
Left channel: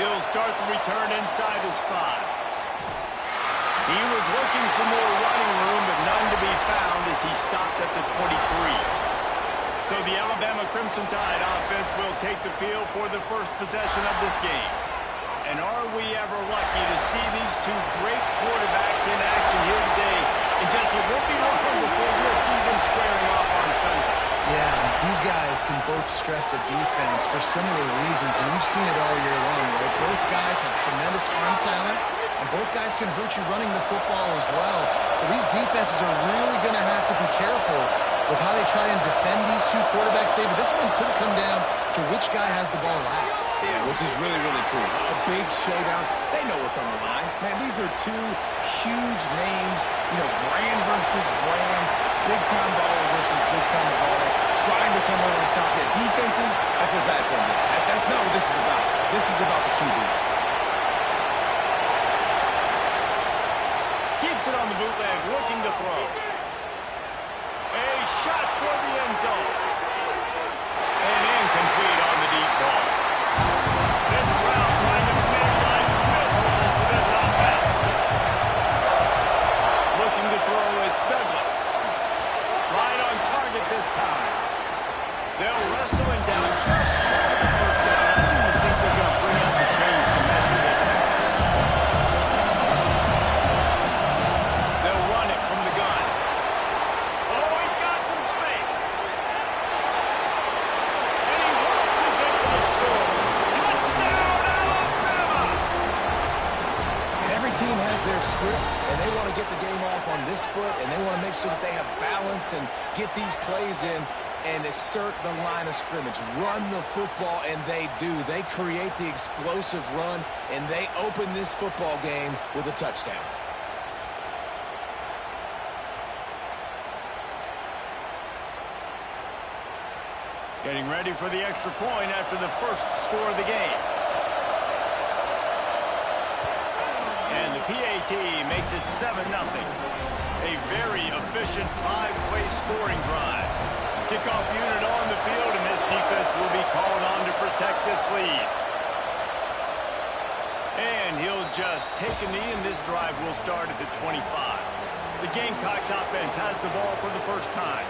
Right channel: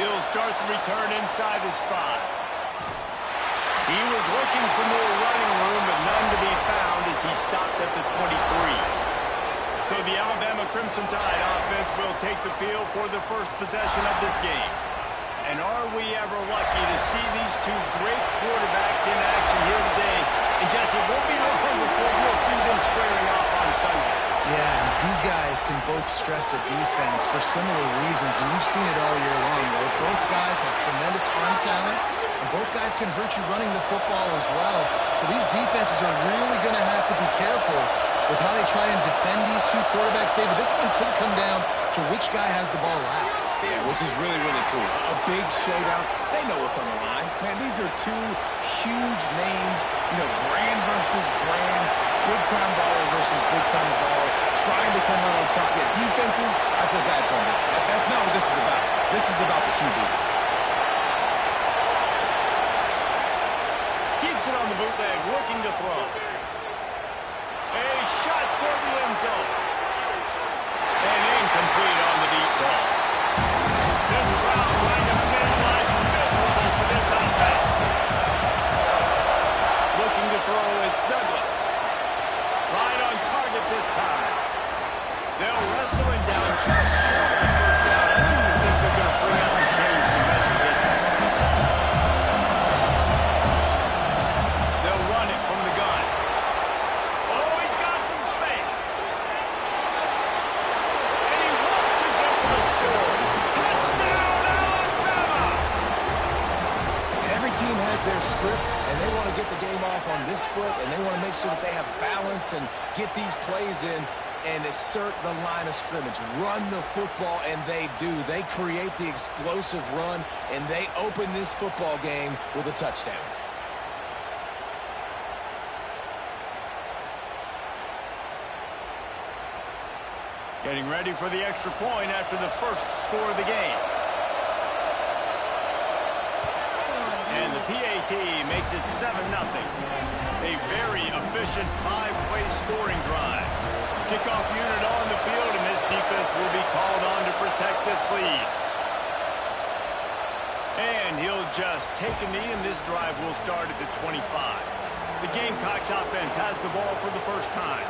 He'll start the return inside his 5. He was looking for more running room, but none to be found as he stopped at the 23. So the Alabama Crimson Tide offense will take the field for the first possession of this game. And are we ever lucky to see these two great quarterbacks in action here today? And Jesse, it won't be long before we'll see them squaring off on Sundays. Yeah, and these guys can both stress a defense for similar reasons, and you've seen it all year long, right? Both guys have tremendous arm talent, and both guys can hurt you running the football as well. So these defenses are really going to have to be careful with how they try and defend these two quarterbacks, David. This one could come down to which guy has the ball last. Yeah, which is really, really cool. A big showdown. They know what's on the line. Man, these are two huge names. You know, brand versus brand. Big-time baller versus big-time baller. Trying to come out on top. Yeah, defenses, I feel bad for them. That's not what this is about. This is about the QBs. Keeps it on the bootleg, looking to throw. A shot toward the end zone. And incomplete on the deep ball. This crowd trying to make life miserable for this offense. Looking to throw, it's Douglas. Right on target this time. They'll wrestle him down just short of the first down. I don't even think they're going to bring out the chains to measure this one. They'll run it from the gun. Oh, he's got some space. And he launches in for the score. Touchdown, Alabama! And every team has their script, and they want to get the game off on this foot, and they want to make sure that they have balance and get these plays in and assert the line of scrimmage. Run the football, and they do. They create the explosive run, and they open this football game with a touchdown. Getting ready for the extra point after the first score of the game. And the PAT makes it 7-0. A very efficient 5-way scoring drive. Kickoff unit on the field, and this defense will be called on to protect this lead. And he'll just take a knee, and this drive will start at the 25. The Gamecocks offense has the ball for the first time.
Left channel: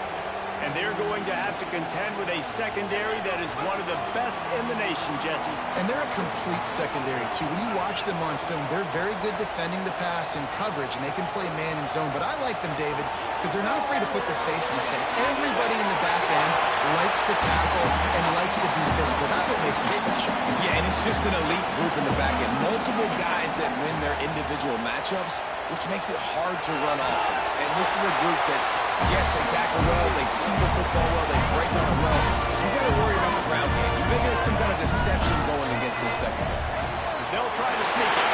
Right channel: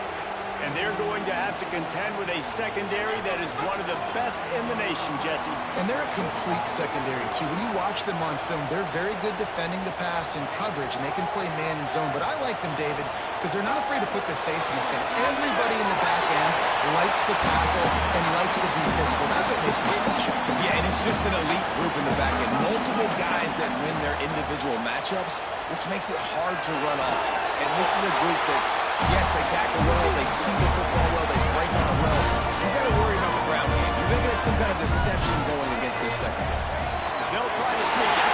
And they're going to have to contend with a secondary that is one of the best in the nation, Jesse. And they're a complete secondary, too. When you watch them on film, they're very good defending the pass in coverage, and they can play man and zone. But I like them, David, because they're not afraid to put their face in the fin. Everybody in the back end likes to tackle and likes to be physical. That's what makes them special. Yeah, and it's just an elite group in the back end. Multiple guys that win their individual matchups, which makes it hard to run offense. And this is a group that, yes, they tackle well, they see the football well, they break on it well. You got to worry about the ground game. You think there's some kind of deception going against this secondary. They'll try to sneak it.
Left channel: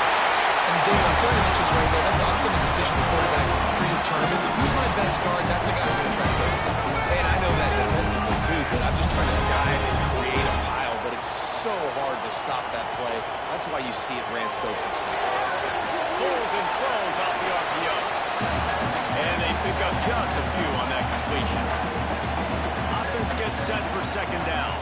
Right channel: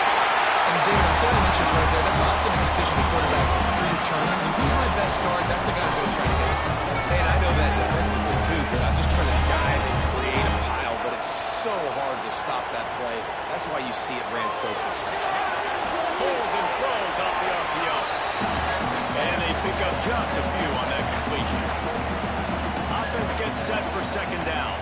And David, on 3rd and inches right there, that's often a decision the quarterback predetermines. Who's my best guard? That's the guy I'm going to try to hit. And I know that defensively too, but I'm just trying to dive and create a pile, but it's so hard to stop that play. That's why you see it ran so successful. Pulls and throws off the RPO. And they pick up just a few on that completion. Offense gets set for second down.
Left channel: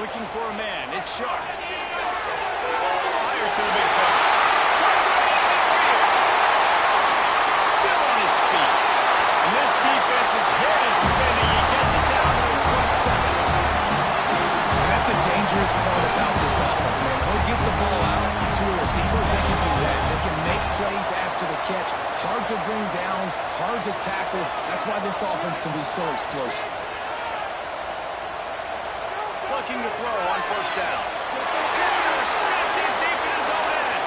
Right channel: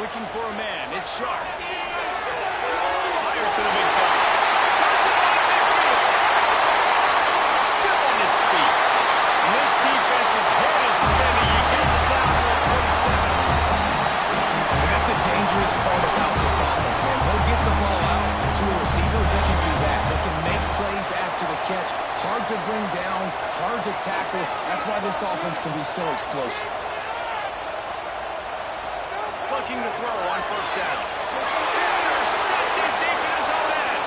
Looking for a man. It's Sharp. Fires to the big fella. Turns it on to midfield. Still on his feet. And this defense's head is spinning. He gets it down to the 27. And that's the dangerous part about this offense, man. They'll get the ball out to a receiver. They can do that. They can make plays after the catch. Hard to bring down, hard to tackle. That's why this offense can be so explosive. Looking to throw on first down. Intercepted deep in his own end.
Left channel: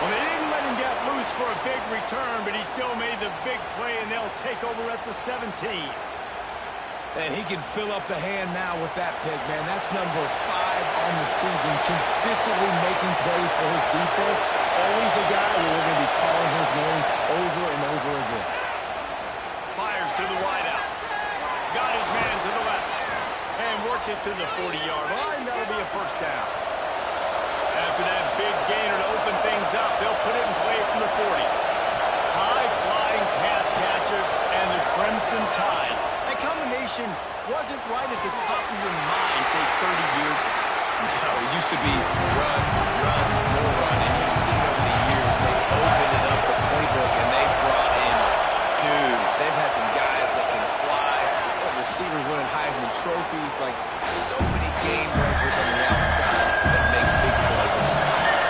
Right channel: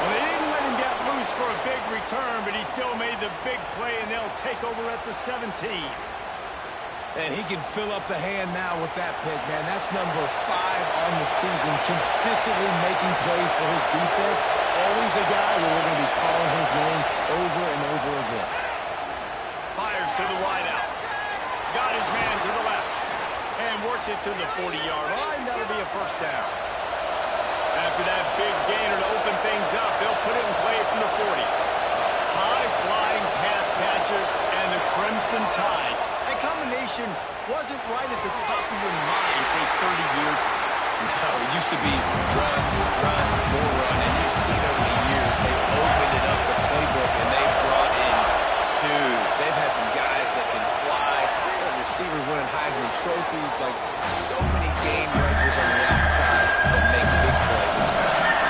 Well, they didn't let him get loose for a big return, but he still made the big play, and they'll take over at the 17. And he can fill up the hand now with that pick, man. That's number 5 on the season, consistently making plays for his defense. Always a guy where we're going to be calling his name over and over again. Fires to the wideout. Got his man to the left. And works it to the 40-yard line. That'll be a first down. After that big gainer to open things up, they'll put it in play from the 40. High-flying pass catchers and the Crimson Tide. That combination wasn't right at the top of your mind 30 years? No, it used to be run, run, more run, and you've seen over the years they've opened it up, the playbook, and they've brought in dudes. They've had some guys that can fly, receivers winning Heisman trophies, like so many game breakers on the outside that make big plays in this offense.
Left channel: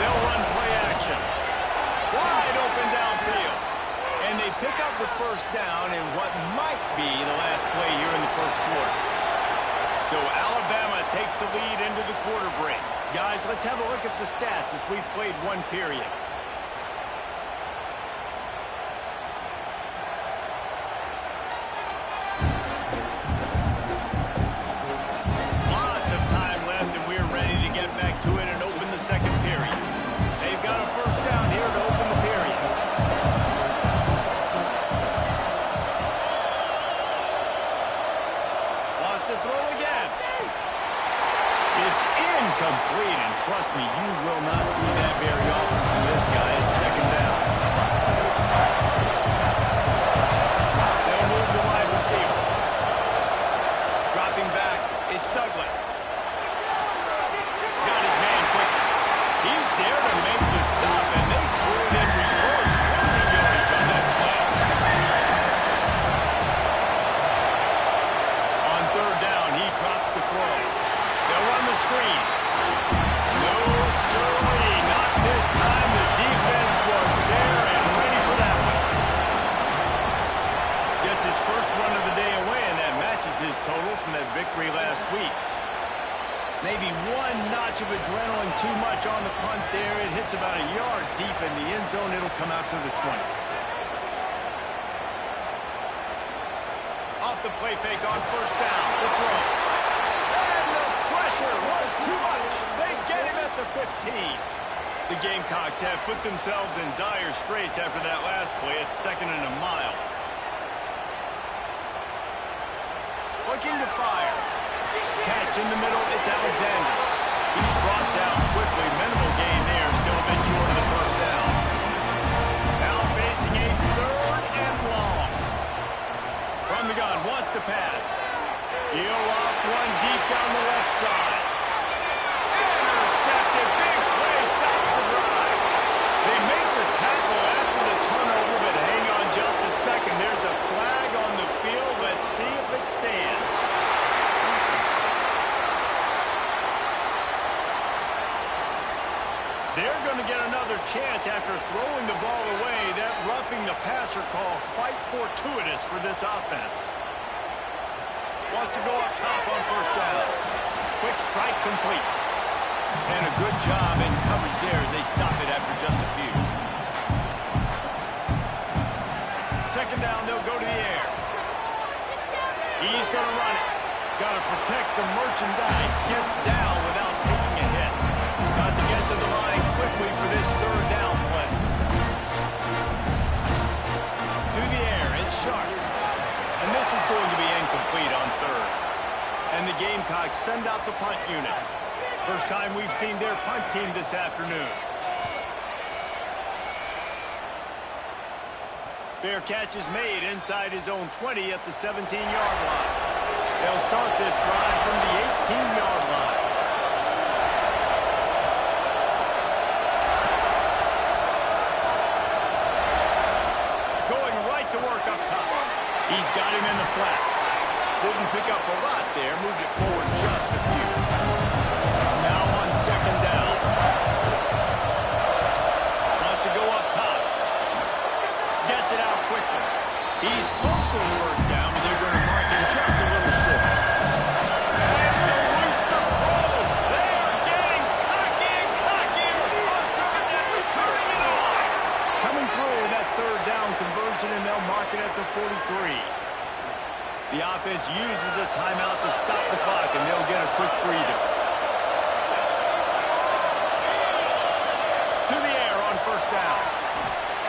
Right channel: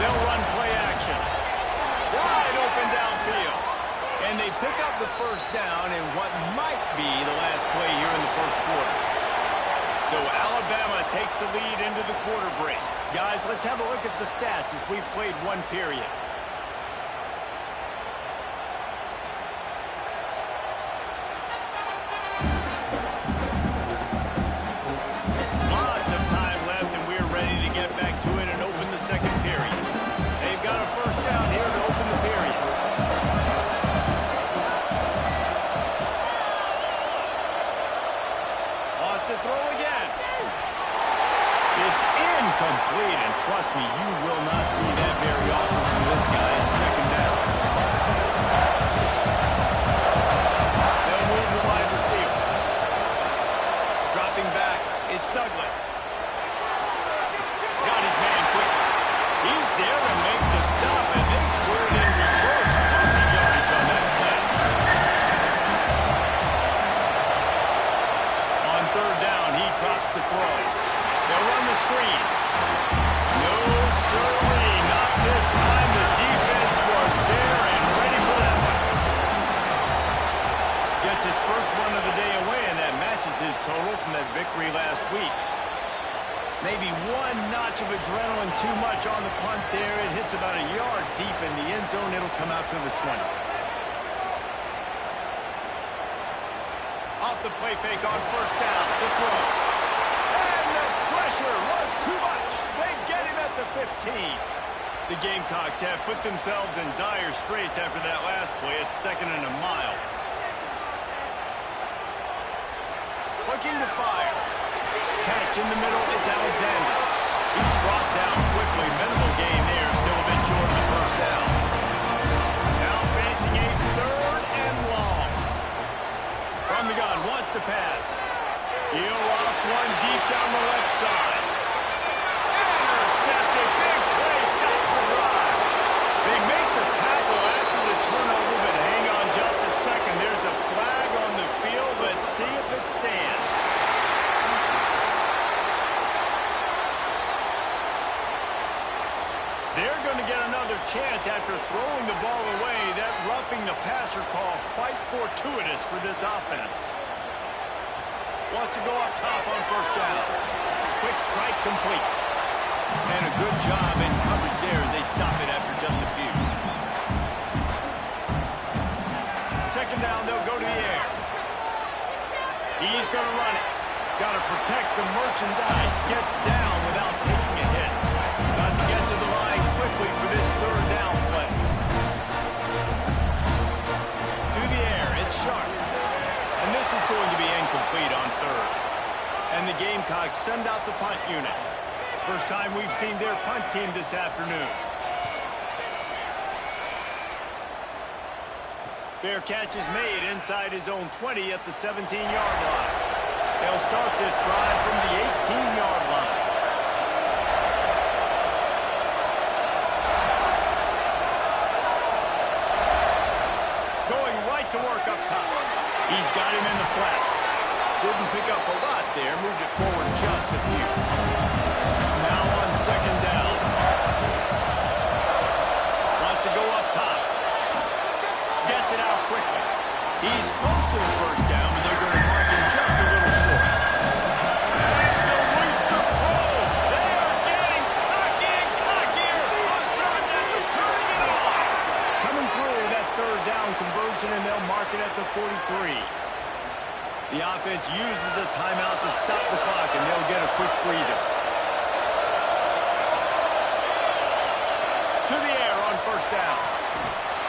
They'll run play action. Wide open downfield. And they pick up the first down in what might be the last play here in the first quarter. So Alabama takes the lead into the quarter break. Guys, let's have a look at the stats as we've played one period. Lots of time left, and we're ready to get back to it and open the second period. They've got a first down here to open the period. To throw again. It's incomplete, and trust me, you will not see that very often from this guy. It's second down. They'll move the wide receiver. Dropping back, it's Douglas. He's got his man quickly. He's there to make the stop, and they threw it in reverse, losing yardage on that play. Third down, he drops to throw. They'll run the screen. No, sirree, not this time. The defense was there and ready for that one. Gets his first one of the day away, and that matches his total from that victory last week. Maybe one notch of adrenaline too much on the punt there. It hits about a yard deep in the end zone. It'll come out to the 20. Off the play fake on first down, the throw. And the pressure was too much. They get him at the 15. The Gamecocks have put themselves in dire straits after that last play. It's 2nd and a mile. Looking to fire. Catch in the middle, it's Alexander. He's brought down quickly. Minimal gain there, still a bit short of the first down. Now facing a third and long. From the gun, wants to pass. He'll off one deep down the left side. Intercepted, big play, stops the drive. They make the tackle after the turnover, but hang on just a second. There's a flag on the field. Let's see if it stands. They're going to get another chance after throwing the ball away. That roughing the passer call quite fortuitous for this offense. Wants to go up top on first down. Quick strike complete. And a good job in coverage there as they stop it after just a few. Second down, they'll go to the air. He's going to run it. Got to protect the merchandise. Gets down without taking a hit. Got to get to the line quickly for this third down play. To the air, it's Sharp. And this is going to be incomplete on third. And the Gamecocks send out the punt unit. First time we've seen their punt team this afternoon. Fair catch is made inside his own 20 at the 17-yard line. They'll start this drive from the 18-yard line. Going right to work up top. He's got him in the flat. Didn't pick up a lot there. Moved it forward just a few. Now on second down. Wants to go up top. Gets it out quickly. He's close to the first down, but they're going to mark him just a little short. As the Rooster Pros, they are getting cocky and cockier on third down, turning it on. Coming through with that third down conversion, and they'll mark it at the 43. The offense uses a timeout to stop the clock, and they'll get a quick breather. To the air on first down.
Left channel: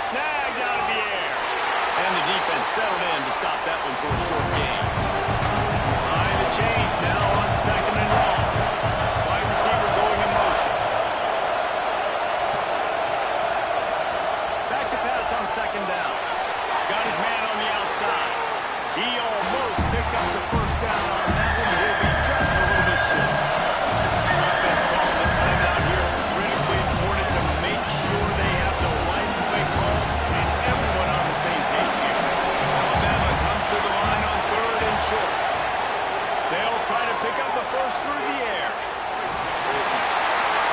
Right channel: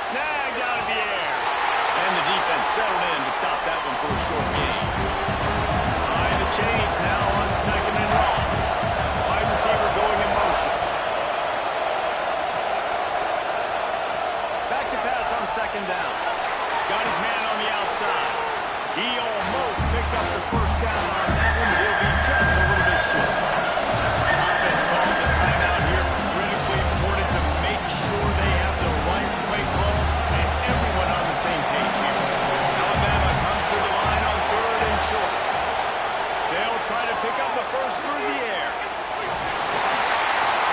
Snagged out of the air. And the defense settled in to stop that one for a short gain. Behind the chains now on second and long. Wide receiver going in motion. Back to pass on second down. Got his man on the outside. He almost picked up the first down on that one, but he'll be just a little bit short. Offense calls a timeout here. Critically important to make sure they have the right play call and everyone on the same page here. Alabama comes to the line on 3rd and short. They'll try to pick up the first through the air.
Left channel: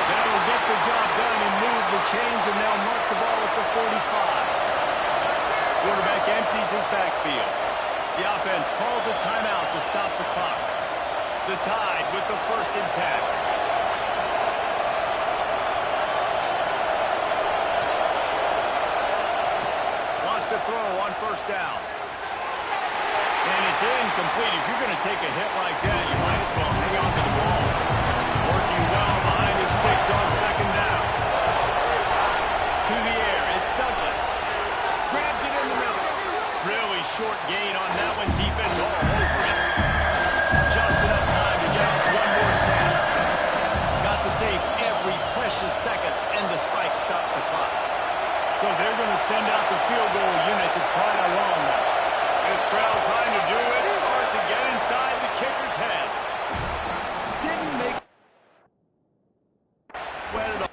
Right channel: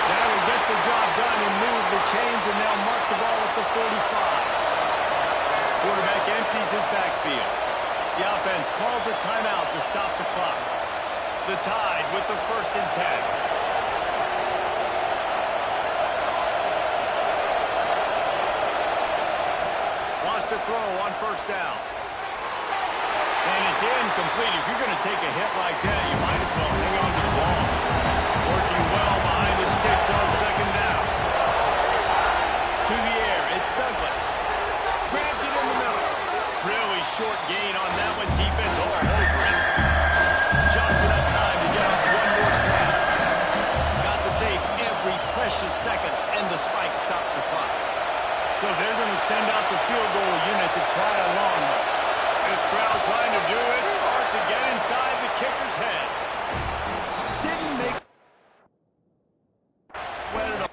That'll get the job done and move the chains, and they'll mark the ball at the 45. Quarterback empties his backfield. The offense calls a timeout to stop the clock. The Tide with the 1st and 10. Lost a throw on 1st down. And it's incomplete. If you're going to take a hit like that, you might as well hang on to the ball. Working well behind his sticks on 2nd down. To the air, it's Douglas. Grabs it in the middle. Really short gain on that one. Defense all over it. Just enough time to get off one more snap. Got to save every precious second, and the spike stops the clock. So they're going to send out the field goal unit to try a long one. This crowd trying to do its part to get inside the kicker's head. Didn't make wet at all.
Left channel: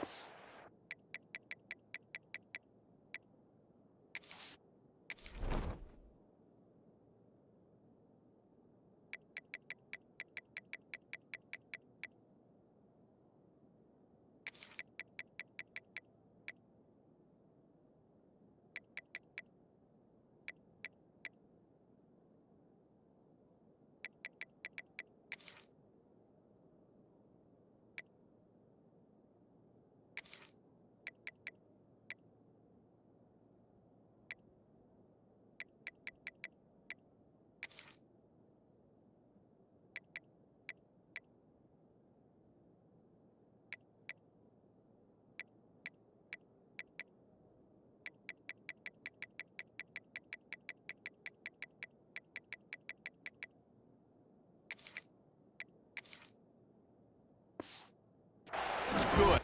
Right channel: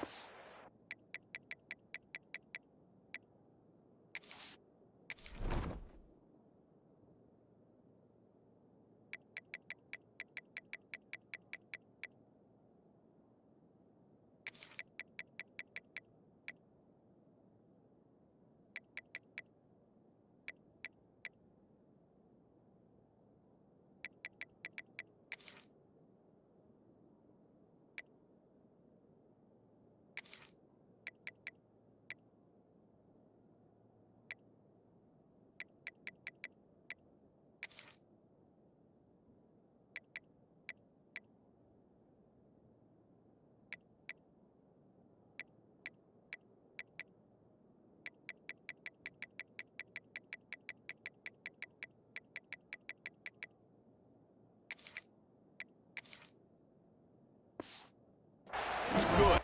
It's good.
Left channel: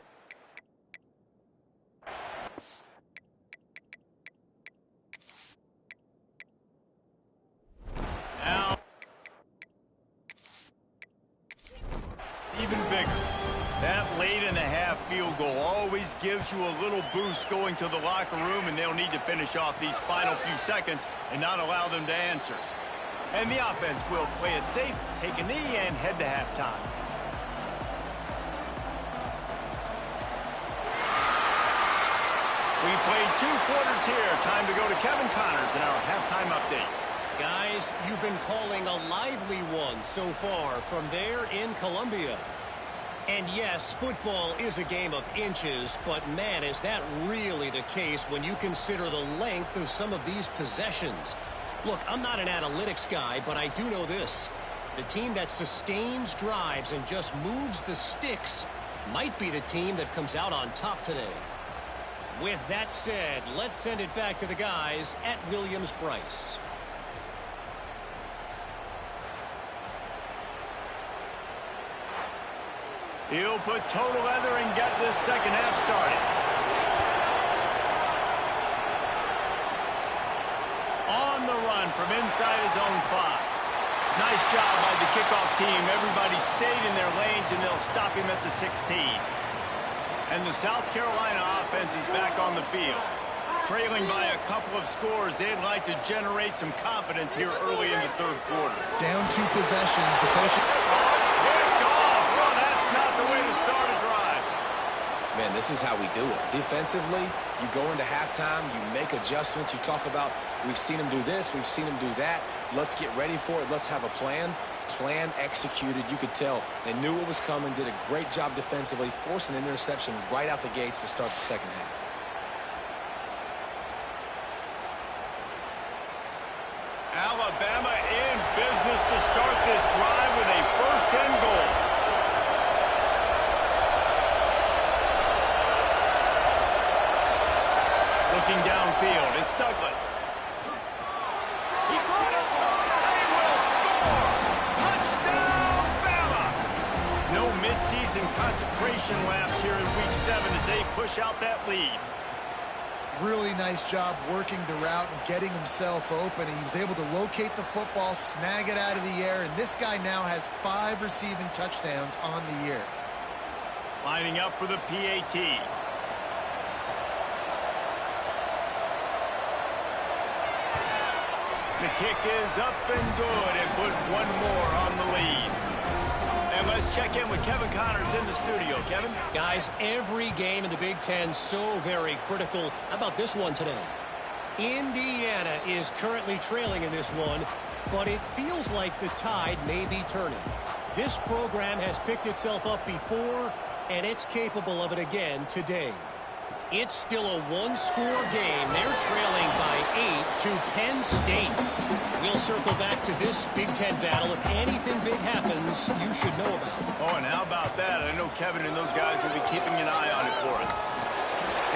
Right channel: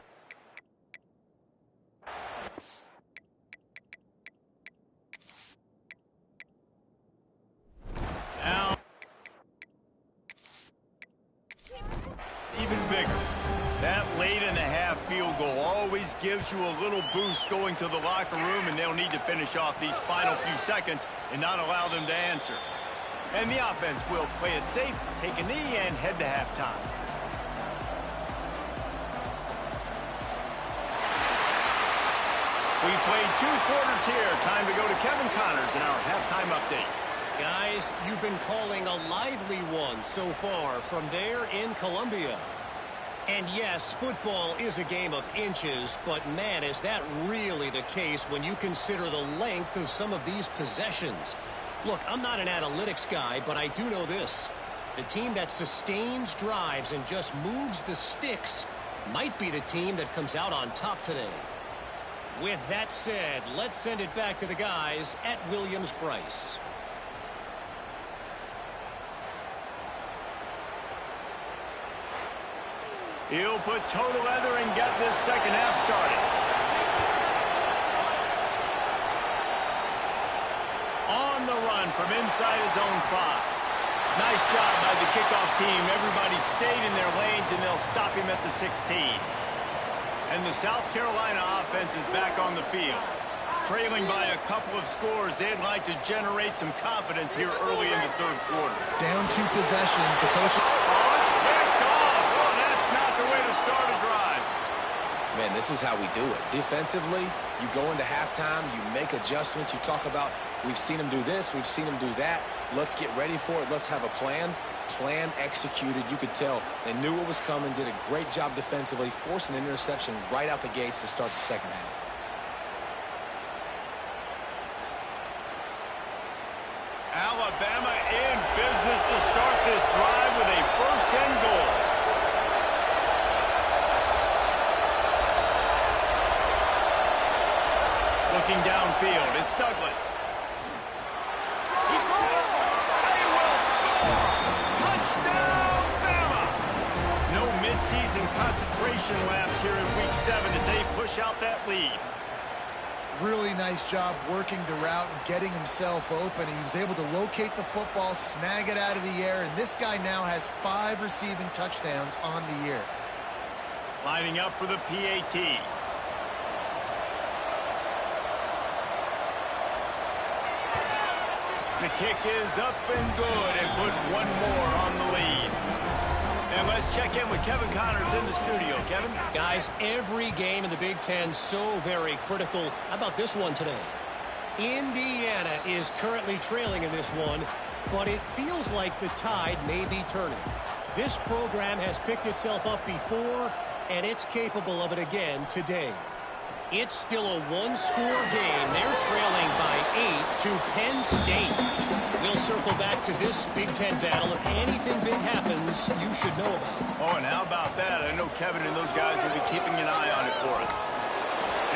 Now, even bigger. That late in the half field goal always gives you a little boost going to the locker room, and they'll need to finish off these final few seconds and not allow them to answer. And the offense will play it safe, take a knee, and head to halftime. We've played 2 quarters here. Time to go to Kevin Connors in our halftime update. Guys, you've been calling a lively one so far from there in Columbia. And yes, football is a game of inches, but man, is that really the case when you consider the length of some of these possessions. Look, I'm not an analytics guy, but I do know this. The team that sustains drives and just moves the sticks might be the team that comes out on top today. With that said, let's send it back to the guys at Williams-Brice. He'll put total leather and get this second half started. On the run from inside his own 5. Nice job by the kickoff team. Everybody stayed in their lanes, and they'll stop him at the 16. And the South Carolina offense is back on the field. Trailing by a couple of scores, they'd like to generate some confidence here early in the 3rd quarter. Down 2 possessions. The coach... Oh, it's picked off. Oh, that's not the way to start a drive. Man, this is how we do it. Defensively, you go into halftime, you make adjustments. You talk about, we've seen them do this, we've seen them do that. Let's get ready for it. Let's have a plan. Plan executed. You could tell they knew what was coming, did a great job defensively, forced an interception right out the gates to start the second half. Alabama in business to start this drive with a 1st and goal. Looking downfield, it's Douglas. He caught it. They will score. Touchdown, Bama. No midseason concentration laps here in Week 7 as they push out that lead. Really nice job working the route and getting himself open. He was able to locate the football, snag it out of the air, and this guy now has 5 receiving touchdowns on the year. Lining up for the PAT. The kick is up and good and put one more on the lead. And let's check in with Kevin Connors in the studio. Kevin? Guys, every game in the Big Ten so very critical. How about this one today? Indiana is currently trailing in this one, but it feels like the tide may be turning. This program has picked itself up before, and it's capable of it again today. It's still a one-score game. They're trailing by 8 to Penn State. We'll circle back to this Big Ten battle. If anything big happens, you should know about it. Oh, and how about that? I know Kevin and those guys will be keeping an eye on it for us.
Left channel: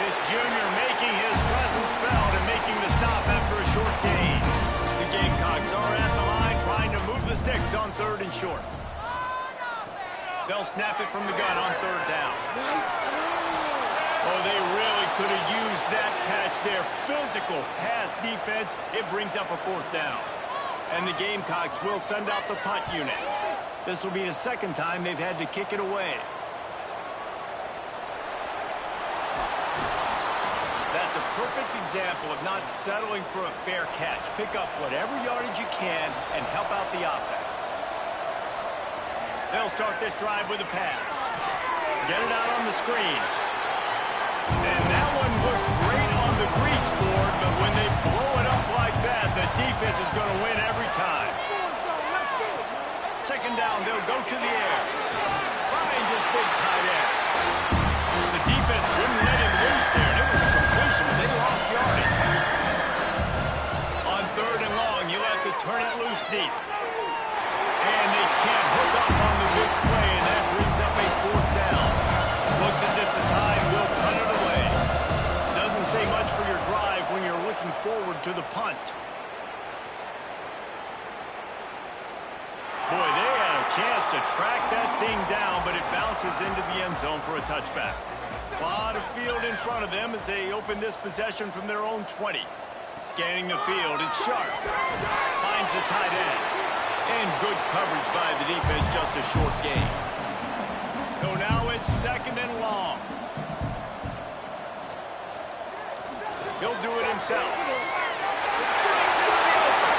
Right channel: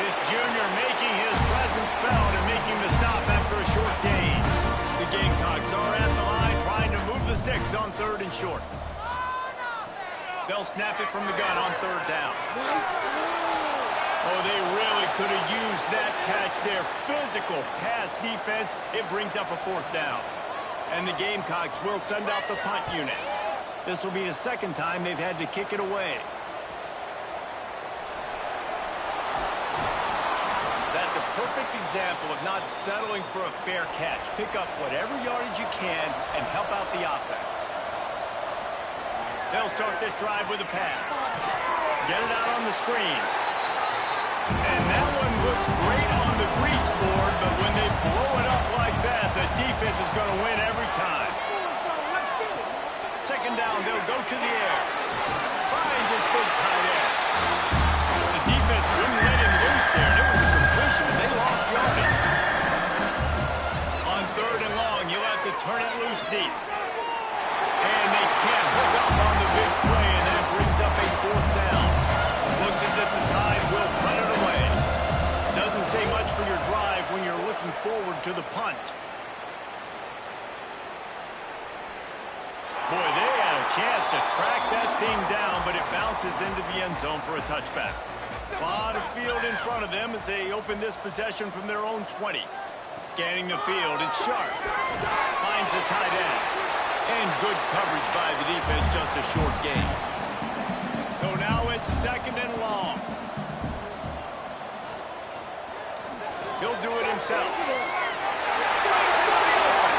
This junior making his presence felt and making the stop after a short gain. The Gamecocks are at the line trying to move the sticks on 3rd and short. They'll snap it from the gun on 3rd down. Oh, they really could have used that catch there. Physical pass defense. It brings up a 4th down. And the Gamecocks will send out the punt unit. This will be the 2nd time they've had to kick it away. That's a perfect example of not settling for a fair catch. Pick up whatever yardage you can and help out the offense. They'll start this drive with a pass. Get it out on the screen. And that one looked great on the grease board, but when they blow it up like that, the defense is going to win every time. 2nd down, they'll go to the air. Finds his big tight end. The defense wouldn't let him loose there, and it was a completion, but they lost yardage. On 3rd and long, you'll have to turn it loose deep. And they can't hook up on the big play, and that brings up a 4th down. Looks as if the Tide will punt it away. Doesn't say much for your drive when you're looking forward to the punt. Boy, they had a chance to track that thing down, but it bounces into the end zone for a touchback. A lot of field in front of them as they open this possession from their own 20. Scanning the field, it's Sharp. Finds the tight end. And good coverage by the defense, just a short gain. So now it's 2nd and long. He'll do it himself. Brings it to the open.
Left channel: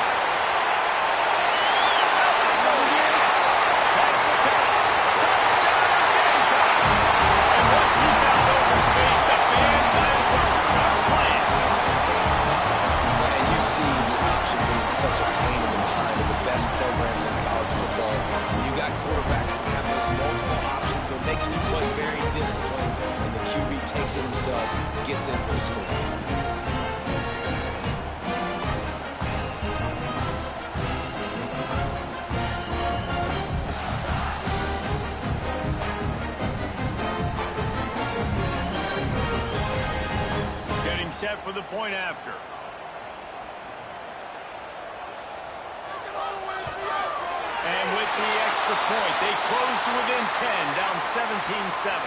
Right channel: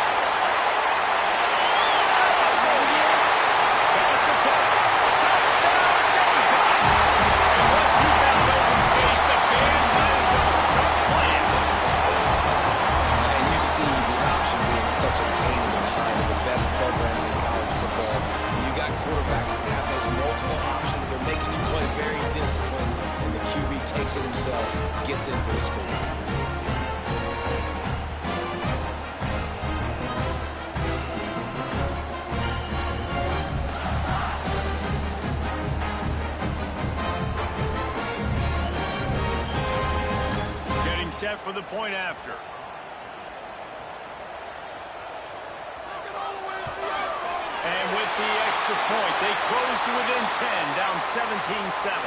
Pass attempt. Touchdown, Gamecocks. And once he found open space, the band might as well start playing. And you see the option being such a pain in the behind of the best programs in college football. When you got quarterbacks that have those multiple options, they're making you play very disciplined, and the QB takes it himself, gets in for the score. Getting set for the point after. And with the extra point, they close to within 10, down 17-7.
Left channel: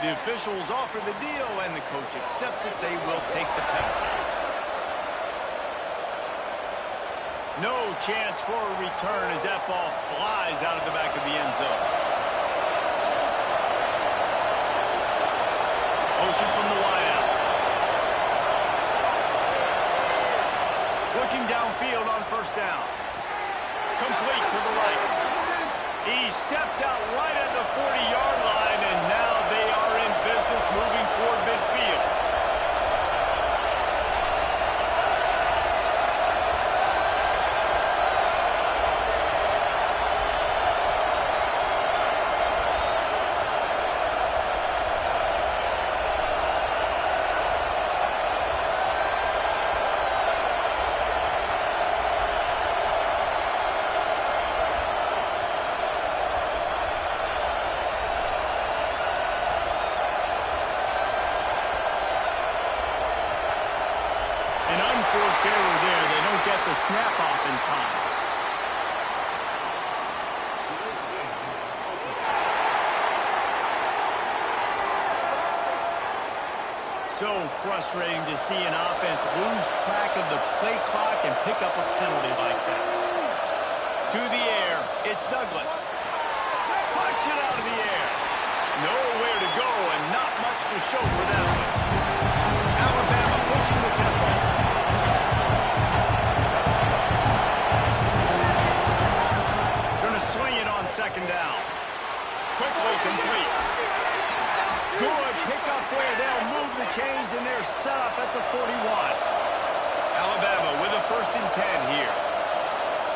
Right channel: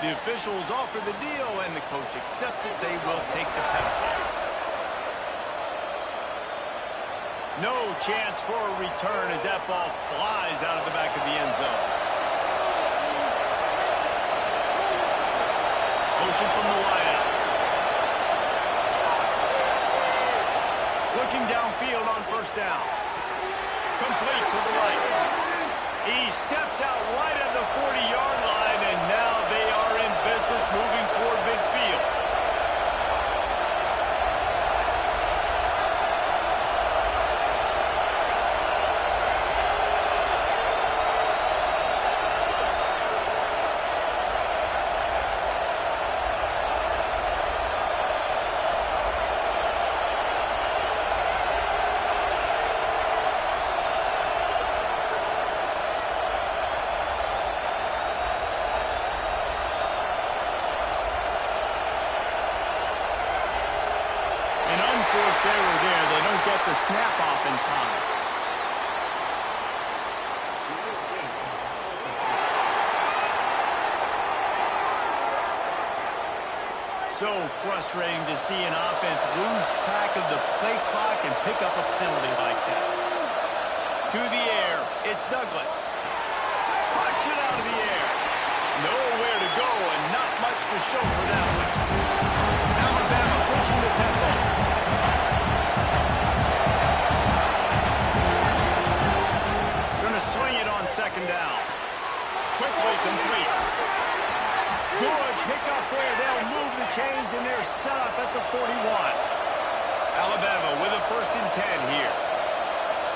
The officials offer the deal, and the coach accepts it. They will take the penalty. No chance for a return as that ball flies out of the back of the end zone. Motion from the wideout. Looking downfield on 1st down. Complete to the right. He steps out right at the 40-yard line, and now they are in business moving toward midfield. An unforced error there. They don't get the snap off in time. so frustrating to see an offense lose track of the play clock and pick up a penalty like that. To the air, it's Douglas. Punch it out of the air. Nowhere to go and not much to show for that one. Alabama pushing the tempo. Going to swing it on second down. Quickly complete. Good pick up there. They'll move the chains, and they're set up at the 41. Alabama with a 1st and 10 here.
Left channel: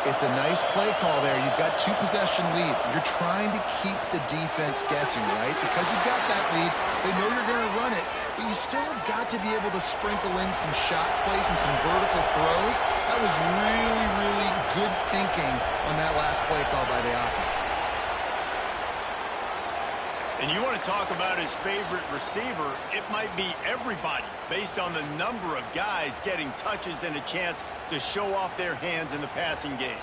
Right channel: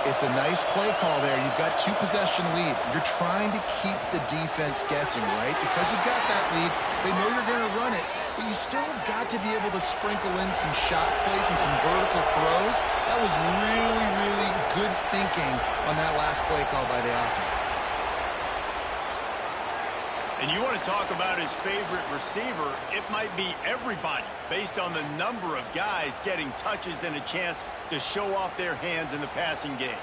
It's a nice play call there. You've got 2-possession lead. You're trying to keep the defense guessing, right? Because you've got that lead, they know you're going to run it, but you still have got to be able to sprinkle in some shot plays and some vertical throws. That was really, really good thinking on that last play call by the offense. And you want to talk about his favorite receiver, it might be everybody, based on the number of guys getting touches and a chance to show off their hands in the passing game.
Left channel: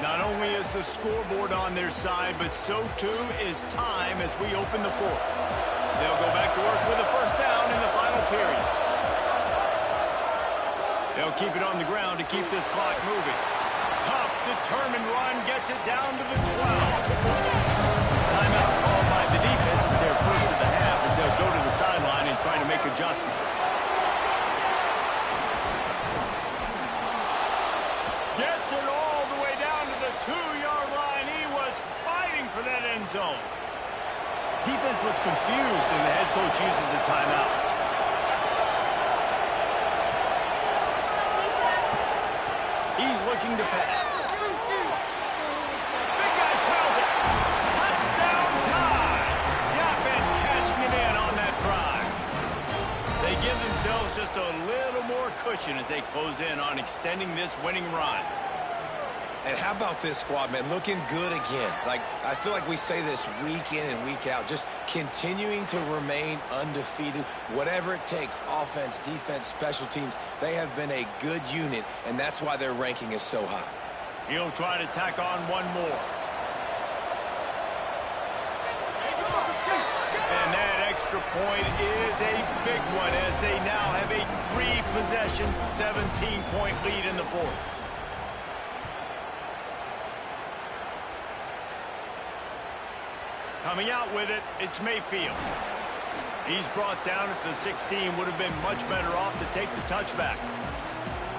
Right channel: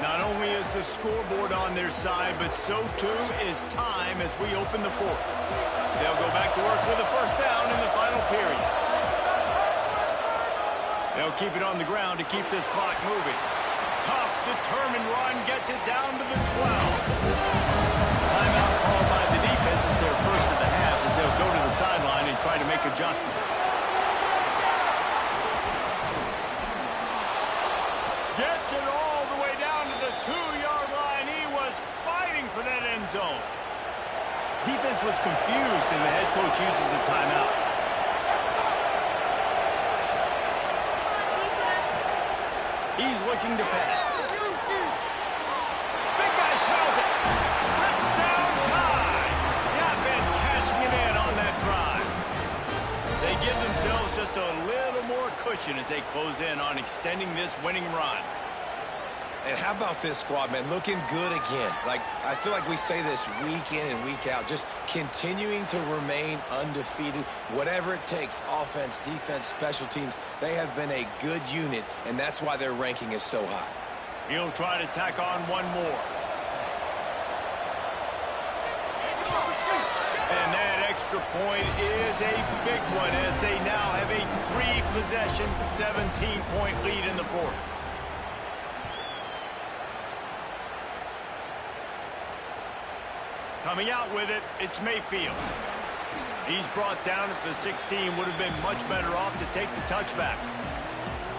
Not only is the scoreboard on their side, but so too is time as we open the 4th. They'll go back to work with a 1st down in the final period. They'll keep it on the ground to keep this clock moving. Tough, determined run gets it down to the 12. Timeout called by the defense. It's their first of the half as they'll go to the sideline and try to make adjustments. Gets it all the way down to the 2-yard line. He was fighting for that end zone. Defense was confused, and the head coach uses a timeout. He's looking to pass. Big guy smells it. Touchdown time. The offense cashing it in on that drive. They give themselves just a little more cushion as they close in on extending this winning run. And how about this squad, man? Looking good again. Like, I feel like we say this week in and week out, just continuing to remain undefeated. Whatever it takes, offense, defense, special teams, they have been a good unit, and that's why their ranking is so high. He'll try to tack on one more. And that extra point is a big one as they now have a 3-possession, 17-point lead in the 4th. Coming out with it, it's Mayfield. He's brought down at the 16. Would have been much better off to take the touchback.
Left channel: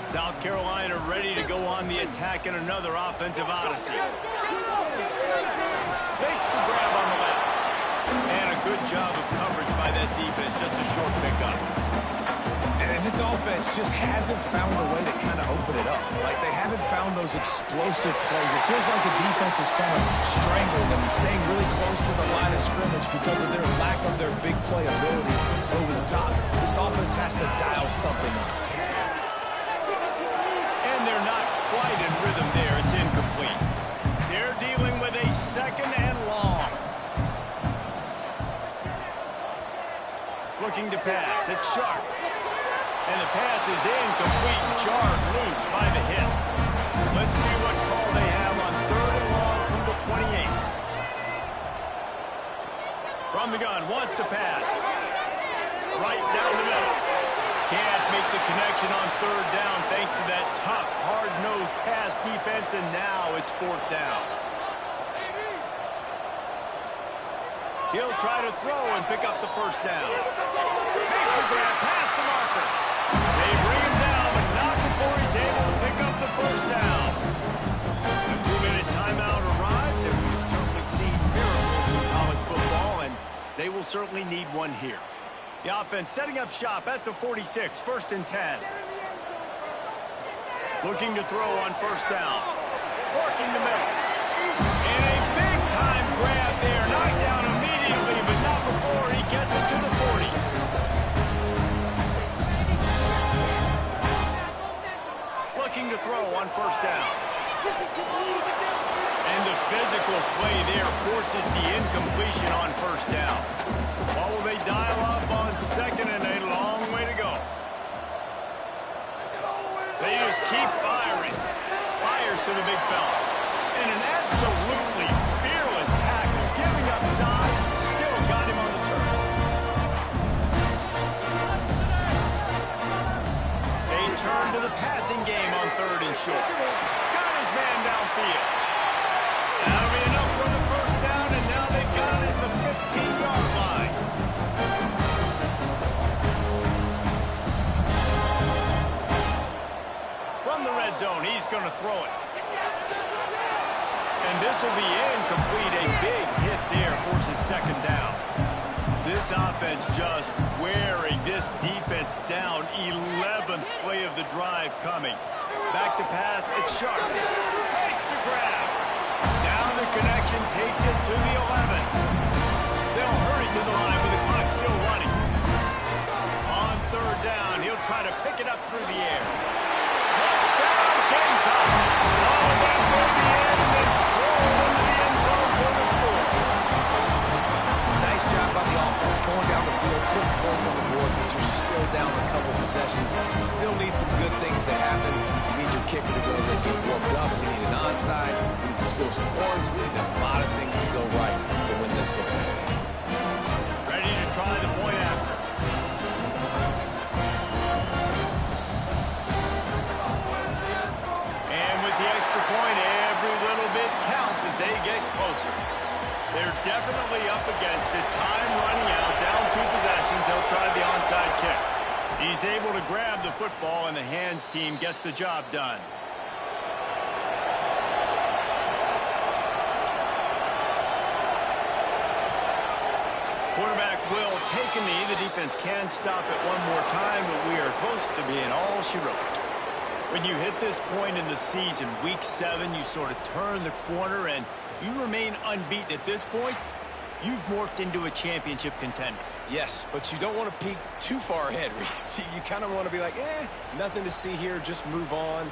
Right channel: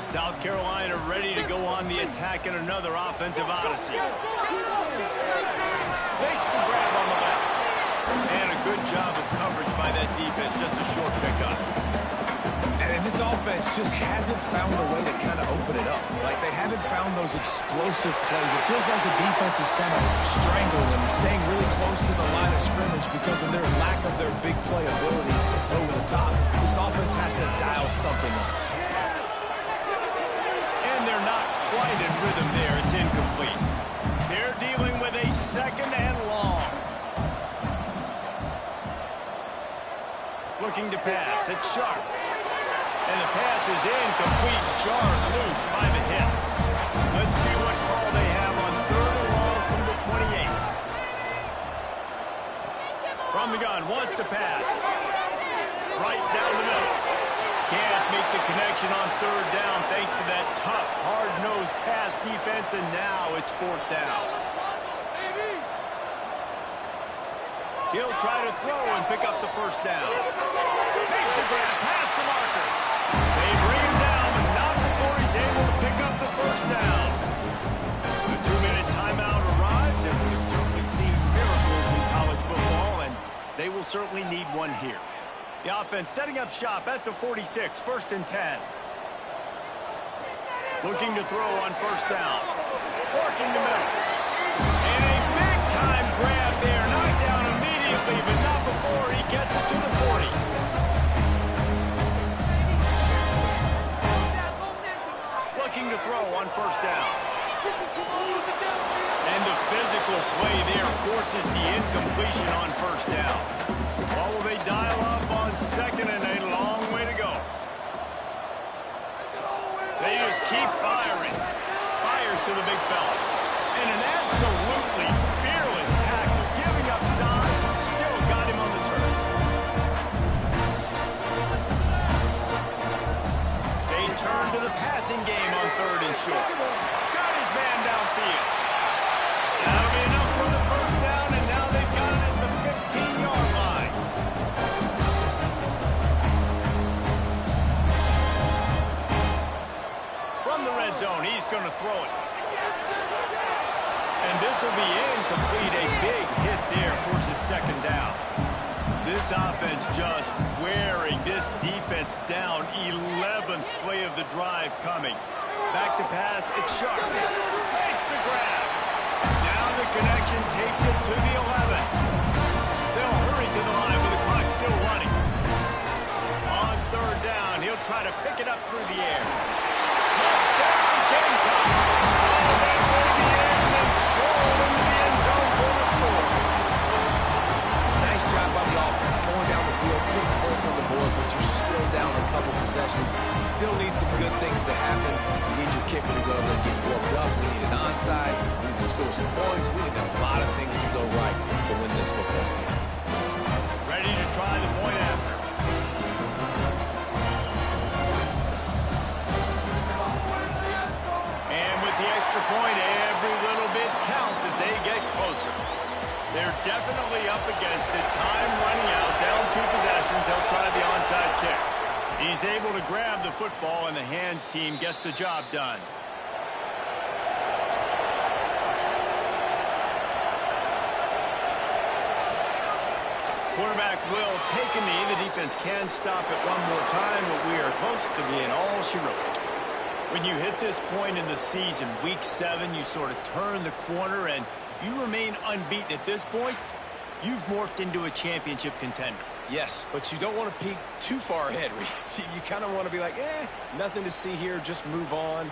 South Carolina ready to go on the attack in another offensive odyssey. Makes the grab on the left. And a good job of coverage by that defense. Just a short pickup. And this offense just hasn't found a way to kind of open it up. Like, they haven't found those explosive plays. It feels like the defense is kind of strangling them and staying really close to the line of scrimmage because of their lack of their big play ability over the top. This offense has to dial something up. And they're not quite in rhythm there. It's incomplete. They're dealing with a 2nd and long. Looking to pass. It's Sharp. And the pass is incomplete, jarred loose by the hip. Let's see what call they have on 3rd and long from the 28. From the gun, wants to pass. Right down the middle. Can't make the connection on 3rd down thanks to that tough, hard-nosed pass defense, and now it's 4th down. He'll try to throw and pick up the 1st down. Makes the grab past the marker. They bring him down, but not before he's able to pick up the 1st down. A 2-minute timeout arrives, and we've certainly seen miracles in college football, and they will certainly need one here. The offense setting up shop at the 46, 1st and 10. Looking to throw on 1st down. Working the middle. And a big-time grab there. Knocked down immediately, but not before he gets it to the 40. Looking to throw on 1st down. And the physical play there forces the incompletion on 1st down. What will they dial up on 2nd and a long way to go? They just keep firing. Fires to the big fella. And an absolutely fearless tackle. Give to the passing game on 3rd and short. Got his man downfield. That'll be enough for the first down, and now they've got it at the 15-yard line. From the red zone, he's going to throw it. And this will be incomplete. A big hit there forces 2nd down. This offense just wearing this defense down. 11th play of the drive coming. Back to pass, it's Sharp. Makes the grab. Now the connection takes it to the 11. They'll hurry to the line with the clock still running. On 3rd down, he'll try to pick it up through the air. Touchdown, Gamecock. Oh, that may be in, and then stroll into the end zone for the score. Nice job by the offense going down the field, putting points on the board, but you're still down a couple possessions. Still need some good things to happen. You need your kicker to go there and get warmed up. We need an onside. We need to score some points. We need a lot of things to go right to win this football game. Ready to try the point after. And with the extra point, every little bit counts as they get closer. They're definitely up against it. Time running out, down 2 possessions. They'll try the onside kick. He's able to grab the football, and the hands team gets the job done. Quarterback will take a knee. The defense can stop it one more time, but we are close to being all she wrote. When you hit this point in the season, week 7, you sort of turn the corner and you remain unbeaten at this point. You've morphed into a championship contender. Yes, but you don't want to peek too far ahead, Reese. You kind of want to be like, nothing to see here, just move on.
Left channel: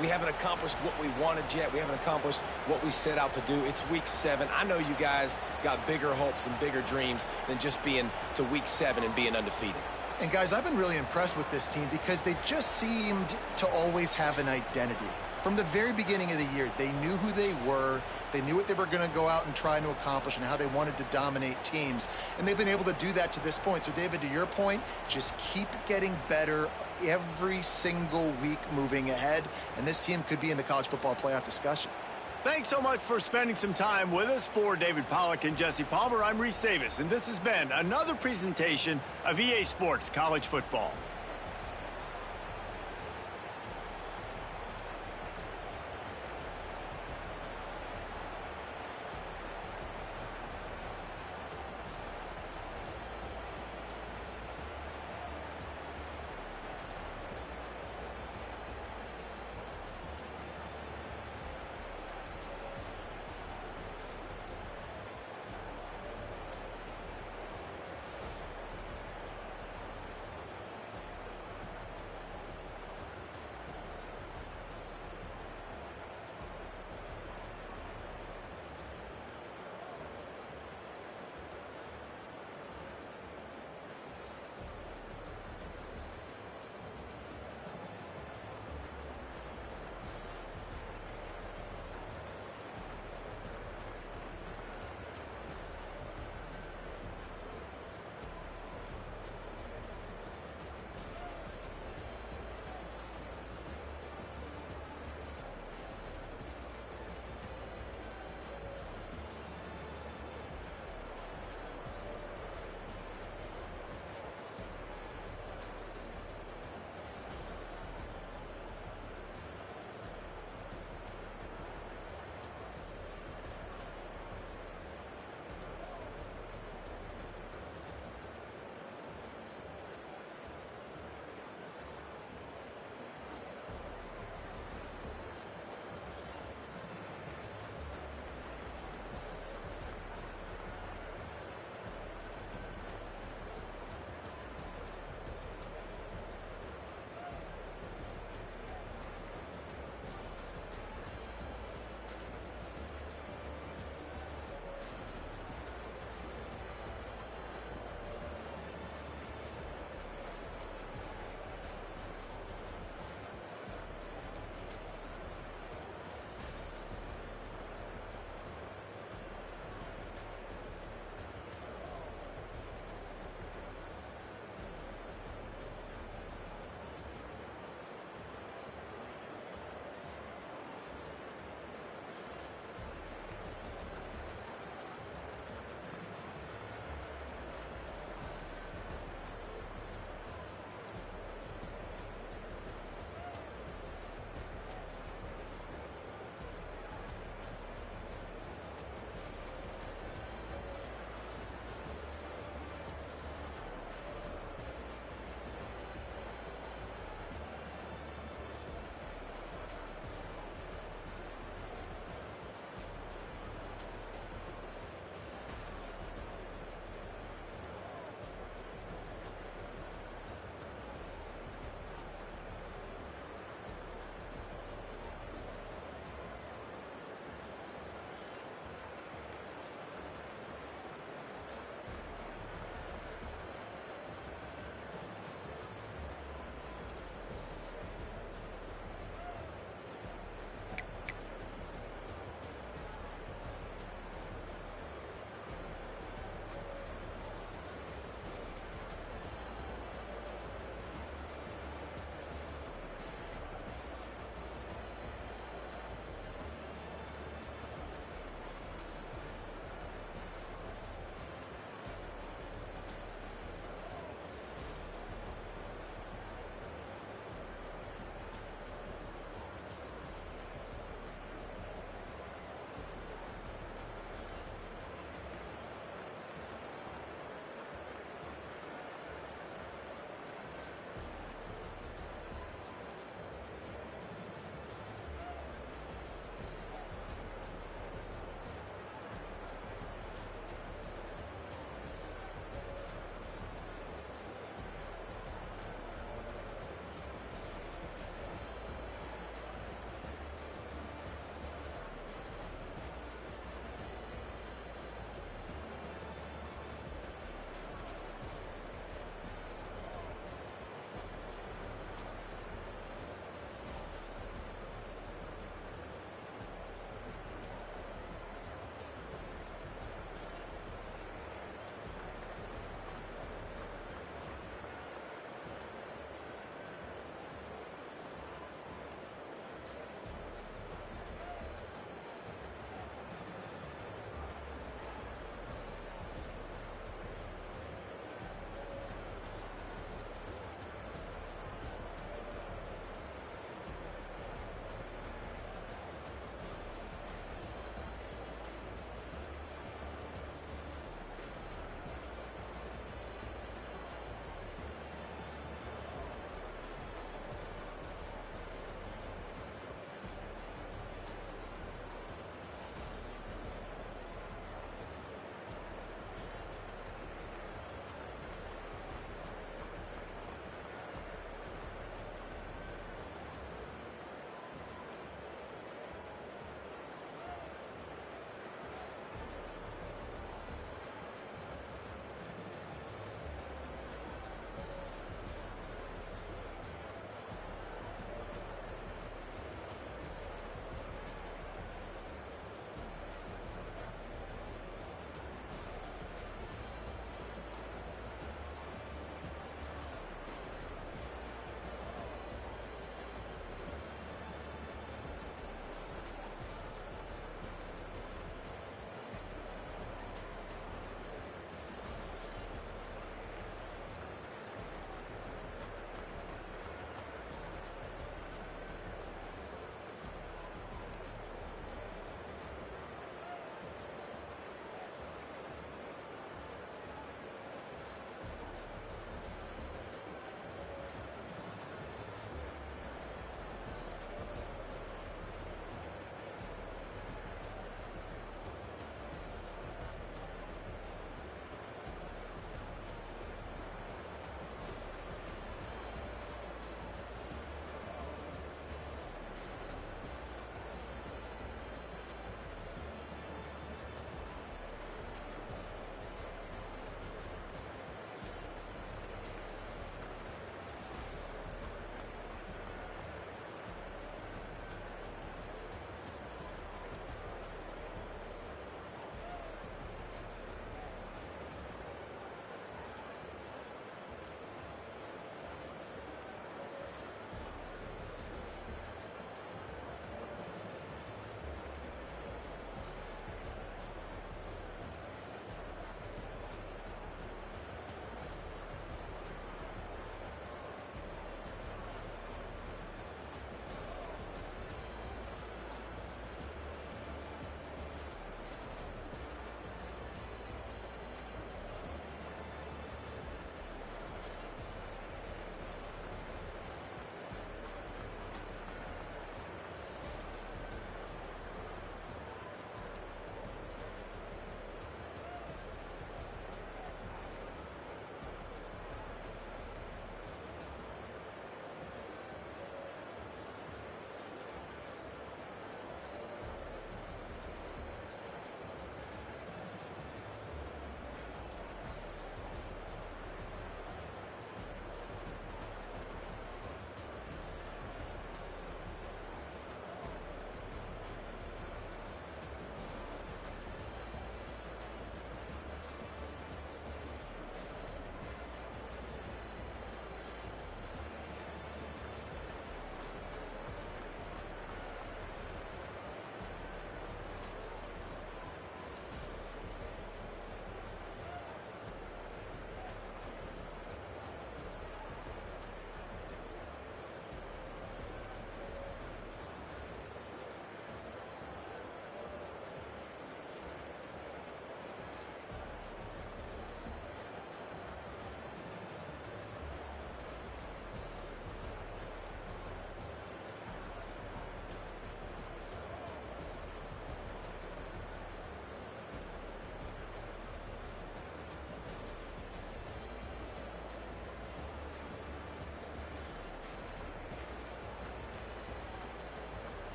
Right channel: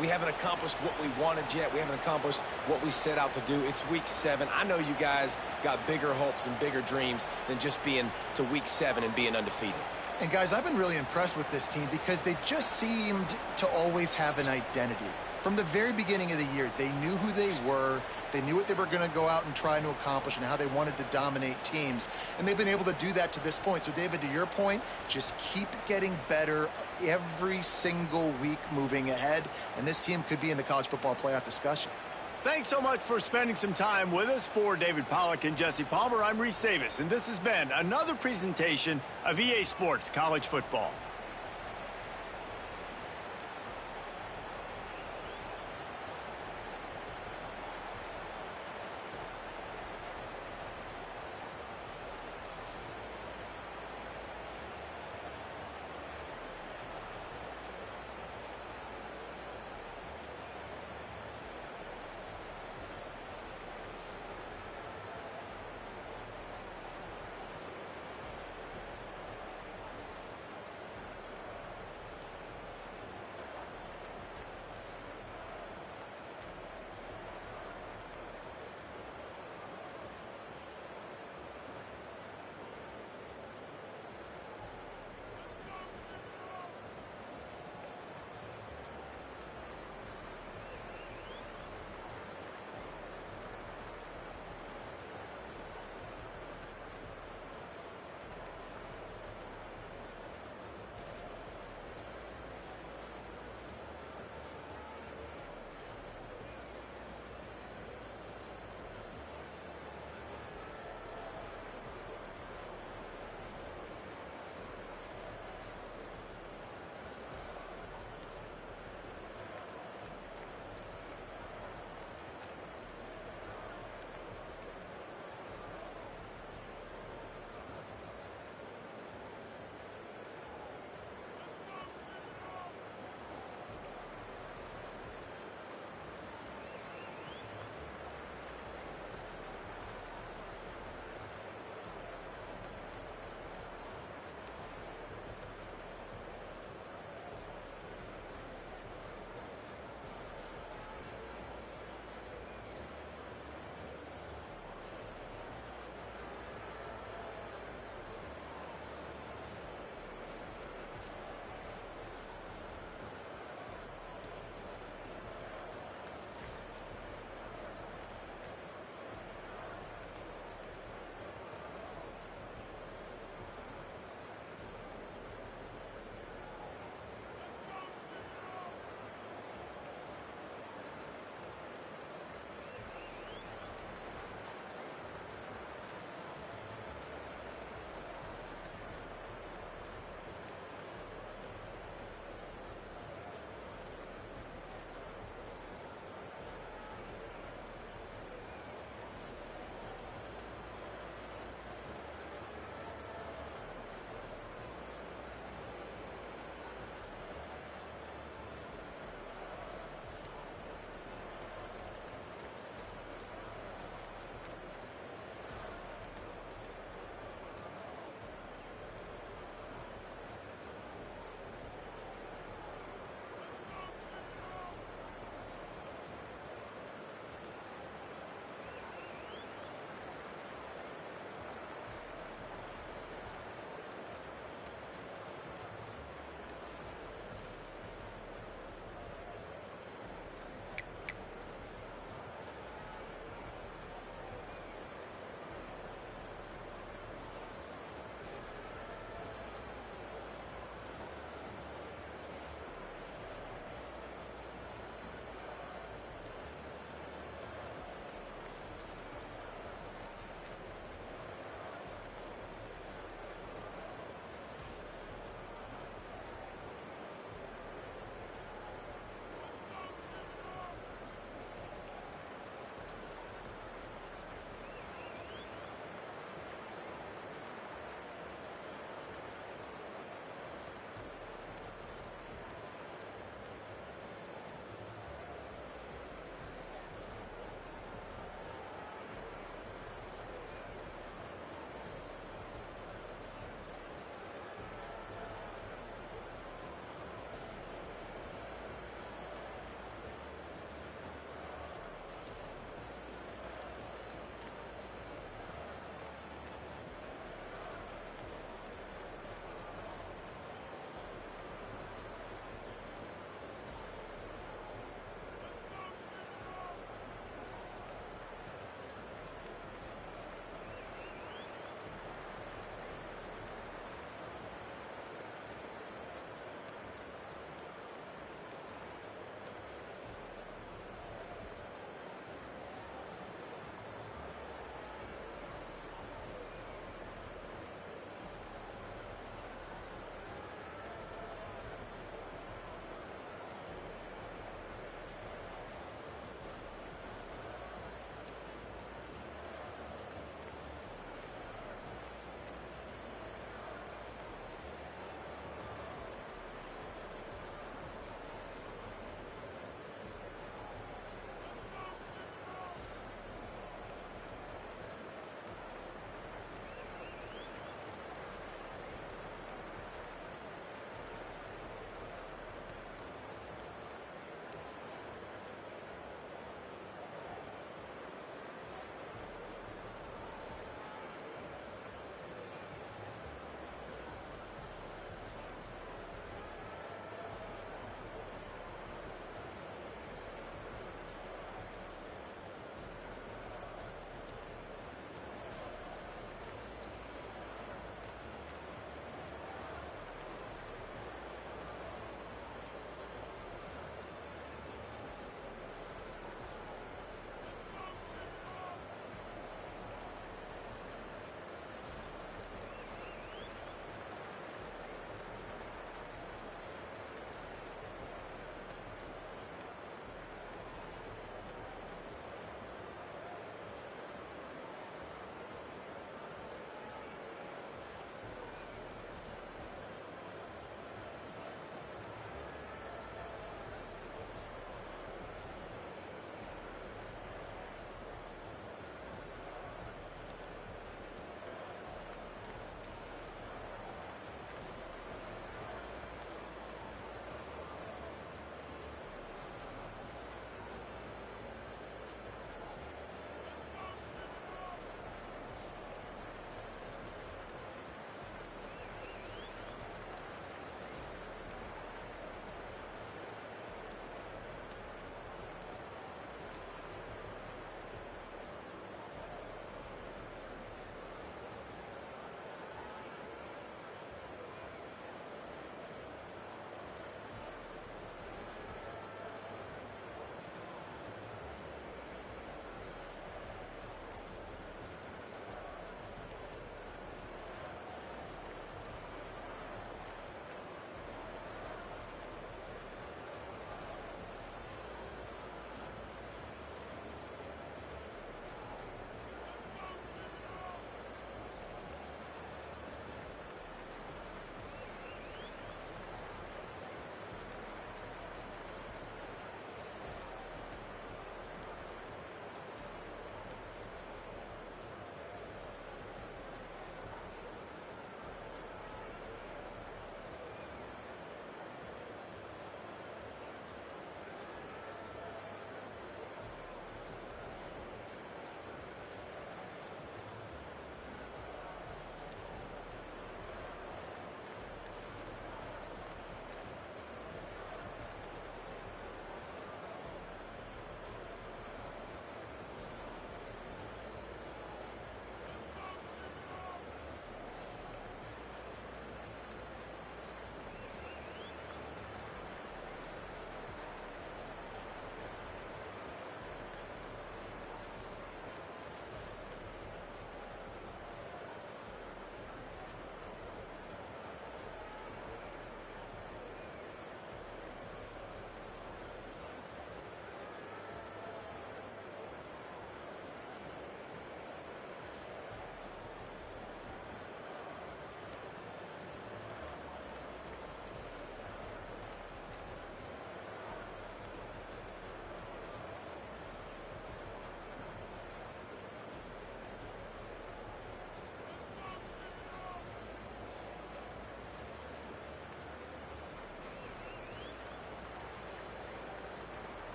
We haven't accomplished what we wanted yet. We haven't accomplished what we set out to do. It's week 7. I know you guys got bigger hopes and bigger dreams than just being to week 7 and being undefeated. And guys, I've been really impressed with this team because they just seemed to always have an identity. From the very beginning of the year, they knew who they were. They knew what they were going to go out and try to accomplish and how they wanted to dominate teams. And they've been able to do that to this point. So, David, to your point, just keep getting better every single week moving ahead. And this team could be in the college football playoff discussion. Thanks so much for spending some time with us. For David Pollack and Jesse Palmer, I'm Reese Davis, and this has been another presentation of EA Sports College Football.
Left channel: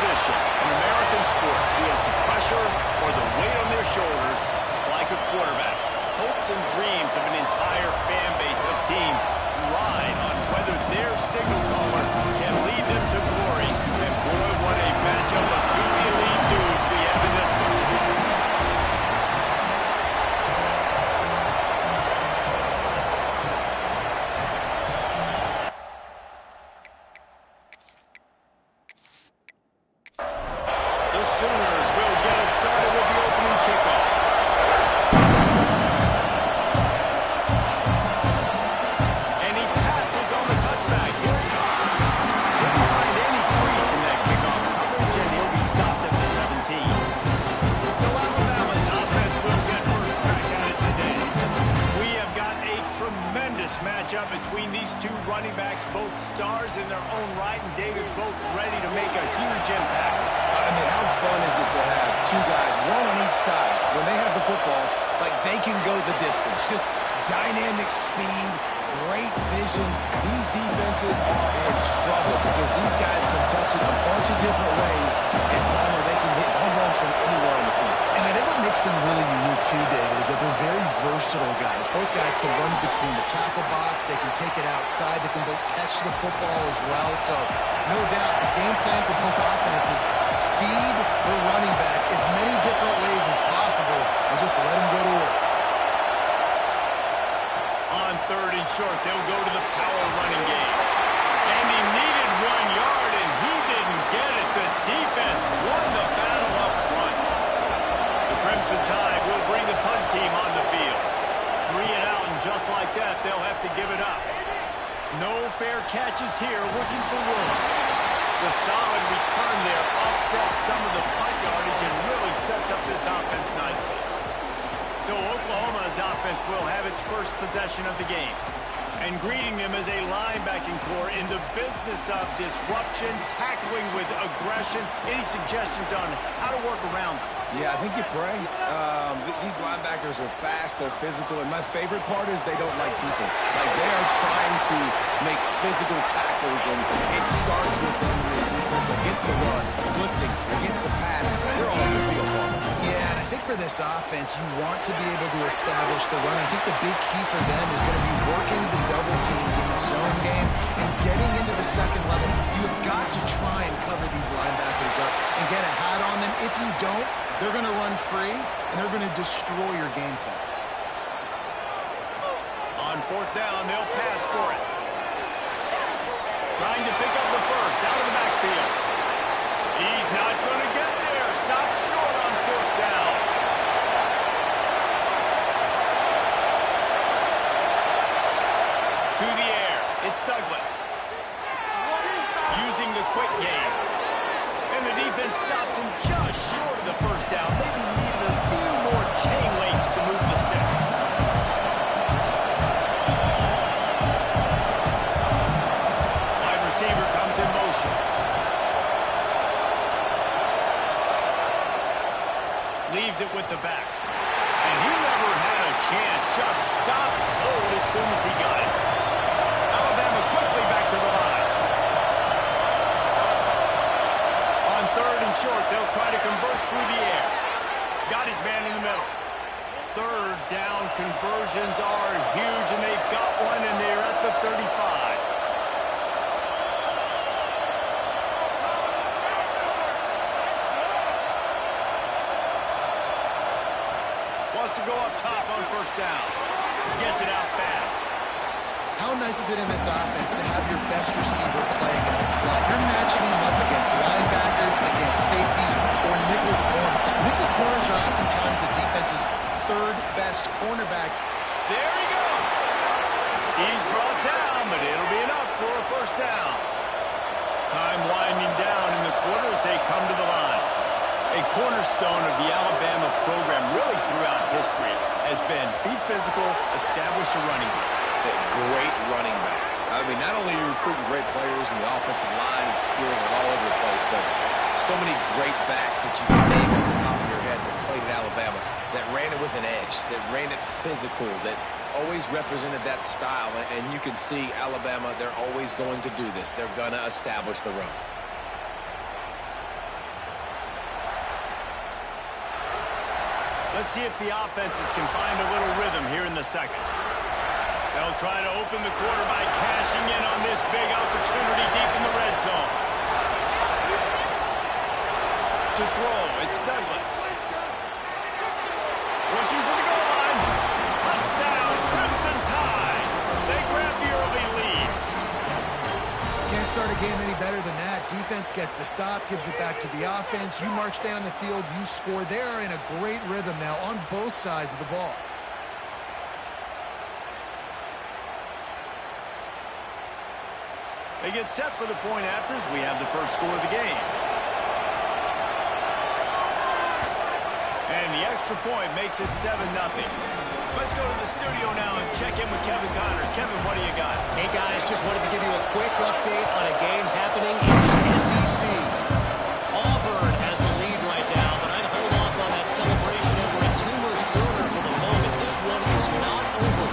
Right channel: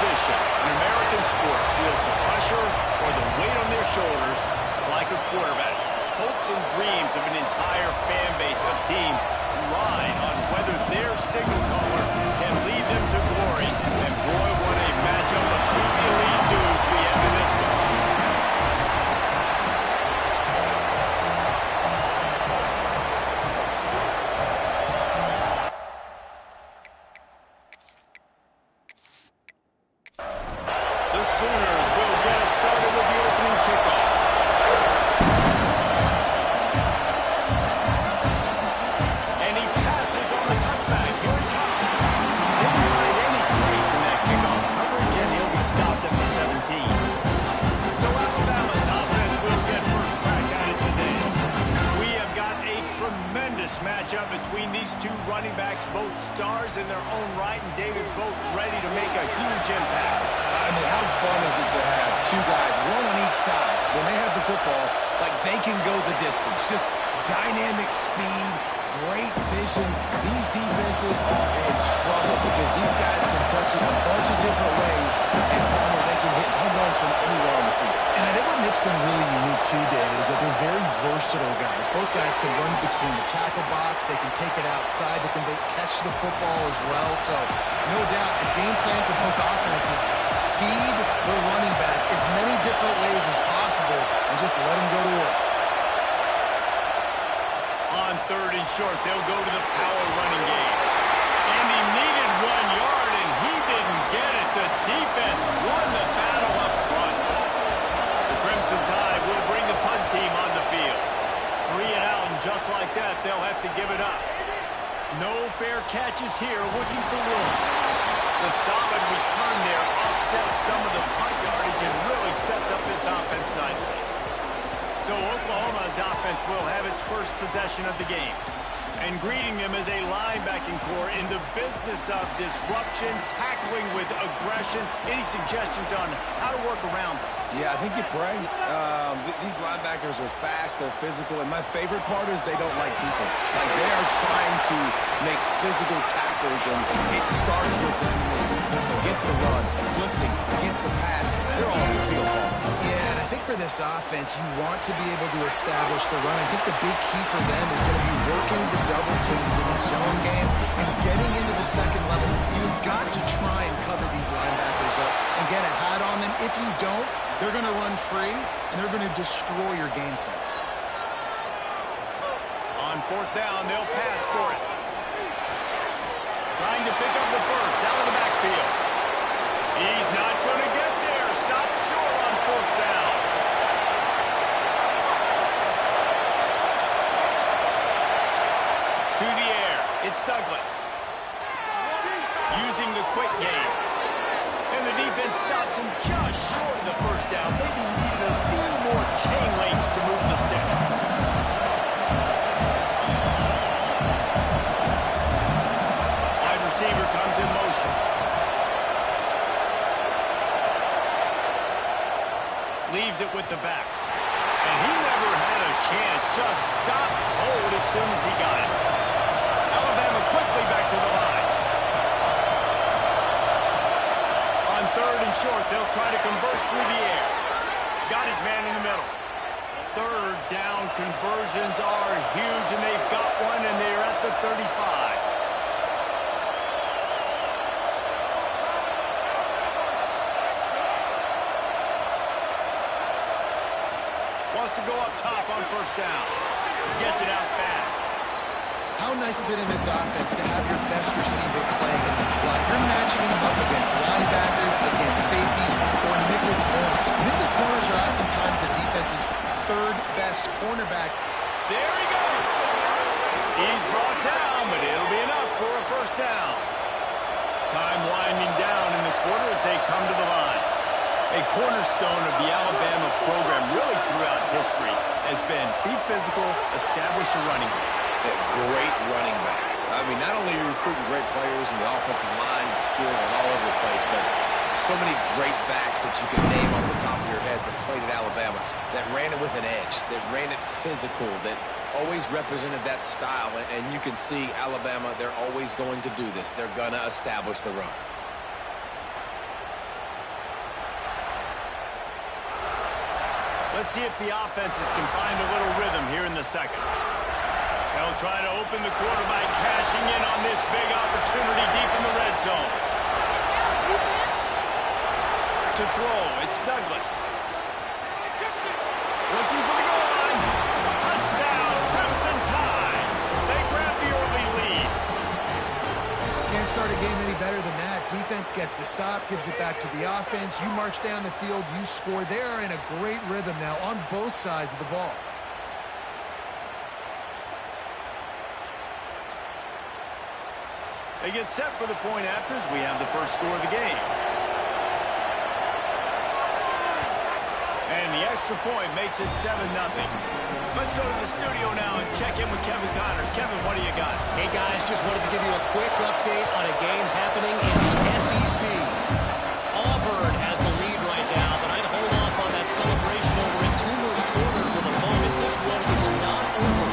position in American sports feels the pressure or the weight on their shoulders like a quarterback. Hopes and dreams of an entire fan base of teams ride on whether their signal caller can lead them to glory. And boy, what a matchup of two elite dudes we have in this one. The Sooners will get us started with the opening matchup between these two running backs, both stars in their own right, and David, both ready to make a huge impact. I mean, how fun is it to have two guys, one on each side, when they have the football, like they can go the distance. Just dynamic speed, great vision. These defenses are in trouble because these guys can touch it a bunch of different ways, and Palmer, they can hit home runs from anywhere on the field. And I think what makes them really unique too, David, is that they're very versatile guys. Both guys can run between the tackle box. They can take it outside. They can both catch the football as well. So, no doubt, the game plan for both offenses, feed the running back as many different ways as possible and just let him go to work. On 3rd and short, they'll go to the power running game. And he needed 1 yard, and he didn't get it. The defense won the battle up front. The Crimson Tide will bring the punt team on the field. 3 and out, and just like that, they'll have to give it up. No fair catches here, looking for room. The solid return there offsets some of the punt yardage and really sets up this offense nicely. So Oklahoma's offense will have its first possession of the game. And greeting them as a linebacking core in the business of disruption, tackling with aggression. Any suggestions on how to work around them? Yeah, I think you pray. These linebackers are fast, they're physical, and my favorite part is they don't like people. Like, they are trying to make physical tackles, and it starts with them in this defense against the run, blitzing, against the pass. They're all in the field, Palmer. Yeah, and I think for this offense, you want to be able to establish the run. I think the big key for them is going to be working the double teams in the zone game and getting into the second level. You've got to try and cover these linebackers up and get a hat on them. If you don't, they're going to run free, and they're going to destroy your game plan. On 4th down, they'll pass for it. Trying to pick up the first out of the backfield. He's not going to get there. Stopped short on 4th down. To the air, it's Douglas. Using the quick game. And the defense stops him just short of the first down. Maybe needed a few more chain links to move the sticks. Wide receiver comes in motion. Leaves it with the back. And he never had a chance. Just stopped cold as soon as he got it. Alabama quickly back to the line. On 3rd and short, they'll try to convert through the air. Got his man in the middle. 3rd down conversions are huge, and they've got one, and they're at the 35. Wants to go up top on 1st down. Gets it out fast. How nice is it in this offense to have your best receiver playing in the slot? You're matching him up against linebackers, against safeties, or nickel corners. Nickel corners are oftentimes the defense's 3rd best cornerback. There he goes. He's brought down, but it'll be enough for a 1st down. Time winding down in the quarter as they come to the line. A cornerstone of the Alabama program really throughout history has been be physical, establish a running game. Great running backs. I mean, not only are you recruiting great players in the offensive line and skill and all over the place, but so many great backs that you can name off the top of your head that played at Alabama, that ran it with an edge, that ran it physical, that always represented that style. And you can see Alabama, they're always going to do this. They're going to establish the run. Let's see if the offenses can find a little rhythm here in the second. They'll try to open the quarter by cashing in on this big opportunity deep in the red zone. To throw, it's Douglas. Looking for the goal line. Touchdown, Crimson Tide. They grab the early lead. Can't start a game any better than that. Defense gets the stop, gives it back to the offense. You march down the field, you score. They're in a great rhythm now on both sides of the ball. They get set for the point after as we have the first score of the game. And the extra point makes it 7-0. Let's go to the studio now and check in with Kevin Connors. Kevin, what do you got? Hey, guys, just wanted to give you a quick update on a game happening in the SEC. Auburn has the lead right now, but I'd hold off on that celebration over at Toomer's Corner for the moment. This one is not over.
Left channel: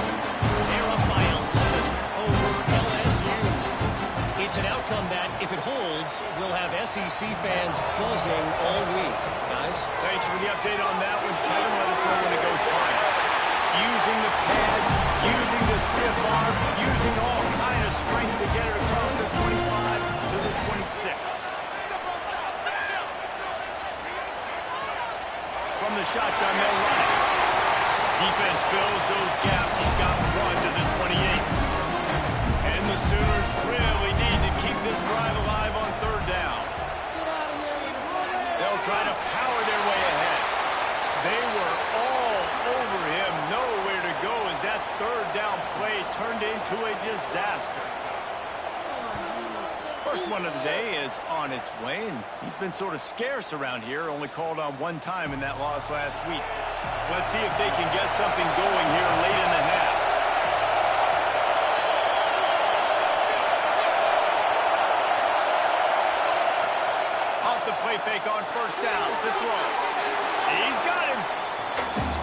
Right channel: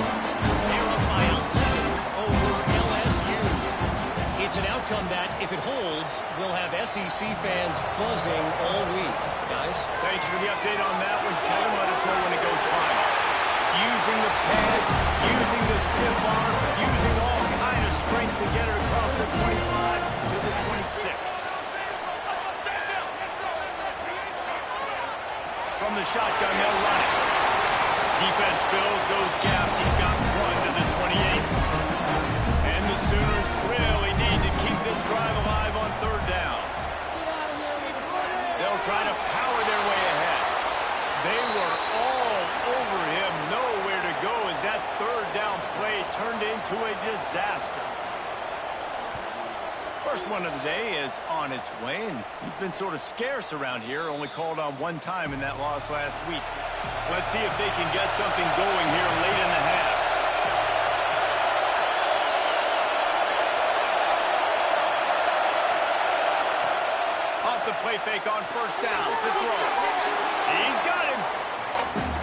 They're up by 11 over LSU. It's an outcome that, if it holds, will have SEC fans buzzing all week. Guys? Thanks for the update on that one, Kevin. Let us know when it goes final. Using the pads, using the stiff arm, using all kind of strength to get it across the 25 to the 26. From the shotgun, they'll run it. Defense fills those gaps. He's got one to the 28. And the Sooners really need to keep this drive alive on third down. They'll try to power their way ahead. They were all over him, nowhere to go as that third down play turned into a disaster. First one of the day is on its way, and he's been sort of scarce around here, only called on one time in that loss last week. Let's see if they can get something going here late in the half. Off the play fake on first down to throw. He's got him.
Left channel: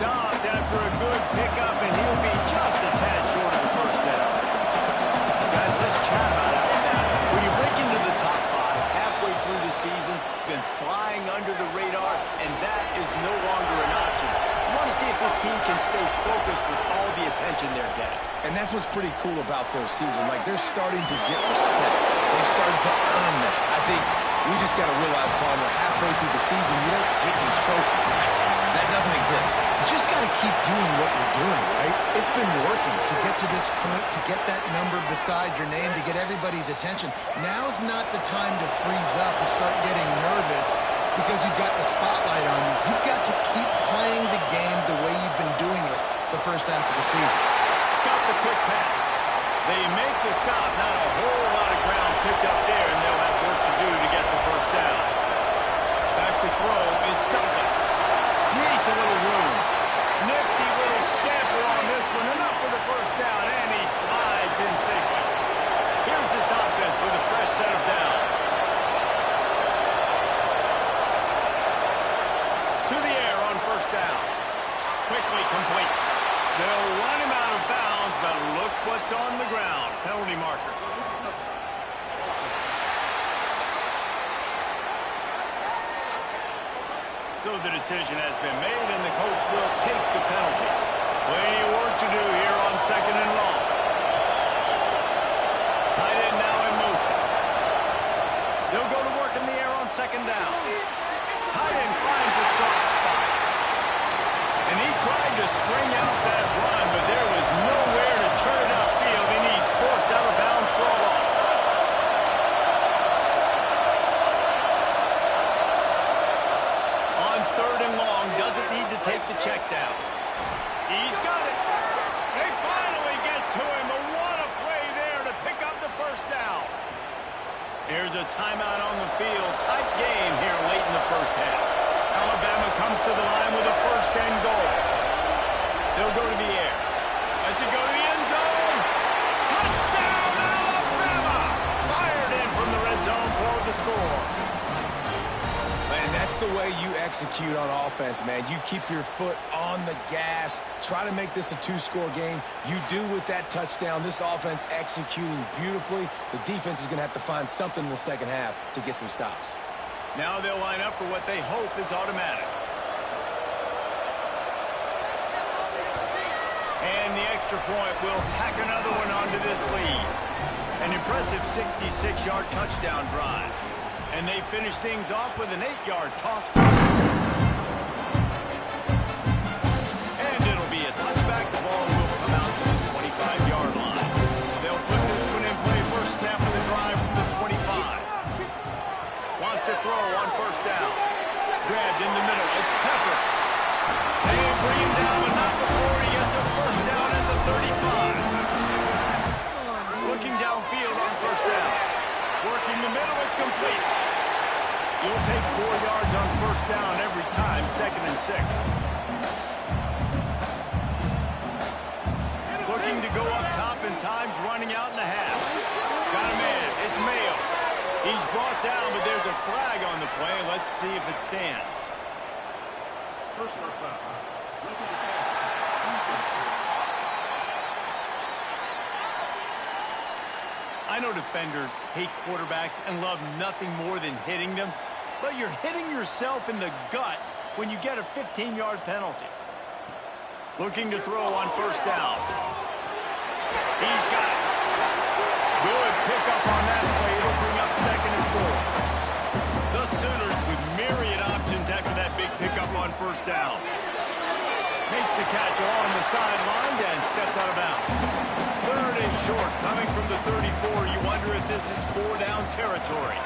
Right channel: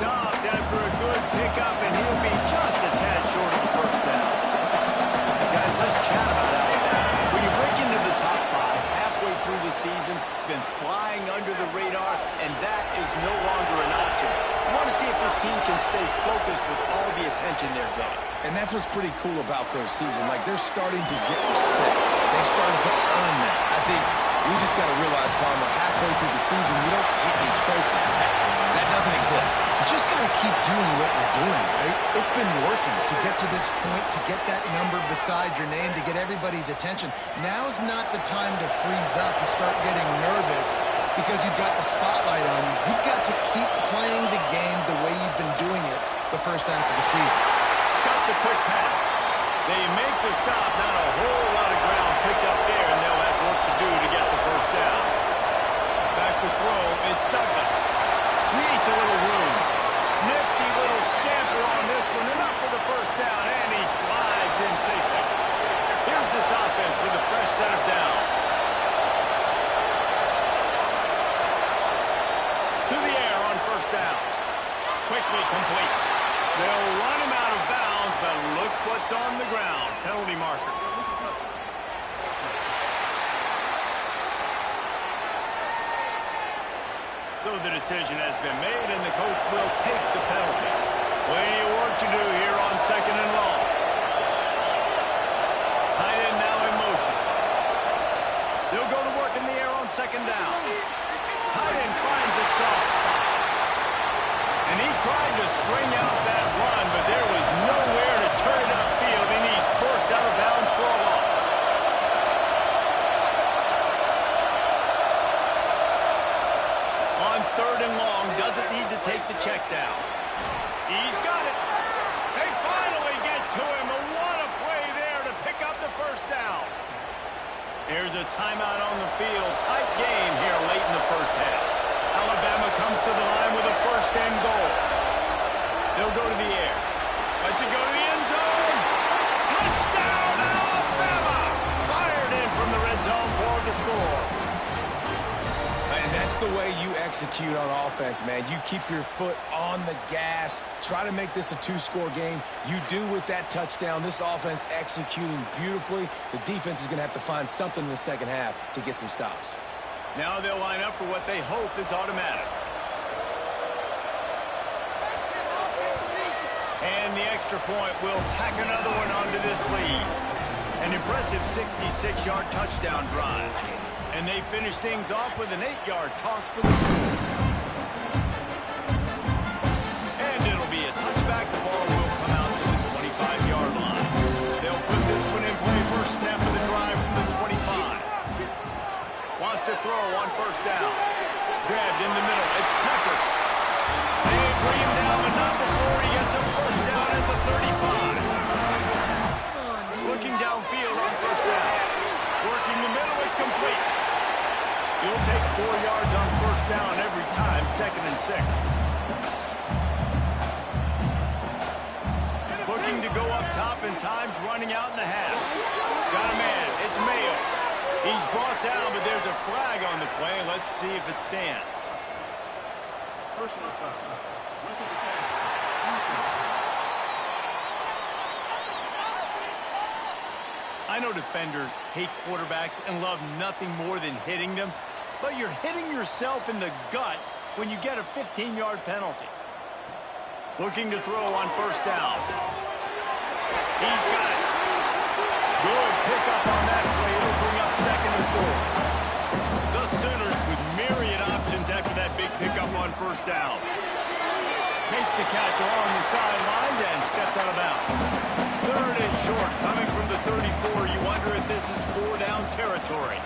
Stopped after a good pickup, and he'll be just a tad short of the first down. Guys, let's chat about Alabama. When you break into the top 5 halfway through the season, been flying under the radar, and that is no longer an option. You want to see if this team can stay focused with all the attention they're getting. And that's what's pretty cool about their season. Like, they're starting to get respect. They've started to earn that. I think we just got to realize, Palmer, halfway through the season, you don't get any trophies. That doesn't exist. You just got to keep doing what you're doing, right? It's been working to get to this point, to get that number beside your name, to get everybody's attention. Now's not the time to freeze up and start getting nervous because you've got the spotlight on you. You've got to keep playing the game the way you've been doing it the first half of the season. Got the quick pass. They make the stop. Not a whole lot of ground picked up there, and they'll have work to do to get the first down. Back to throw. It's Douglas. Creates a little room. Nifty little scamper on this one. Enough for the first down, and he slides in safely. Here's this offense with a fresh set of downs. To the air on first down. Quickly complete. They'll run him out of bounds, but look what's on the ground. Penalty marker. So the decision has been made, and the coach will take the penalty. Plenty of work to do here on second and long. Tight end now in motion. They'll go to work in the air on second down. Tight end finds a soft spot. And he tried to string out that run, but there was nowhere to turn it upfield, and he's forced out of bounds for a loss. On third and long, doesn't need to take the check down. He's got it. They finally get to him. What a play there to pick up the first down. Here's a timeout on the field. Tight game here late in the first half. Alabama comes to the line with a first and goal. They'll go to the air. Let's it go to the end zone. Touchdown, Alabama! Fired in from the red zone for the score. And that's the way you execute on offense, man. You keep your foot on the gas. Try to make this a 2-score game. You do with that touchdown. This offense executing beautifully. The defense is going to have to find something in the second half to get some stops. Now they'll line up for what they hope is automatic. And the extra point will tack another one onto this lead. An impressive 66-yard touchdown drive. And they finish things off with an 8-yard toss for the score. And it'll be a touchback. The ball will come out to the 25-yard line. They'll put this one in play. First snap of the drive from the 25. Wants to throw on first down. Grabbed in the middle. It's Peppers. They bring him down, but not before he gets a first down at the 35. Looking downfield on first down. Working the middle. It's complete. You'll take 4 yards on first down every time, 2nd and 6. looking to go up top, and time's running out in the half. Got a man. It's Mayo. He's brought down, but there's a flag on the play. Let's see if it stands. Personal foul. Roughing the passer. Defense. I know defenders hate quarterbacks and love nothing more than hitting them, but you're hitting yourself in the gut when you get a 15-yard penalty. Looking to throw on first down. He's got it. Good pickup on that play. It'll bring up 2nd and 4. The Sooners with myriad options after that big pickup on first down. Makes the catch along the sidelines and steps out of bounds. 3rd and short, coming from the 34. You wonder if this is 4-down territory.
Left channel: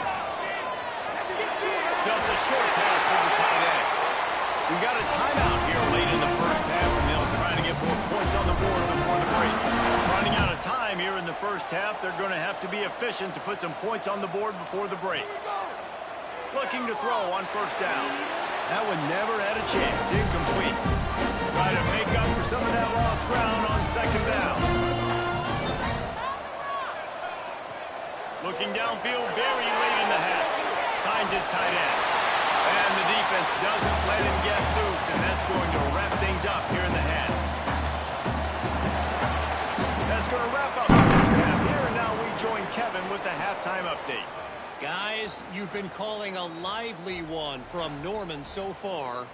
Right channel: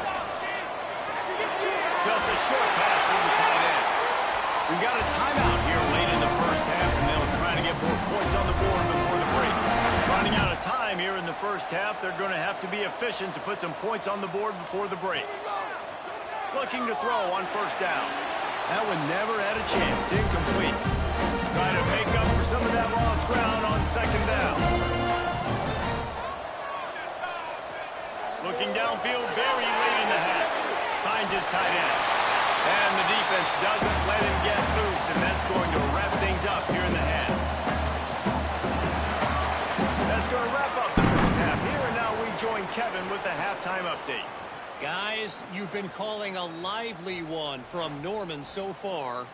Just a short pass to the tight end. We got a timeout here late in the first half, and they'll try to get more points on the board before the break. Running out of time here in the first half, they're going to have to be efficient to put some points on the board before the break. Looking to throw on first down. That one never had a chance. Incomplete. Try to make up for some of that lost ground on 2nd down. Looking downfield very late in the half. Finds his tight end. And the defense doesn't let him get loose, and that's going to wrap things up here in the half. That's going to wrap up the first half here, and now we join Kevin with the halftime update. Guys, you've been calling a lively one from Norman so far.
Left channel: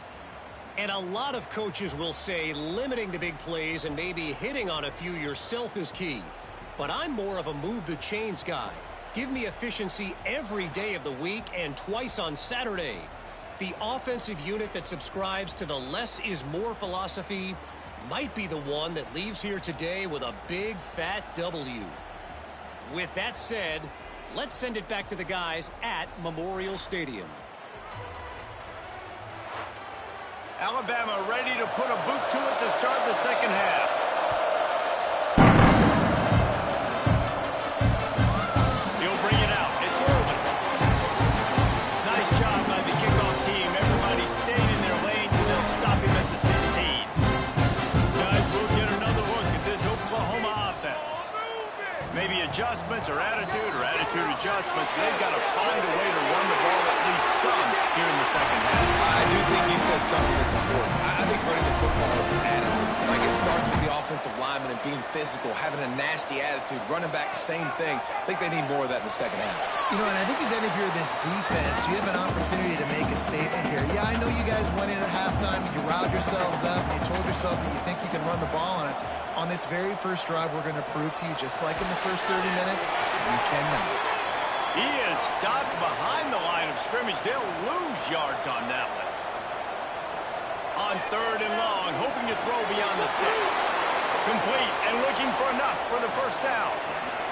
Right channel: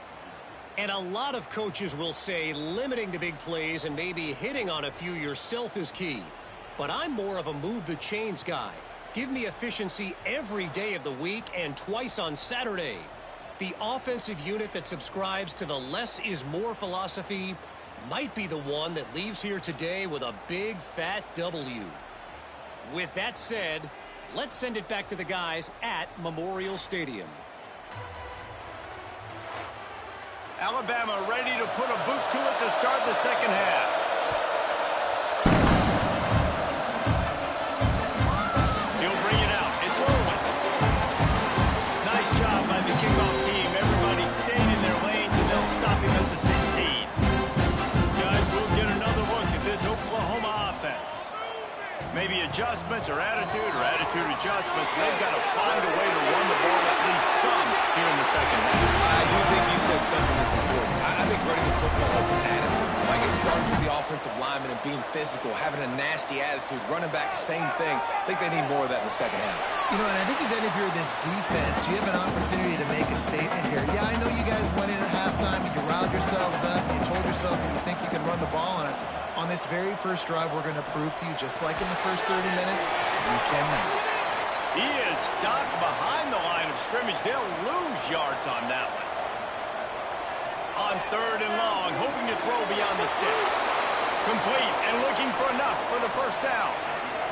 And a lot of coaches will say limiting the big plays and maybe hitting on a few yourself is key. But I'm more of a move the chains guy. Give me efficiency every day of the week and twice on Saturday. The offensive unit that subscribes to the less is more philosophy might be the one that leaves here today with a big fat W. With that said, let's send it back to the guys at Memorial Stadium. Alabama ready to put a boot to it to start the second half. He'll bring it out. It's Irwin. Nice job by the kickoff team. Everybody stayed in their lanes, and they'll stop him at the 16. Guys, we'll get another look at this Oklahoma offense. Maybe adjustments or attitude adjustments. They've got to find a way to run the ball at least some here in the second half. I do think you said something that's important. I think running the football is an attitude. Like, it starts with the offensive lineman and being physical, having a nasty attitude. Running back, same thing. I think they need more of that in the second half. You know, and I think even if you're this defense, you have an opportunity to make a statement here. Yeah, I know you guys went in at halftime and you riled yourselves up and you told yourself that you think you can run the ball on us. On this very first drive, we're going to prove to you, just like in the first 30 minutes, you cannot. He is stopped behind the line of scrimmage. They'll lose yards on that one. On 3rd and long, hoping to throw beyond the sticks. Complete and looking for enough for the first down.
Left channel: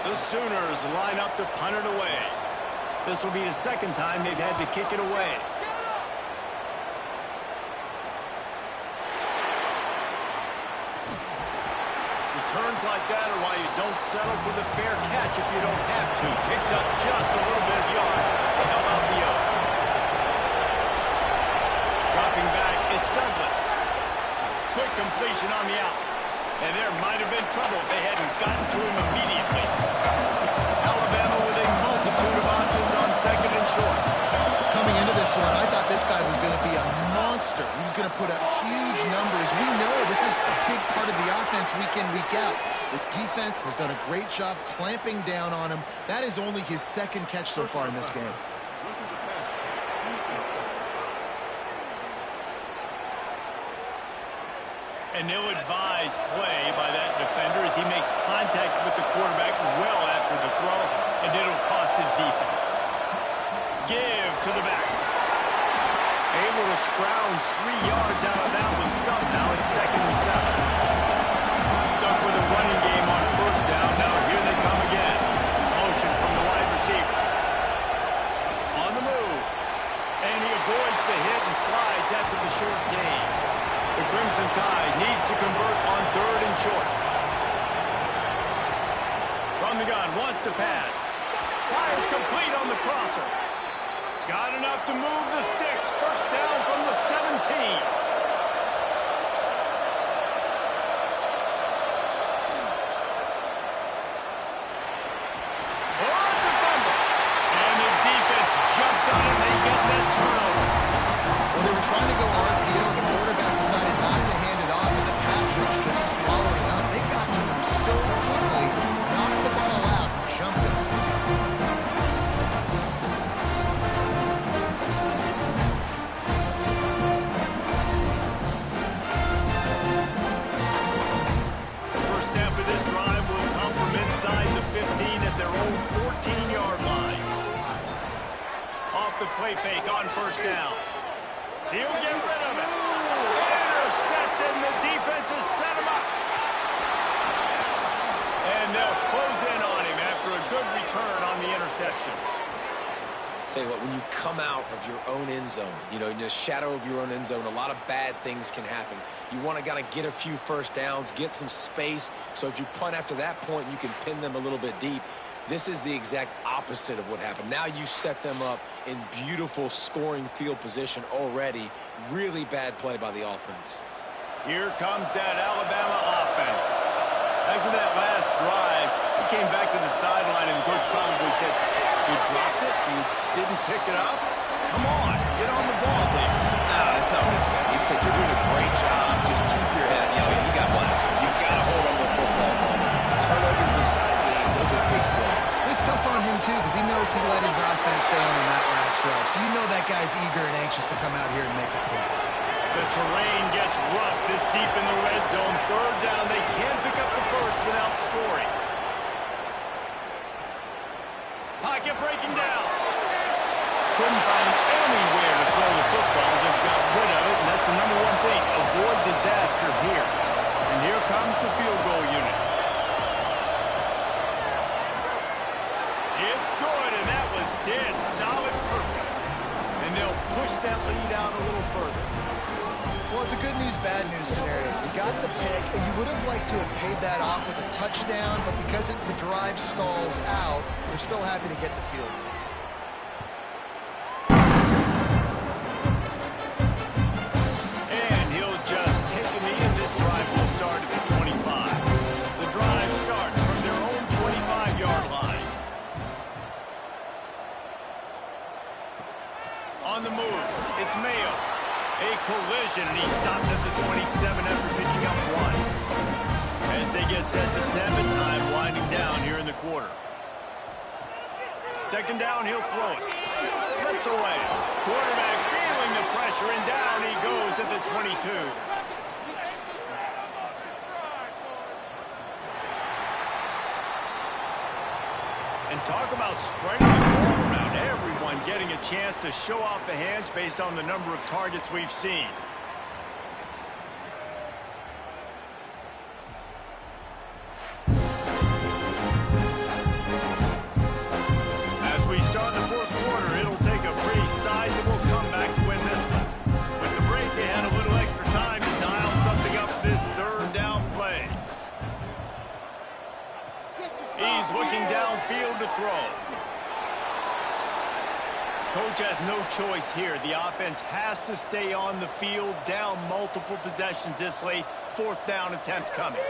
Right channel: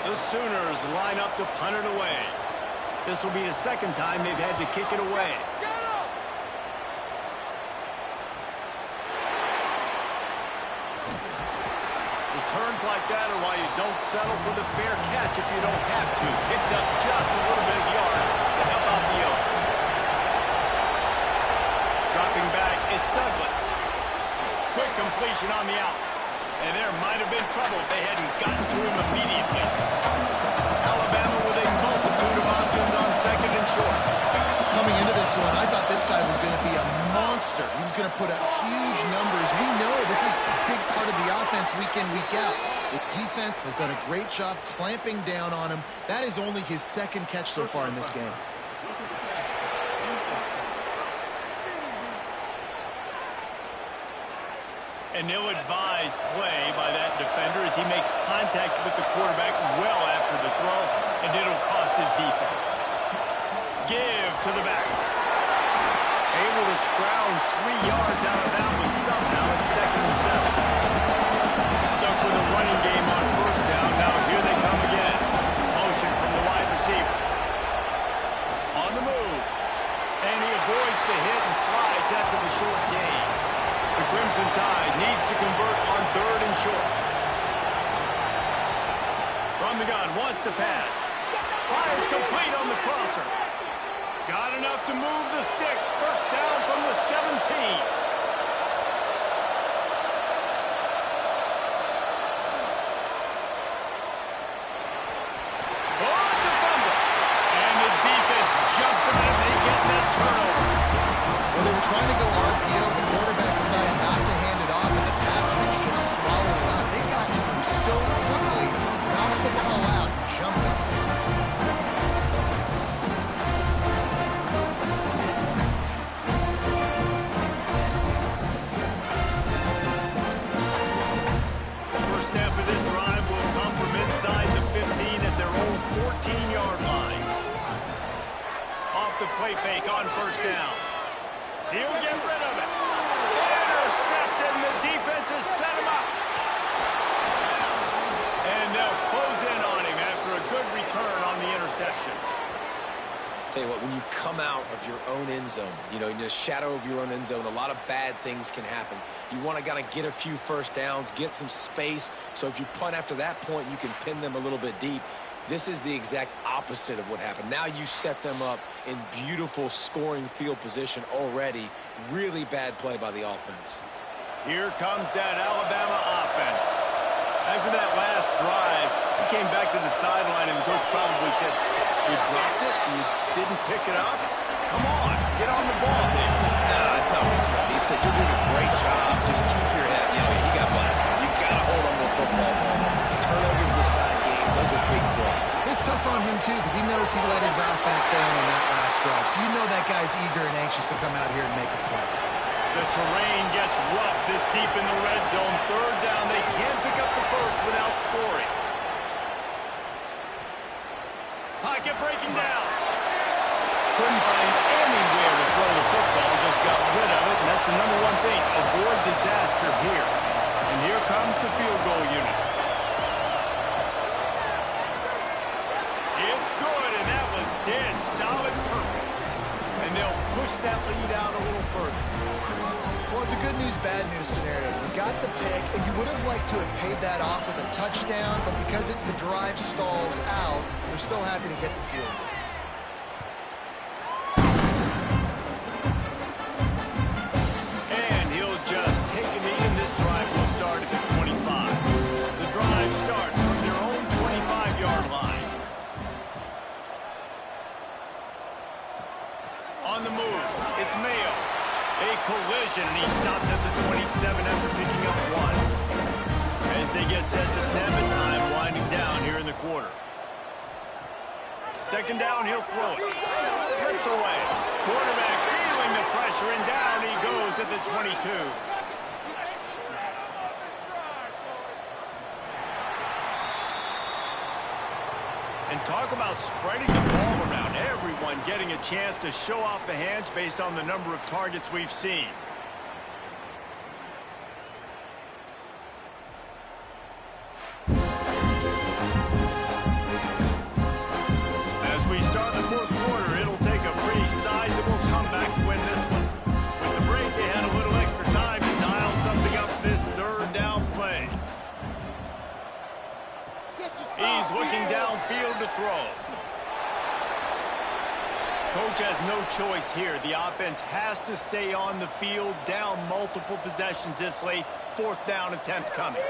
The Sooners line up to punt it away. This will be the second time they've had to kick it away. Returns like that are why you don't settle for the fair catch if you don't have to. Picks up just a little bit of yards to help out the yoke. Dropping back, it's Douglas. Quick completion on the out. And there might have been trouble if they hadn't gotten to him immediately. Alabama with a multitude of options on 2nd and short. Coming into this one, I thought this guy was going to be a monster. He was going to put up huge numbers. We know this is a big part of the offense week in, week out. The defense has done a great job clamping down on him. That is only his 2nd catch so far in this game. Roughing the passer. Defense. An ill-advised play by that defender as he makes contact with the quarterback well after the throw, and it'll cost his defense. Give to the back. Able to scrounge 3 yards out of that one somehow. It's 2nd and 7. Stuck with a running game on first down. Now here they come again. Motion from the wide receiver. On the move. And he avoids the hit and slides after the short gain. The Crimson Tide needs to convert on 3rd and short. From the gun, wants to pass. Fires complete on the crosser. Got enough to move the sticks. First down from the 17. jumps on it, they get that turnover. Well, they were trying to go RPO. The quarterback decided not to hand it off, and the pass rush just swallowed it up. They got to him so quickly, knocked the ball out, and jumped him. First snap of this drive will come from inside the 15 at their own 14-yard line. Off the play fake on first down. He'll get rid of it. Intercepted, and the defense has set him up. And they'll close in on him after a good return on the interception. Tell you what, when you come out of your own end zone, you know, in the shadow of your own end zone, a lot of bad things can happen. You want to kind of get a few first downs, get some space, so if you punt after that point, you can pin them a little bit deep. This is the exact opposite of what happened. Now you set them up in beautiful scoring field position already. Really bad play by the offense. Here comes that Alabama offense. After that last drive, he came back to the sideline, and the coach probably said, "You dropped it? You didn't pick it up? Come on, get on the ball, Dave." No, that's not what he said. He said, "You're doing a great job. Just keep your head." You know, he got blasted. You got to hold on to the football ball. Turnovers decide games. Those are big plays. It's tough on him, too, because he knows he let his offense down on that last drive. So you know that guy's eager and anxious to come out here and make a play. The terrain gets rough this deep in the red zone. Third down, they can't pick up the first without scoring. Pocket breaking down. Couldn't find anywhere to throw the football, just got rid of it, and that's the number one thing. Avoid disaster here. And here comes the field goal unit. It's good, and that was dead solid perfect. And they'll push that lead out a little further. Well, it's a good news, bad news scenario. You got the pick, and you would have liked to have paid that off with a touchdown, but because the drive stalls out, they're still happy to get the field goal. And he'll just take a knee, and this drive will start at the 25. The drive starts from their own 25-yard line. On the move, it's Mayo. A collision, and he stopped at the 27 after picking up one. As they get set to snap it, time winding down here in the quarter. Second down, he'll throw it. Slips away. Quarterback feeling the pressure, and down he goes at the 22. And talk about spreading the ball around. Everyone getting a chance to show off the hands based on the number of targets we've seen. As we start the fourth quarter, it'll take a pretty sizable comeback to win this one. With the break, they had a little extra time to dial something up for this third down play. He's looking downfield to throw. Coach has no choice here. The offense has to stay on the field, down multiple possessions this late. Fourth down attempt coming.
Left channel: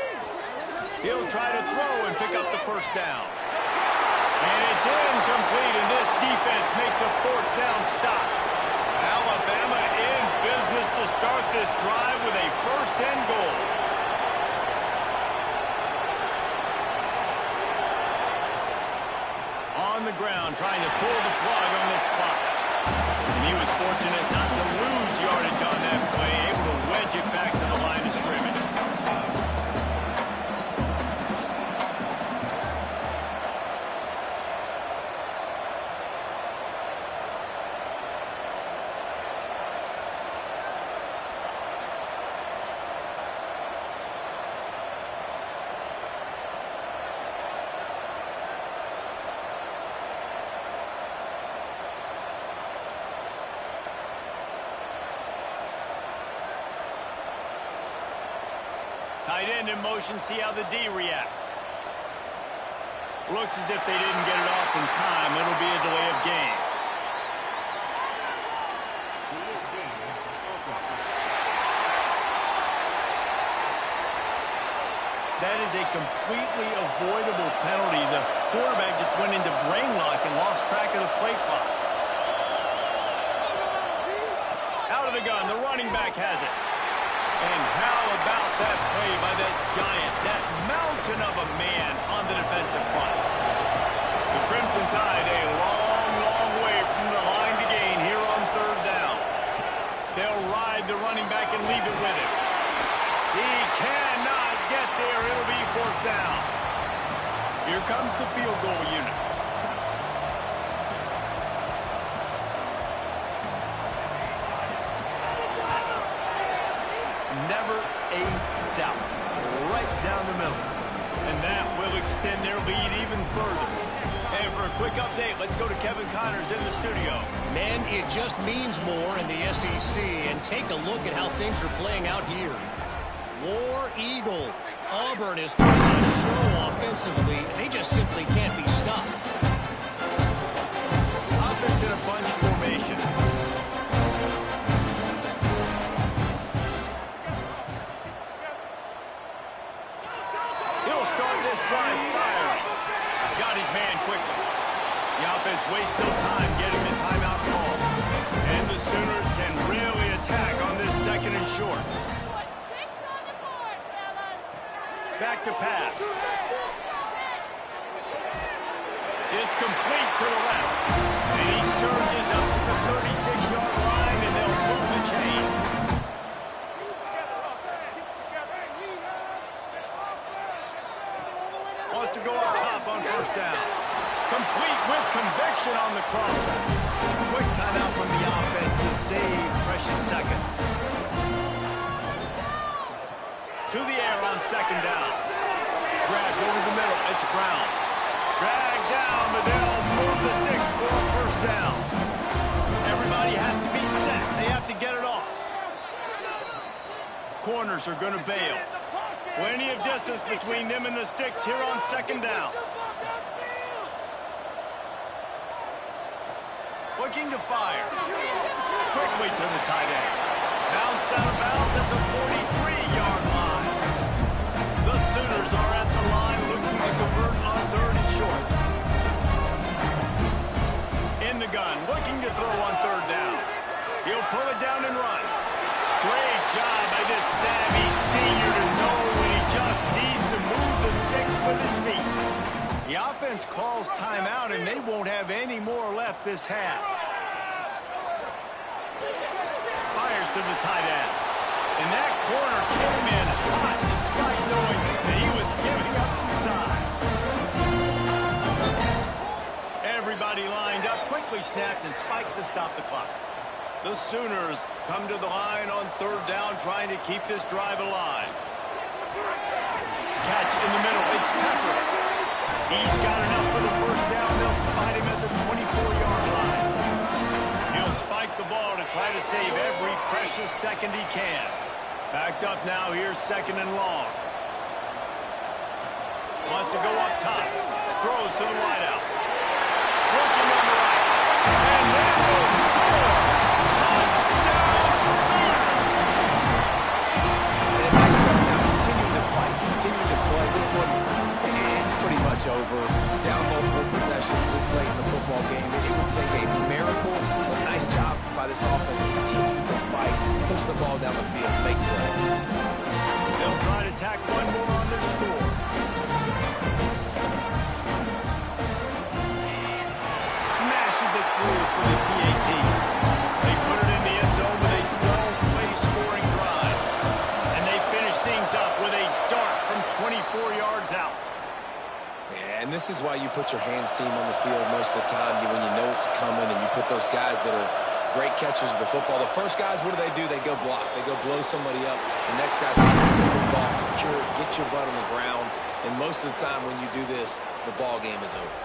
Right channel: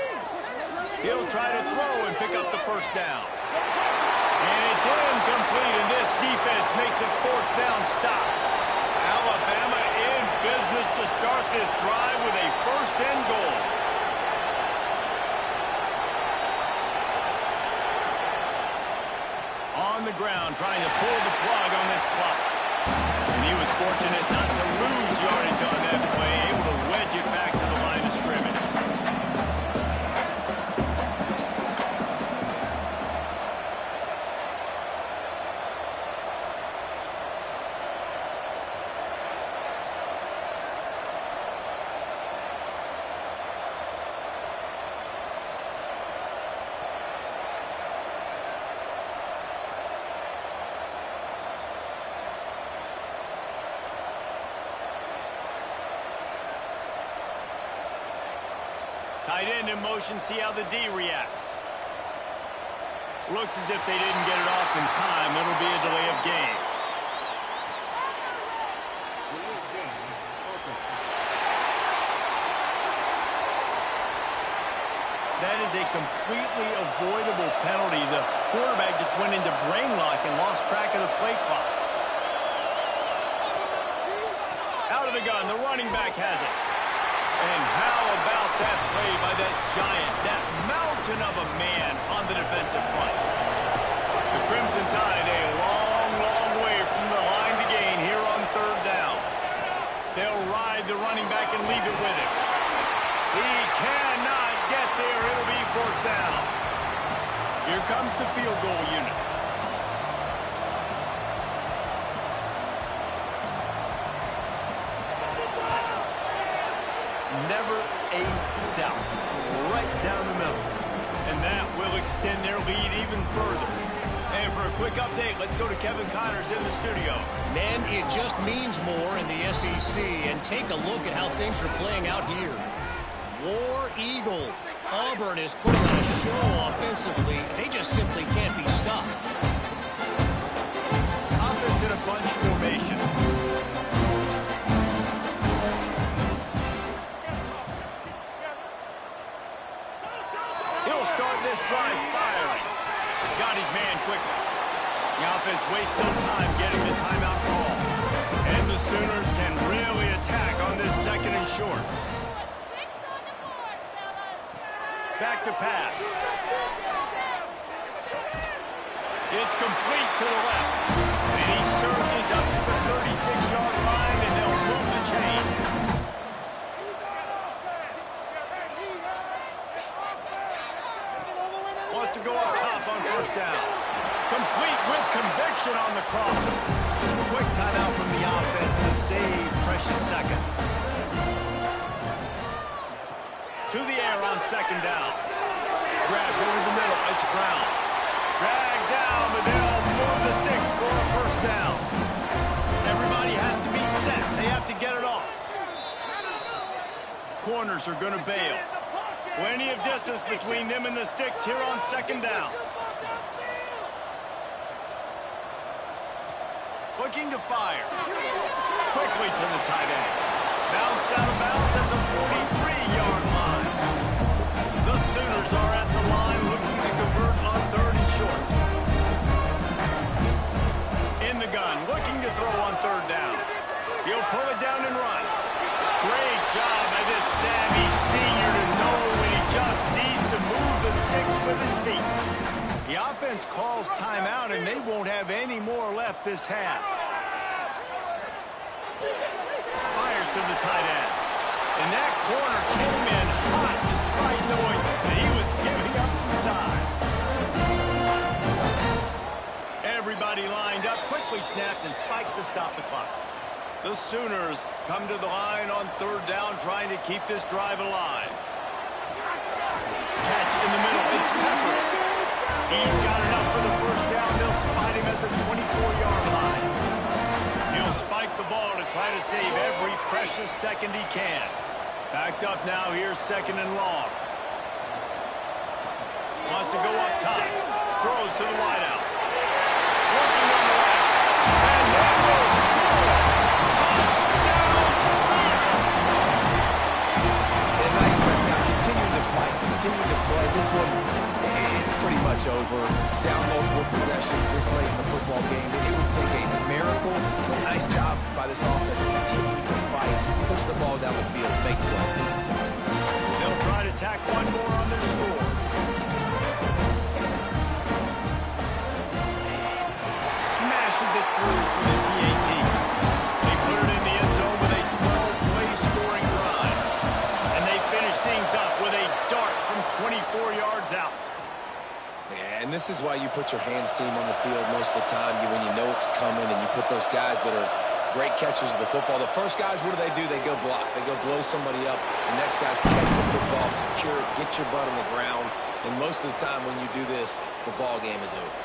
He'll try to throw and pick up the first down. And it's incomplete, and this defense makes a fourth down stop. Alabama in business to start this drive with a first and goal. On the ground, trying to pull the plug on this clock. And he was fortunate not to lose yardage on that play, able to wedge it back to the line of scrimmage. Tight end in motion, see how the D reacts. Looks as if they didn't get it off in time. It'll be a delay of game. That is a completely avoidable penalty. The quarterback just went into brain lock and lost track of the play clock. Out of the gun, the running back has it. And how about that play by that giant, that mountain of a man on the defensive front? The Crimson Tide a long, long way from the line to gain here on third down. They'll ride the running back and leave it with him. He cannot get there. It'll be fourth down. Here comes the field goal unit. Never a doubt. Right down the middle. And that will extend their lead even further. And for a quick update, let's go to Kevin Connors in the studio. Man, it just means more in the SEC. And take a look at how things are playing out here. War Eagle. Auburn is putting on a show offensively. They just simply can't be stopped. Offense in a bunch formation. He'll start this drive firing. Got his man quickly. The offense wastes no time getting the timeout call. And the Sooners can really attack on this second and short. Back to pass. It's complete to the left. And he surges up to the 36-yard line, and they'll move the chain. Wants to go up top on first down. Complete with conviction on the crosser. Quick timeout from the offense to save precious seconds. To the air on second down. Grabbed over the middle. It's Brown. Dragged down, but they'll move the sticks for a first down. Everybody has to be set. They have to get it off. Corners are going to bail. Plenty of distance between them and the sticks here on second down. Looking to fire. Quickly to the tight end. Bounced out of bounds at the 43-yard line. The Sooners are at the line looking to convert on third and short. In the gun, looking to throw on third down. He'll pull it down and run. Great job by this savvy senior to know when he just needs to move the sticks with his feet. The offense calls timeout, and they won't have any more left this half. Fires to the tight end. And that corner came in hot despite knowing that he was giving up some size. Everybody lined up, quickly snapped and spiked to stop the clock. The Sooners come to the line on third down, trying to keep this drive alive. Catch in the middle. It's Peppers. He's got enough for the first down. They'll spot him at the 24-yard line. He'll spike the ball to try to save every precious second he can. Backed up now. Here's second and long. Wants to go up top. Throws to the wideout. Looking on the right. And they will score. Touchdown, Sooners. A nice touchdown. Continuing to fight, continuing to play. This one, it's pretty much over. Down multiple possessions this late in the football game. It would take a miracle, but nice job by this offense. Continue to fight, push the ball down the field, make plays. They'll try to tack one more on their score. Smashes it through for the PAT. They put it in the end zone with a 12-play scoring drive. And they finish things up with a dart from 24 yards out. Yeah, and this is why you put your hands team on the field most of the time. When you know it's coming, and you put those guys that are great catchers of the football. The first guys, what do? They go block. They go blow somebody up. The next guys catch the football, secure it, get your butt on the ground. And most of the time when you do this, the ball game is over.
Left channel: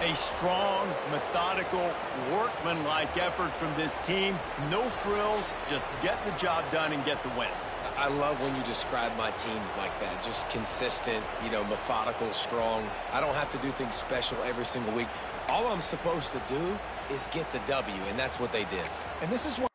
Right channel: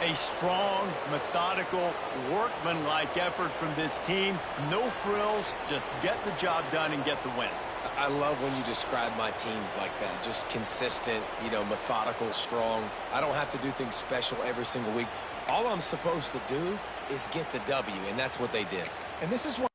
A strong, methodical, workmanlike effort from this team. No frills, just get the job done and get the win. I love when you describe my teams like that. Just consistent, methodical, strong. I don't have to do things special every single week. All I'm supposed to do is get the W, and that's what they did. And this is why